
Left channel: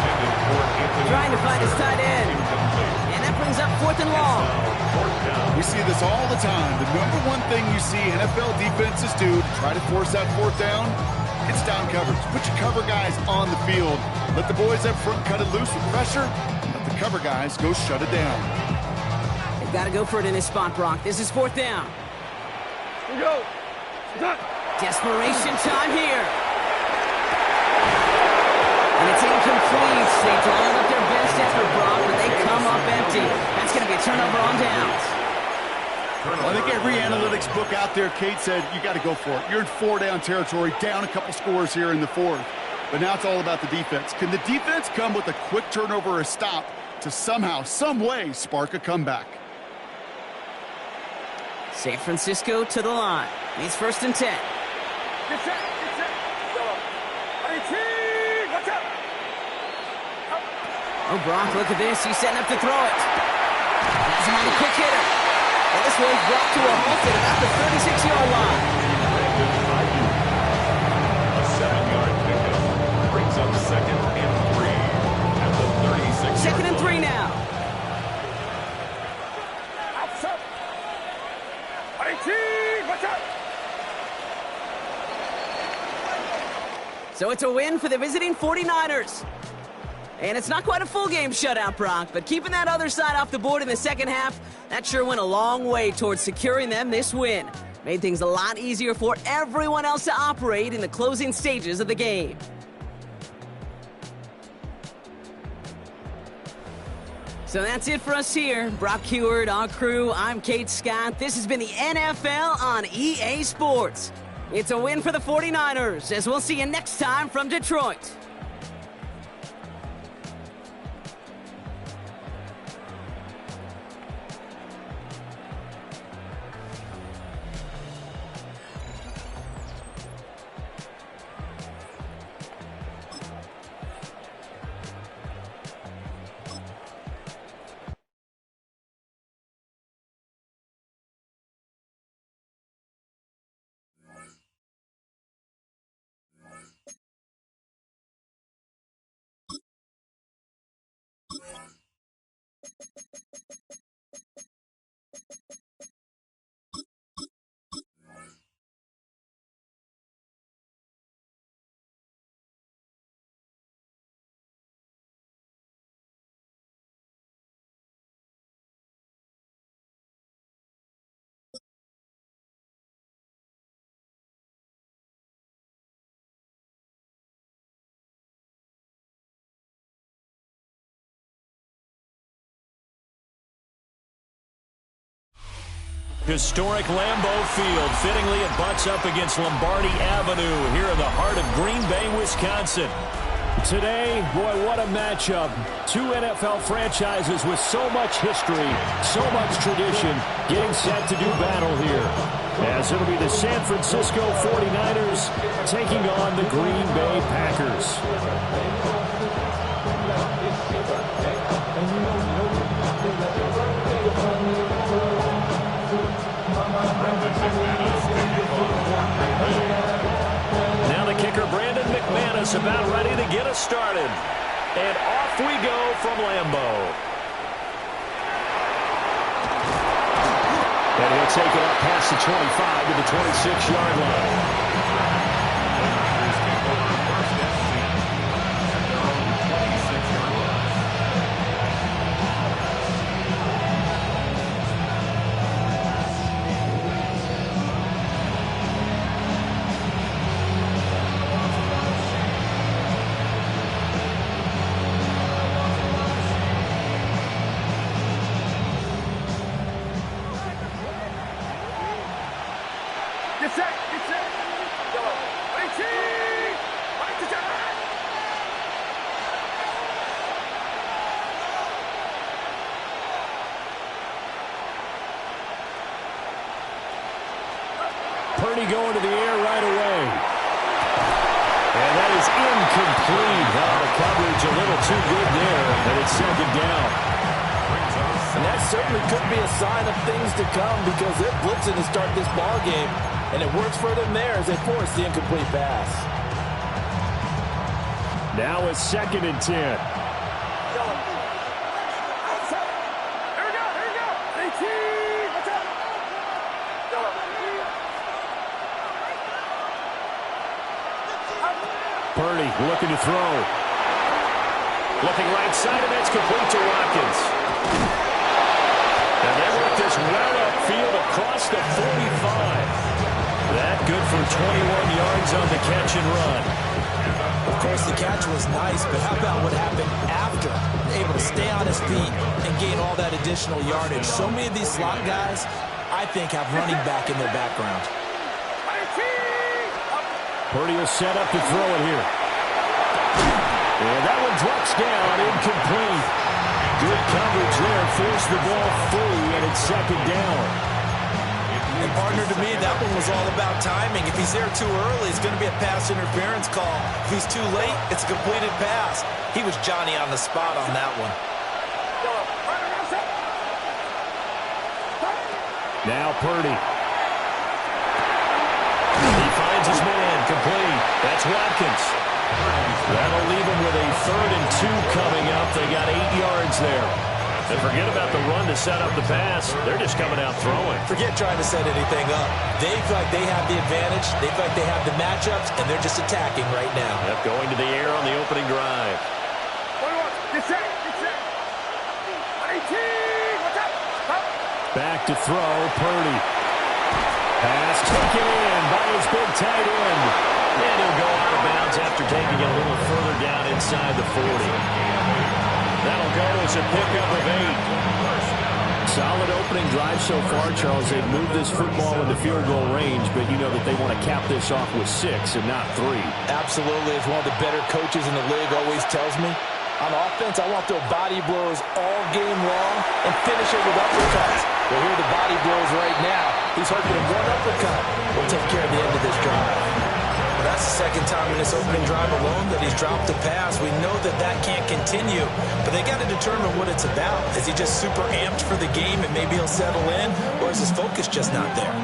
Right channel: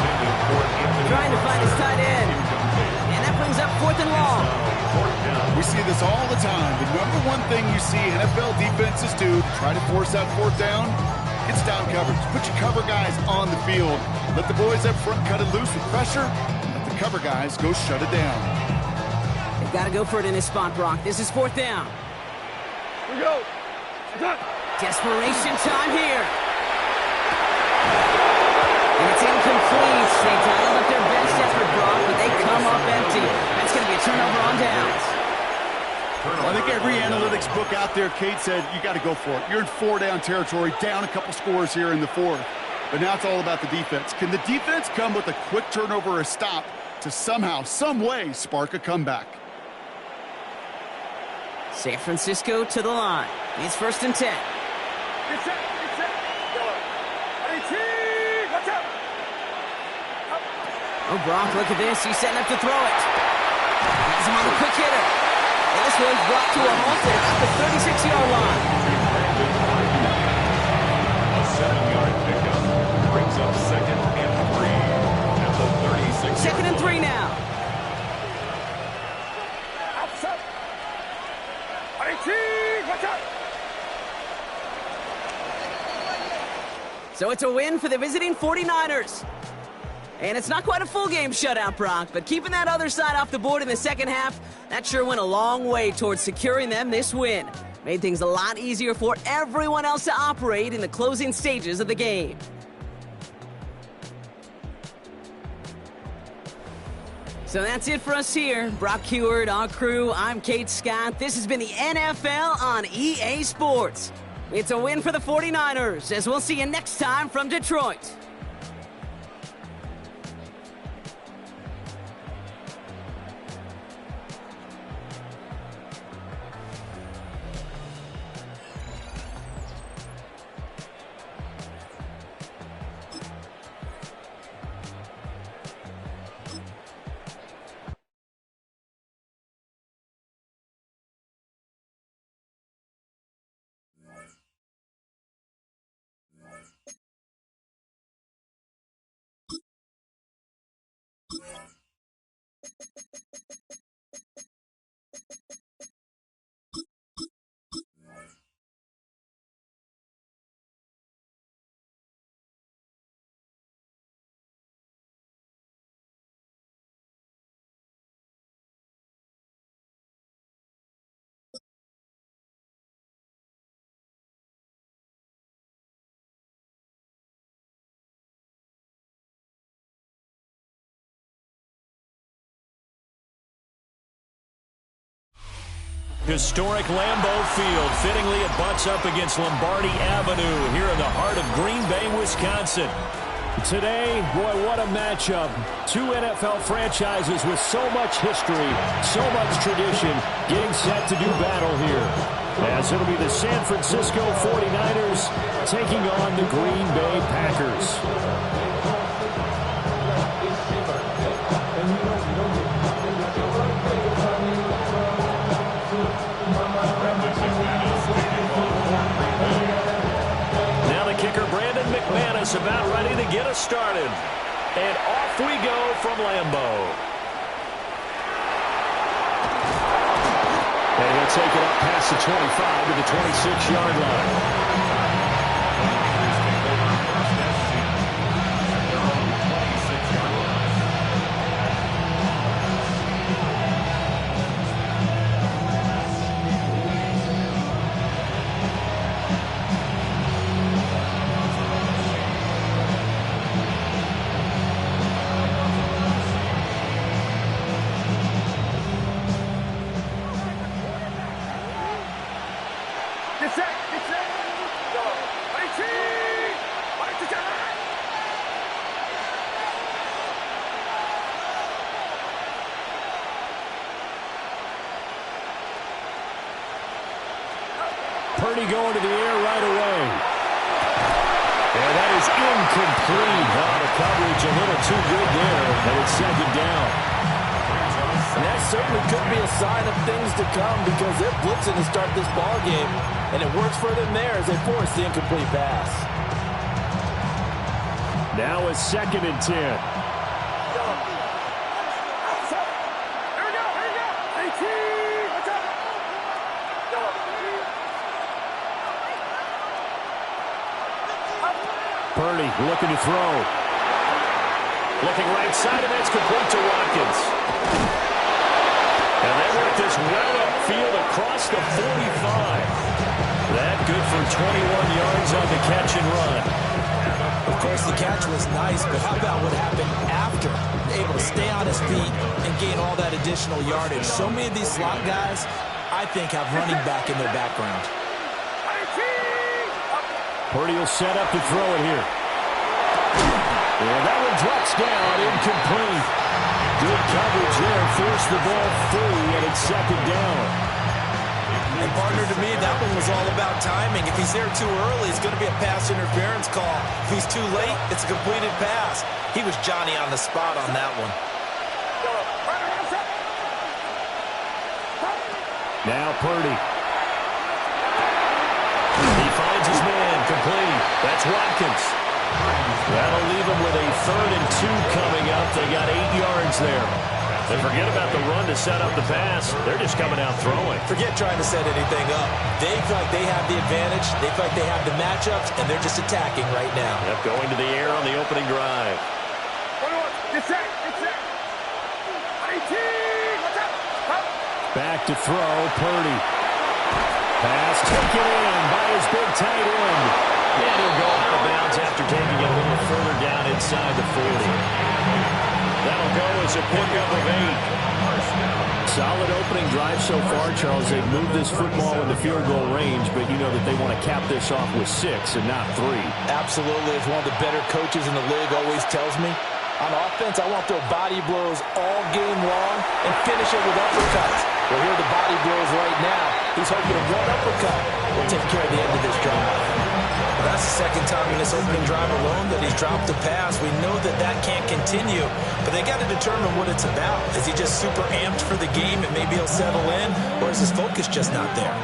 Trying to find his tight end. And that brings up 4th and long. We see this all the time. The number one thing you see NFL defenses do to try to force that 4th down, it's down coverage. Put your cover guys on the field. Let the boys up front cut it loose with pressure. Let the cover guys go shut it down. They've got to go for it in this spot, Brock. This is 4th down. Here we go. Done. Desperation time here. And it's incomplete. They dialed up their best effort, Brock, but they come up empty. That's going to be a turnover on downs. Well, I think every analytics book out there, Kate, said you got to go for it. You're in 4-down territory, down a couple scores here in the 4th. But now it's all about the defense. Can the defense come with a quick turnover or a stop to somehow, some way, spark a comeback? San Francisco to the line. It's 1st and 10. Get set. Yellow. 18. Watch out. Oh, Brock, look at this. He's setting up to throw it. Has him on the quick hitter. And this one's brought to a halt at about the 36-yard line. A 7-yard pickup brings up 2nd and 3 at the 36-yard line. 2nd and 3 now. Outside. 18, watch out. So it's a win for the visiting 49ers. And it's not quite a full game shutout, Brock, but keeping that other side off the board in the second half, that sure went a long way towards securing them this win. Made things a lot easier for everyone else to operate in the closing stages of the game. So that's it for us here. Brock Heward, our crew, I'm Kate Scott. This has been the NFL on EA Sports. It's a win for the 49ers, as we'll see you next time from Detroit. Historic Lambeau Field. Fittingly, it butts up against Lombardi Avenue here in the heart of Green Bay, Wisconsin. Today, boy, what a matchup. Two NFL franchises with so much history, so much tradition, getting set to do battle here. As it'll be the San Francisco 49ers taking on the Green Bay Packers. Now the kicker, Brandon McManus, about ready to get us started. And off we go from Lambeau. And he'll take it up past the 25 to the 26-yard line. Get set, get set. Yellow. 18, 18. Purdy going to the air right away. And that is incomplete. The coverage a little too good there, and it's 2nd down. And that certainly could be a sign of things to come because they're blitzing to start this ball game, and it works for them there as they force the incomplete pass. Now it's 2nd and 10. Here we go, 18, watch out. Purdy looking to throw. Looking right side, and that's complete to Watkins. And they work this well upfield across the 45. That good for 21 yards on the catch and run. Of course, the catch was nice, but how about what happened after? Able to stay on his feet and gain all that additional yardage. So many of these slot guys, I think, have running back in their background. Purdy will set up to throw it here. And that one drops down, incomplete. Good coverage there, forced the ball free, and it's 2nd down. And partner, to me, that one was all about timing. If he's there too early, it's going to be a pass interference call. If he's too late, it's a completed pass. He was Johnny on the spot on that one. Now Purdy. He finds his man, complete. That's Watkins. That'll leave him with a 3rd and 2 coming up. They got 8 yards there. And forget about the run to set up the pass. They're just coming out throwing. Forget trying to set anything up. They feel like they have the advantage. They feel like they have the matchups, and they're just attacking right now. Yep, going to the air on the opening drive. Get set. Get set. 18. What's up? Stop. Back to throw, Purdy. Pass taken in by his big tight end. And he'll go out of bounds after taking it a little further down inside the 40. That'll go as a pickup of 8. Solid opening drive so far, Charles. They've moved this football into field goal range, but you know that they want to cap this off with 6 and not 3. Absolutely. As one of the better coaches in the league always tells me, on offense, I want to throw body blows all game long and finish it with uppercuts. Well, here are the body blows right now. He's hoping that one uppercut will take care of the end of this drive. Well, that's the second time in this opening drive alone that he's dropped a pass. We know that that can't continue, but they got to determine what it's about. Is he just super amped for the game and maybe he'll settle in, or is his focus just not there?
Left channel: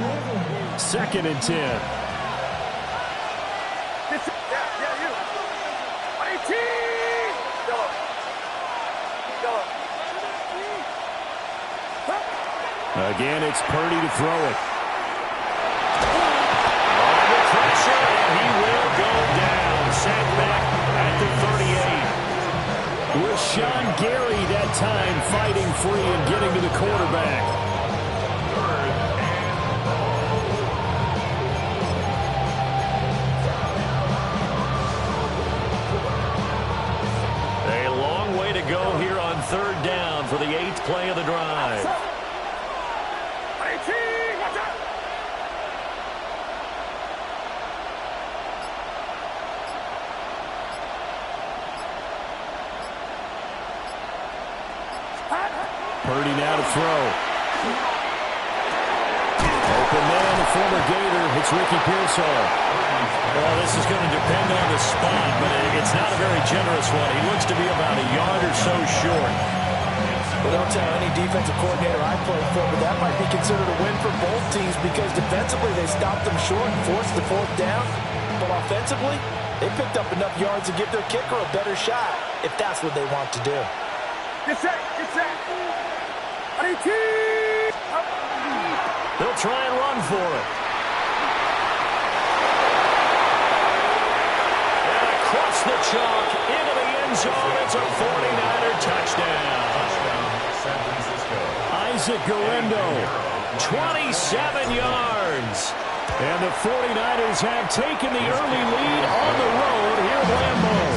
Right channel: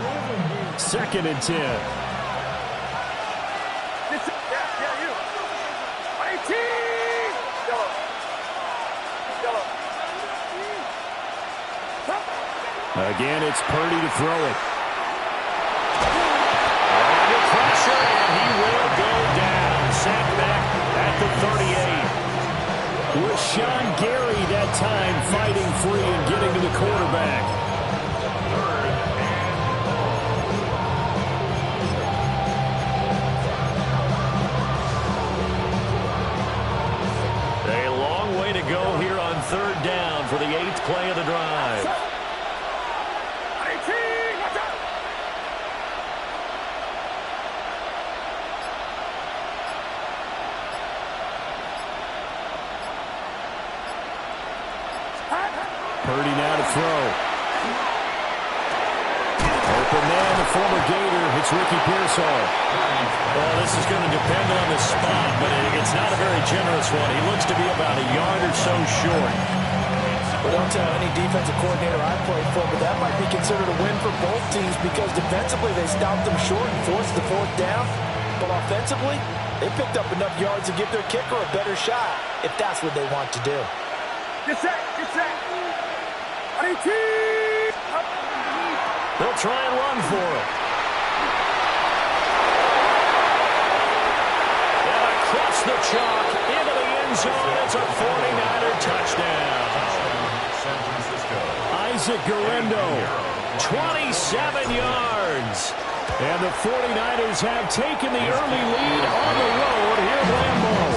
2nd and 10. Yeah, you. 18. Yellow. Again, it's Purdy to throw it. Under pressure, and he will go down. Sacked back at the 38. Rashawn Gary that time fighting free and getting to the quarterback. A long way to go here on 3rd down for the 8th play of the drive. 18. Watch out. Purdy now to throw. Open man, the former Gator. It's Ricky Pearsall. Well, this is going to depend on the spot, but it's not a very generous one. He looks to be about a yard or so short. Well, don't tell any defensive coordinator I played for, but that might be considered a win for both teams because defensively they stopped them short and forced the 4th down. But offensively, they picked up enough yards to give their kicker a better shot if that's what they want to do. Get set. Get set. 18. They'll try and run for it. And across the chalk into the end zone. It's a 49er touchdown. San Francisco. Isaac Guerrero, 27 yards. And the 49ers have taken the early lead on the road here at Lambeau.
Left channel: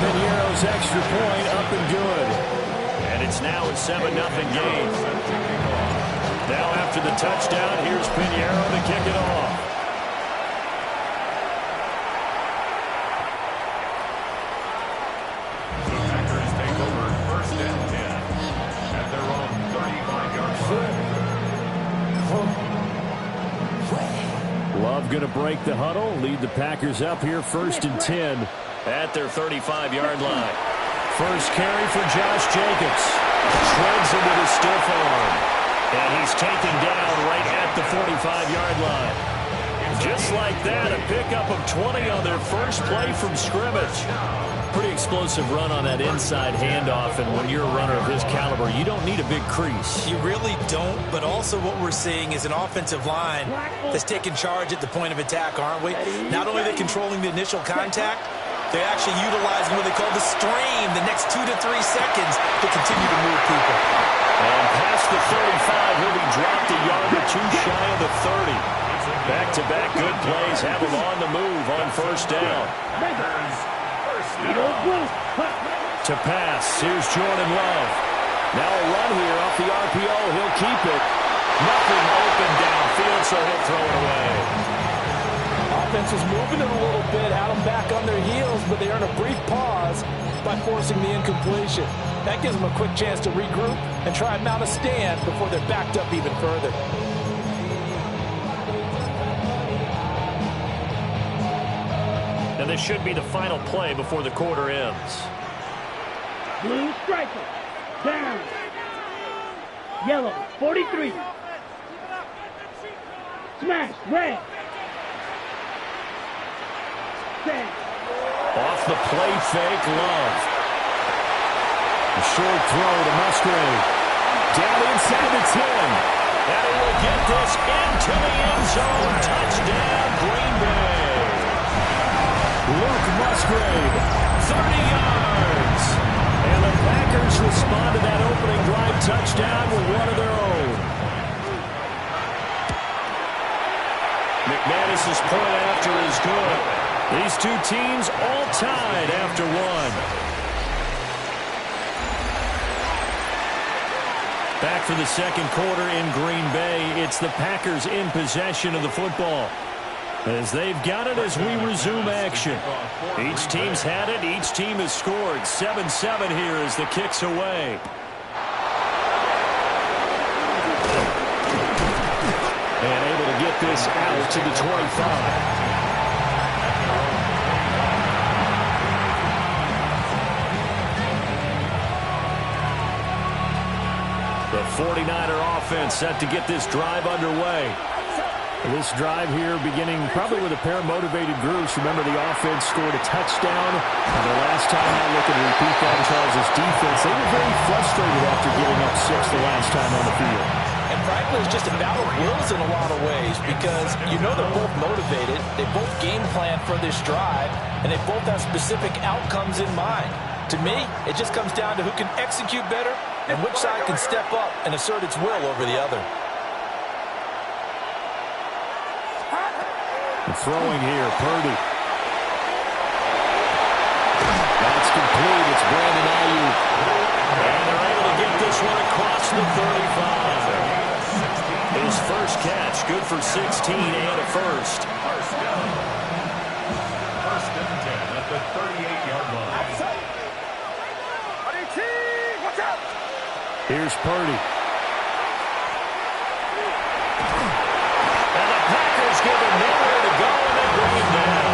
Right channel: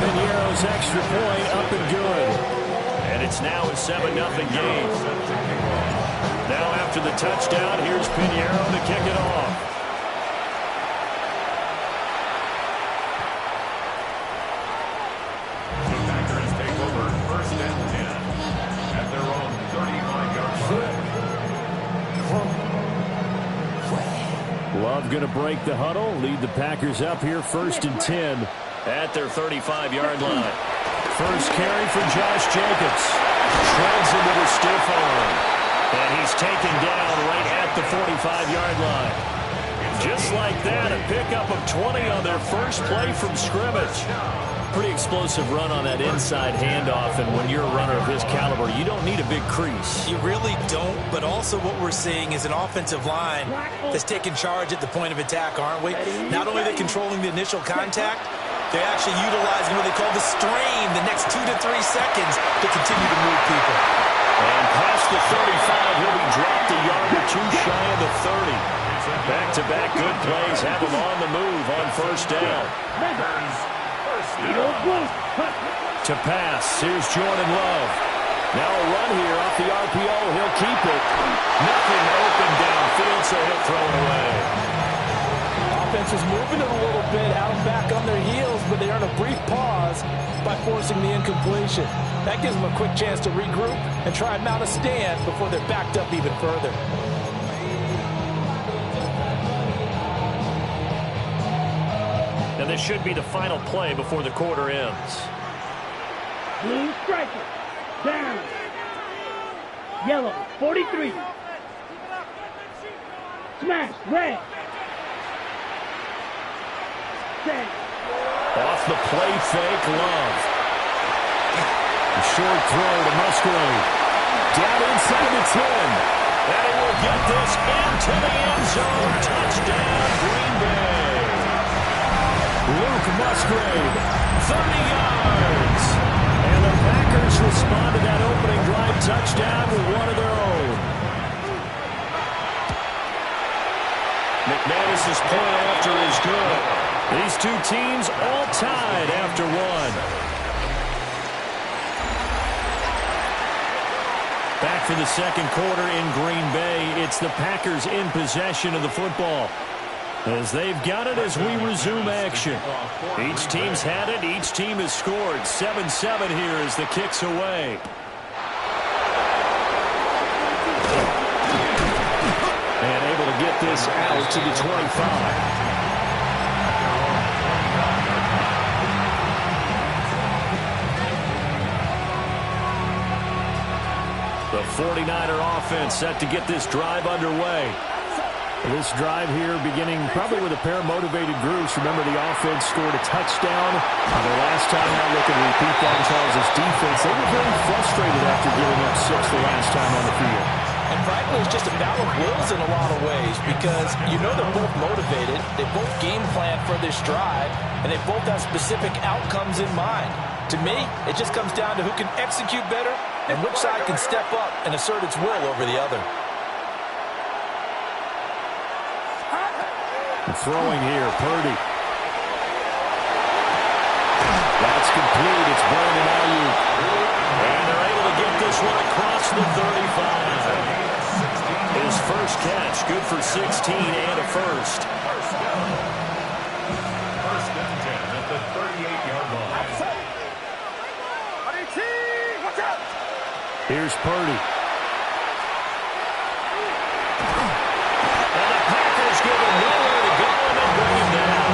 Piñeiro's extra point up and good. And it's now a 7-0 game. Now after the touchdown, here's Piñeiro to kick it off. The Packers take over 1st and 10 at their own 35-yard line. Love going to break the huddle, lead the Packers up here 1st and 10 at their 35-yard line. First carry for Josh Jacobs. Shreds him with his stiff arm. And he's taken down right at the 45-yard line. Just like that, a pickup of 20 on their first play from scrimmage. Pretty explosive run on that inside handoff, and when you're a runner of his caliber, you don't need a big crease. You really don't, but also what we're seeing is an offensive line that's taking charge at the point of attack, aren't we? Not only are they controlling the initial contact, they're actually utilizing what they call the strain, the next 2 to 3 seconds to continue to move people. And past the 35, he'll be dropped a yard or two shy of the 30. Back-to-back good plays have him on the move on 1st down. To pass, here's Jordan Love. Now a run here off the RPO. He'll keep it. Nothing open downfield, so he'll throw it away. Offense is moving it a little bit, had them back on their heels, but they earn a brief pause by forcing the incompletion. That gives them a quick chance to regroup and try and mount a stand before they're backed up even further. And this should be the final play before the quarter ends. Blue striker, down. Yellow, 43. Smash. Red. Stand. Off the play fake, Love. A short throw to Musgrave. Down inside the 10. And he will get this into the end zone. Touchdown, Green Bay. Luke Musgrave, 30 yards. And the Packers respond to that opening drive touchdown with one of their own. McManus's point after is good. These two teams all tied after one. Back for the second quarter in Green Bay. It's the Packers in possession of the football. As they've got it as we resume action. Each team's had it. Each team has scored. 7-7 here as the kick's away. And able to get this out to the 25. The 49er offense set to get this drive underway. This drive here beginning probably with a pair of motivated groups. Remember, the offense scored a touchdown on their last time out. Looking to repeat that. Charles' defense, they were very frustrated after giving up 6 the last time on the field. And frankly, it's just a battle of wills in a lot of ways because you know they're both motivated. They both game plan for this drive, and they both have specific outcomes in mind. To me, it just comes down to who can execute better and which side can step up and assert its will over the other. Throwing here, Purdy. That's complete. It's Brandon Ayuk. And they're able to get this one across the 35. His first catch, good for 16 and a first. First down. First and 10 at the 38-yard line. Watch out! Here's Purdy. And the Packers give him nowhere to go, and they bring him down.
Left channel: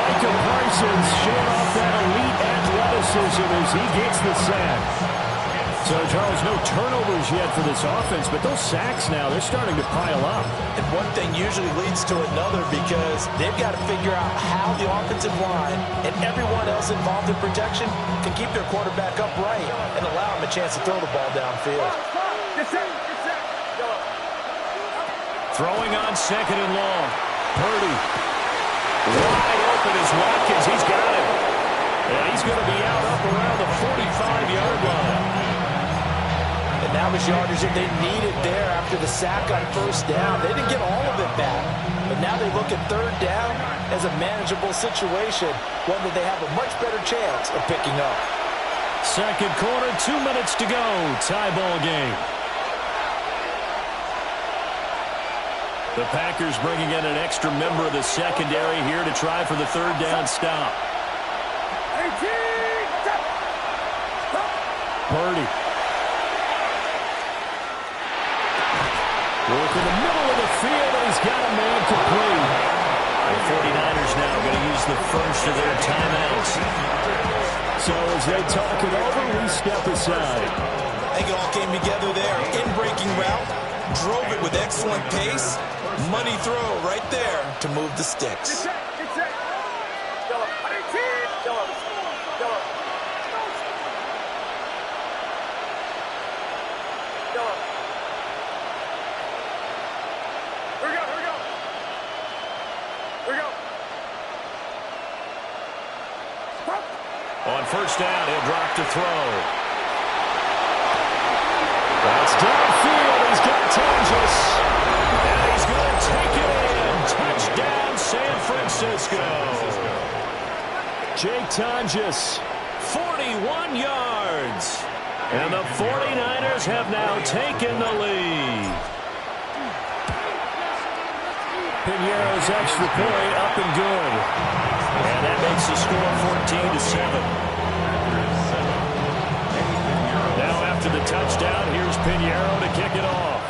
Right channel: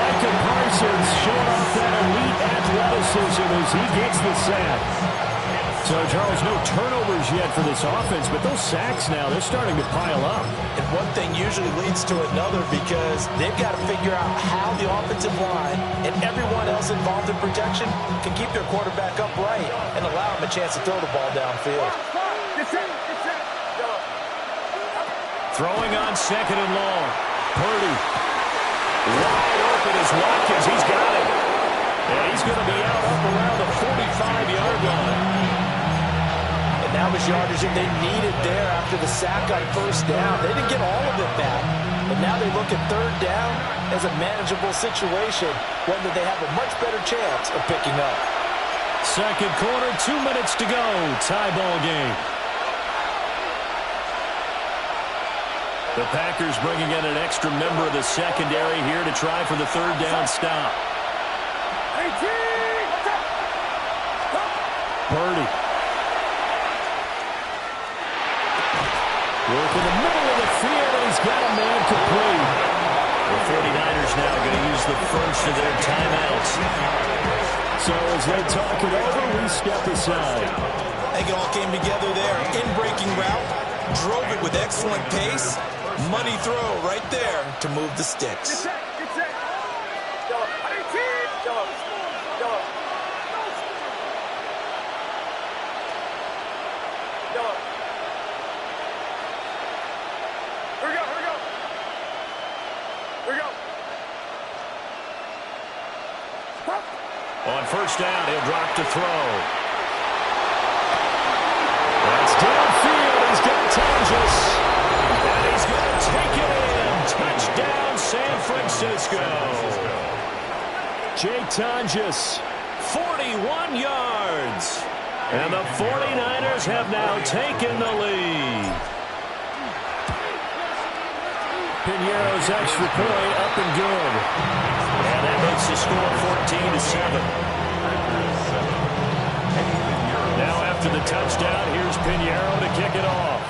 Micah Parsons showing off that elite athleticism as he gets the sack. So, Charles, no turnovers yet for this offense, but those sacks now, they're starting to pile up. And one thing usually leads to another because they've got to figure out how the offensive line and everyone else involved in protection can keep their quarterback upright and allow him a chance to throw the ball downfield. Get set. Throwing on second and long. Purdy. Wide open is Watkins. He's got it. And he's going to be out up around the 45-yard line. And now his yardage that they needed there after the sack on first down. They didn't get all of it back. But now they look at third down as a manageable situation, one that they have a much better chance of picking up. Second quarter, 2 minutes to go. Tie ball game. The Packers bringing in an extra member of the secondary here to try for the third down stop. Purdy. Work in the middle of the field, and he's got a man complete. The 49ers now going to use the first of their timeouts. So as they talk it over, we step aside. I think it all came together there. In-breaking route, drove it with excellent pace. Money throw right there to move the sticks. Get set. Yellow. Here we go. Stop. On first down, he'll drop to throw. That's downfield. He's got Tonjes. And he's going to take it in. Touchdown, San Francisco. Jake Tonjes, 41 yards. And the 49ers have now taken the lead. Piñeiro's extra point up and good. And that makes the score 14-7. Now after the touchdown, here's Piñeiro to kick it off.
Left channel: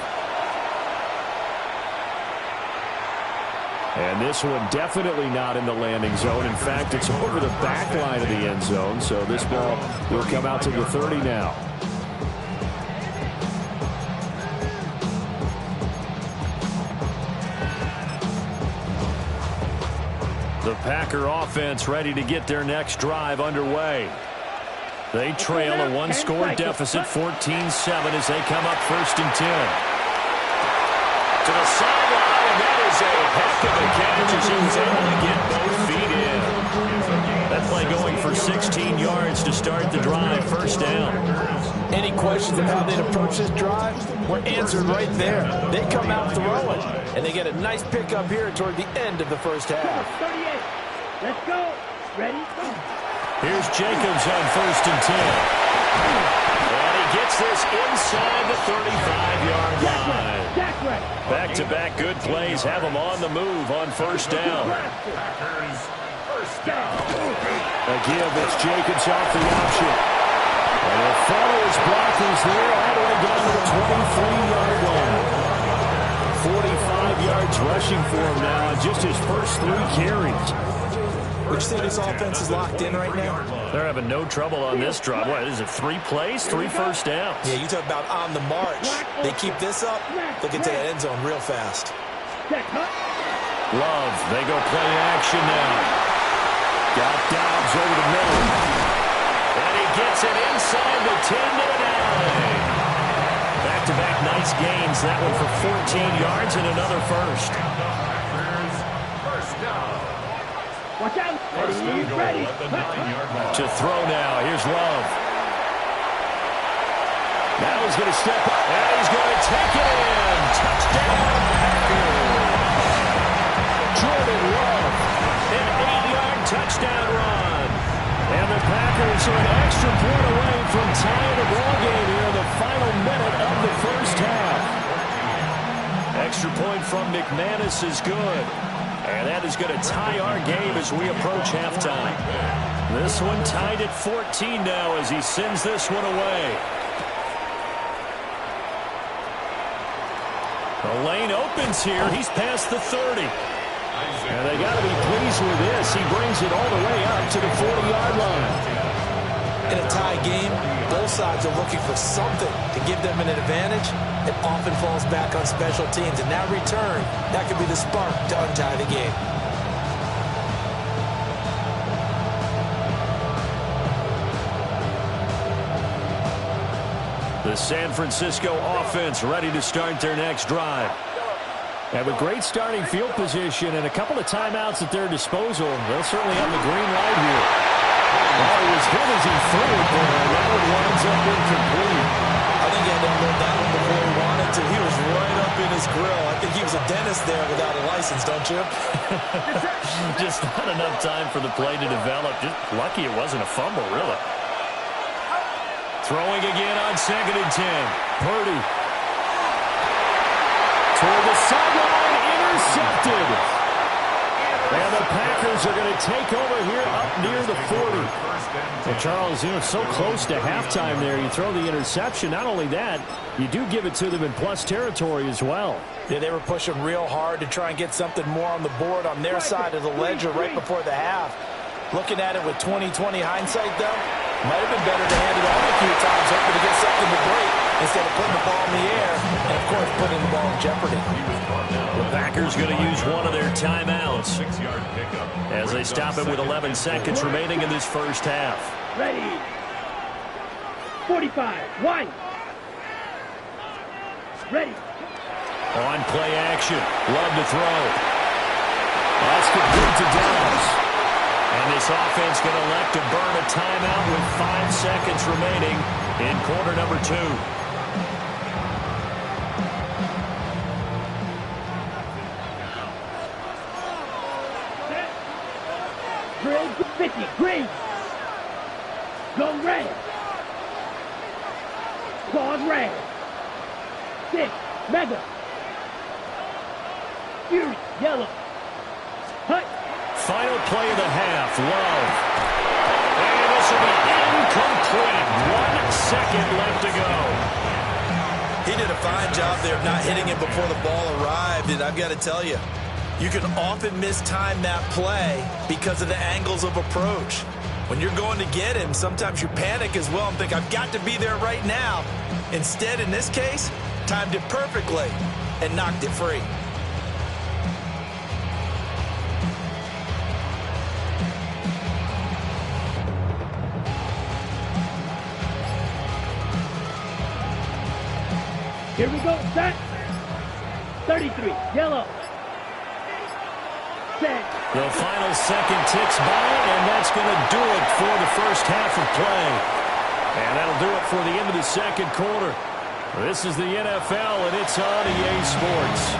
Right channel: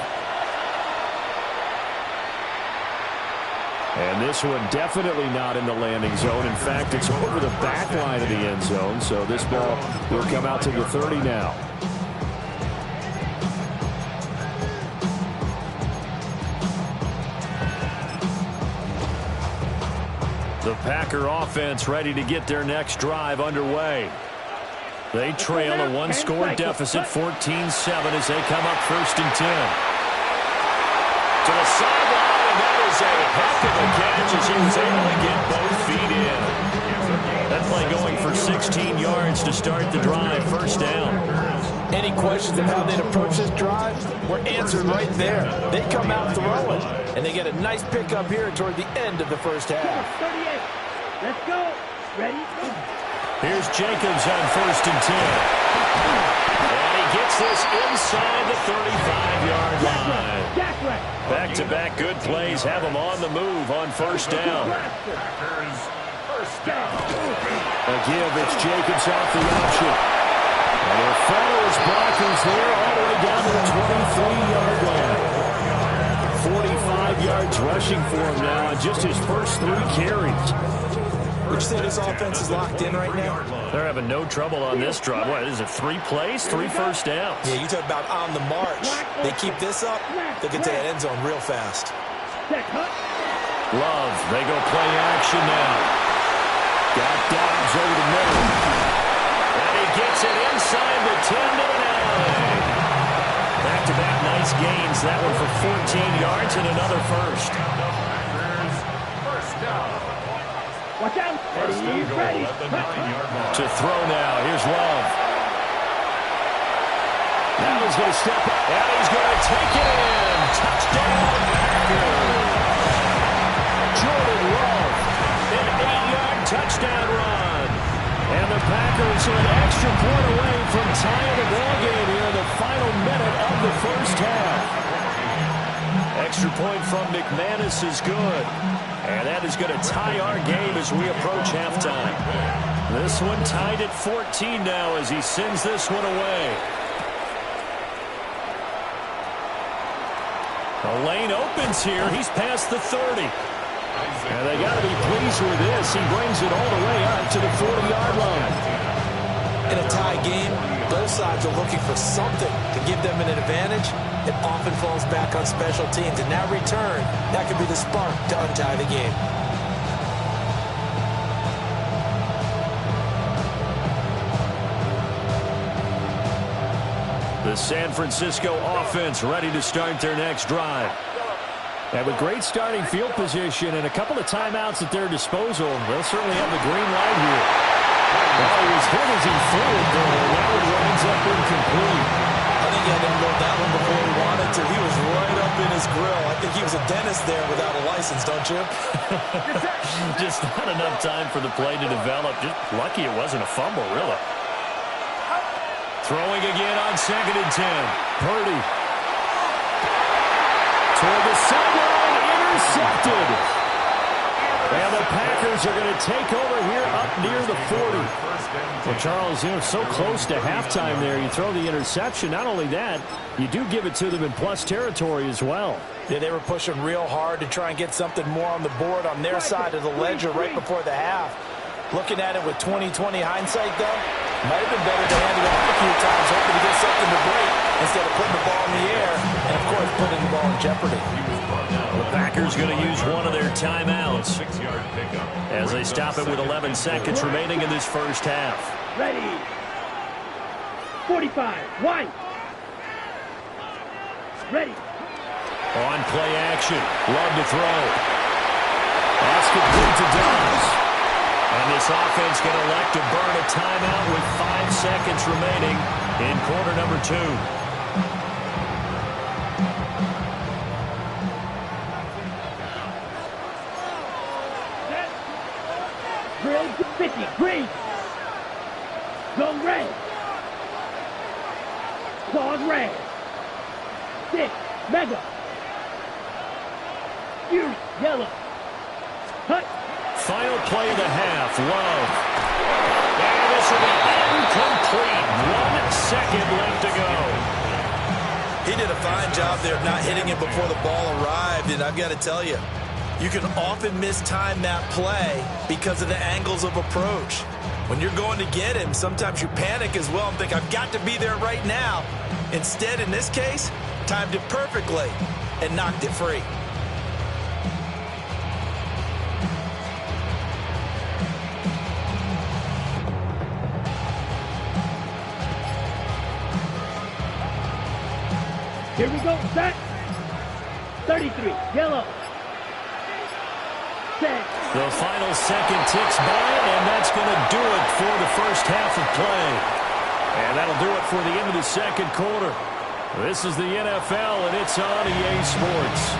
And this one definitely not in the landing zone. In fact, it's over the back line of the end zone. So this ball will come out to the 30 now. The Packer offense ready to get their next drive underway. They trail a one-score deficit, 14-7, as they come up 1st and 10. To the sideline, and that is a heck of a catch as he was able to get both feet in. That play going for 16 yards to start the drive, 1st down. Any questions of how they'd approach this drive were answered right there. They come out throwing, and they get a nice pickup here toward the end of the first half. 38. Let's go. Ready? Go. Here's Jacobs on 1st and 10. And he gets this inside the 35-yard line. Back-to-back good plays have him on the move on 1st down. A give, it's Jacobs off the option. And he'll follow his blockers there all the way down to the 23-yard line. 45 yards rushing for him now on just his first 3 carries. Would you say this offense is locked in right now? They're having no trouble on this drive. What is it, 3 plays, 3 first downs? Yeah, you talk about on the march. They keep this up, they'll get to that end zone real fast. Love, they go play action now. Got Dobbs over the middle. And he gets it inside the 10 to an alley. Back-to-back nice gains. That one for 14 yards and another first. First down. Watch out. Ready. To throw now. Here's Love. Now he's going to step up. And he's going to take it in. Touchdown, Packers. Jordan Love. An 8-yard touchdown run. And the Packers are an extra point away from tying the ball game here in the final minute of the first half. Extra point from McManus is good. And that is going to tie our game as we approach halftime. This one tied at 14 now as he sends this one away. The lane opens here. He's past the 30. And they got to be pleased with this. He brings it all the way up to the 40-yard line. In a tie game, both sides are looking for something to give them an advantage. It often falls back on special teams. And that return, that could be the spark to untie the game. The San Francisco offense ready to start their next drive. And with great starting field position and a couple of timeouts at their disposal, they'll certainly have the green light here. Well, he was hit as he threw it there, and that one winds up incomplete. I think he had to unload that one before he wanted to. He was right up in his grill. I think he was a dentist there without a license, don't you? Just not enough time for the play to develop. Just lucky it wasn't a fumble, really. Throwing again on 2nd and 10. Purdy. Toward the sideline, intercepted. And the Packers are going to take over here up near the 40. Well, Charles, so close to halftime there. You throw the interception. Not only that, you do give it to them in plus territory as well. Yeah, they were pushing real hard to try and get something more on the board on their side of the ledger right before the half. Looking at it with 20/20 hindsight, though, might have been better to hand it off a few times, hoping to get something to break instead of putting the ball in the air and, of course, putting the ball in jeopardy. The Packers going to use one of their timeouts as they stop it with 11 seconds remaining in this first half. Ready. 45. One. Ready. On play action. Love to throw. That's complete to Dobbs. And this offense going to elect to burn a timeout with 5 seconds remaining in quarter number 2. Drill 50. Green. Go red. Claws red. 6. Mega. Fury. Yellow. Hut. Final play of the half. Love. And this will be incomplete. 1 second left to go. He did a fine job there of not hitting him before the ball arrived. And I've got to tell you, you can often mistime that play because of the angles of approach. When you're going to get him, sometimes you panic as well and think, I've got to be there right now. Instead, in this case, timed it perfectly and knocked it free. Here we go. Set. 33. Yellow. Set. The final second ticks by, and that's going to do it for the first half of play. And that'll do it for the end of the second quarter. This is the NFL, and it's on EA Sports.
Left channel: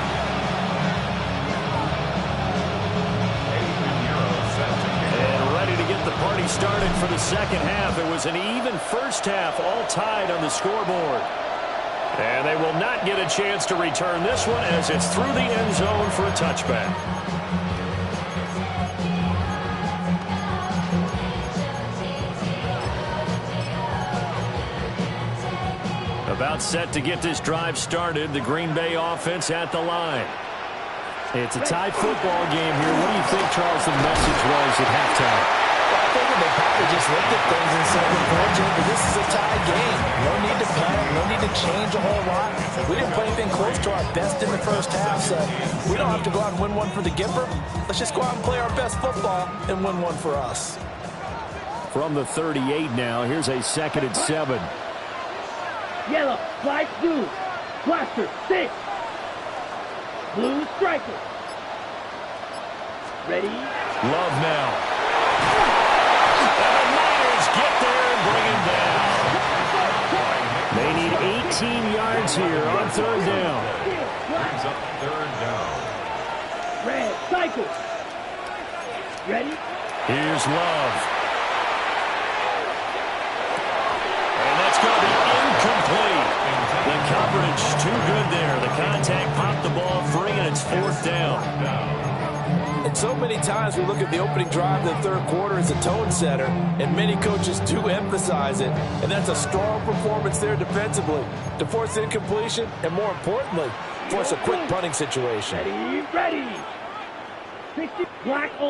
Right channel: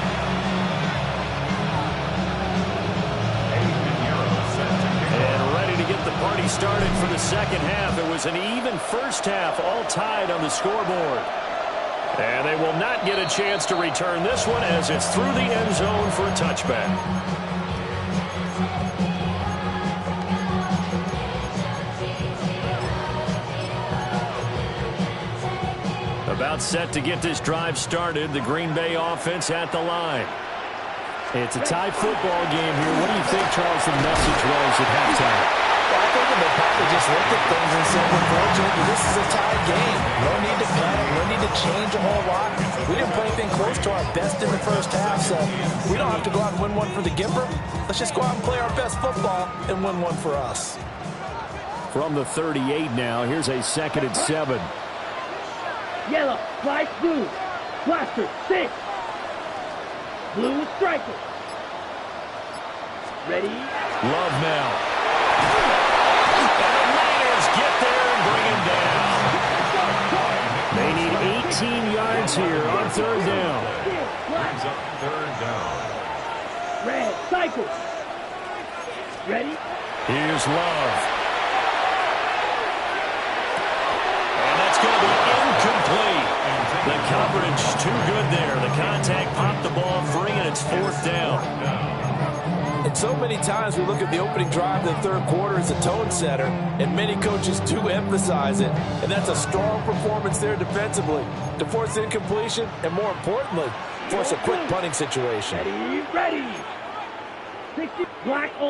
And ready to get the party started for the second half. It was an even first half, all tied on the scoreboard. And they will not get a chance to return this one as it's through the end zone for a touchback. About set to get this drive started. The Green Bay offense at the line. It's a tie football game here. What do you think, Charles, the message was at halftime? Well, I think they probably just looked at things and said, we're fortunate that this is a tied game. No need to panic. No need to change a whole lot. We didn't play anything close to our best in the first half, so we don't have to go out and win one for the Gipper. Let's just go out and play our best football and win one for us. From the 38 now, here's a 2nd and 7. Yellow. Slide blue. Blaster. 6. Blue striker. Ready? Love now. And the Niners get there and bring him down. They need 18 yards here on 3rd down. Brings up 3rd down. Red cycle. Ready? Here's Love. And that's going to be incomplete. The coverage too good there. The contact popped the ball free, and it's 4th down. And so many times we look at the opening drive of the third quarter as a tone setter, and many coaches do emphasize it. And that's a strong performance there defensively to force incompletion and, more importantly, force a quick punting situation. Ready, ready. 60 black ultra.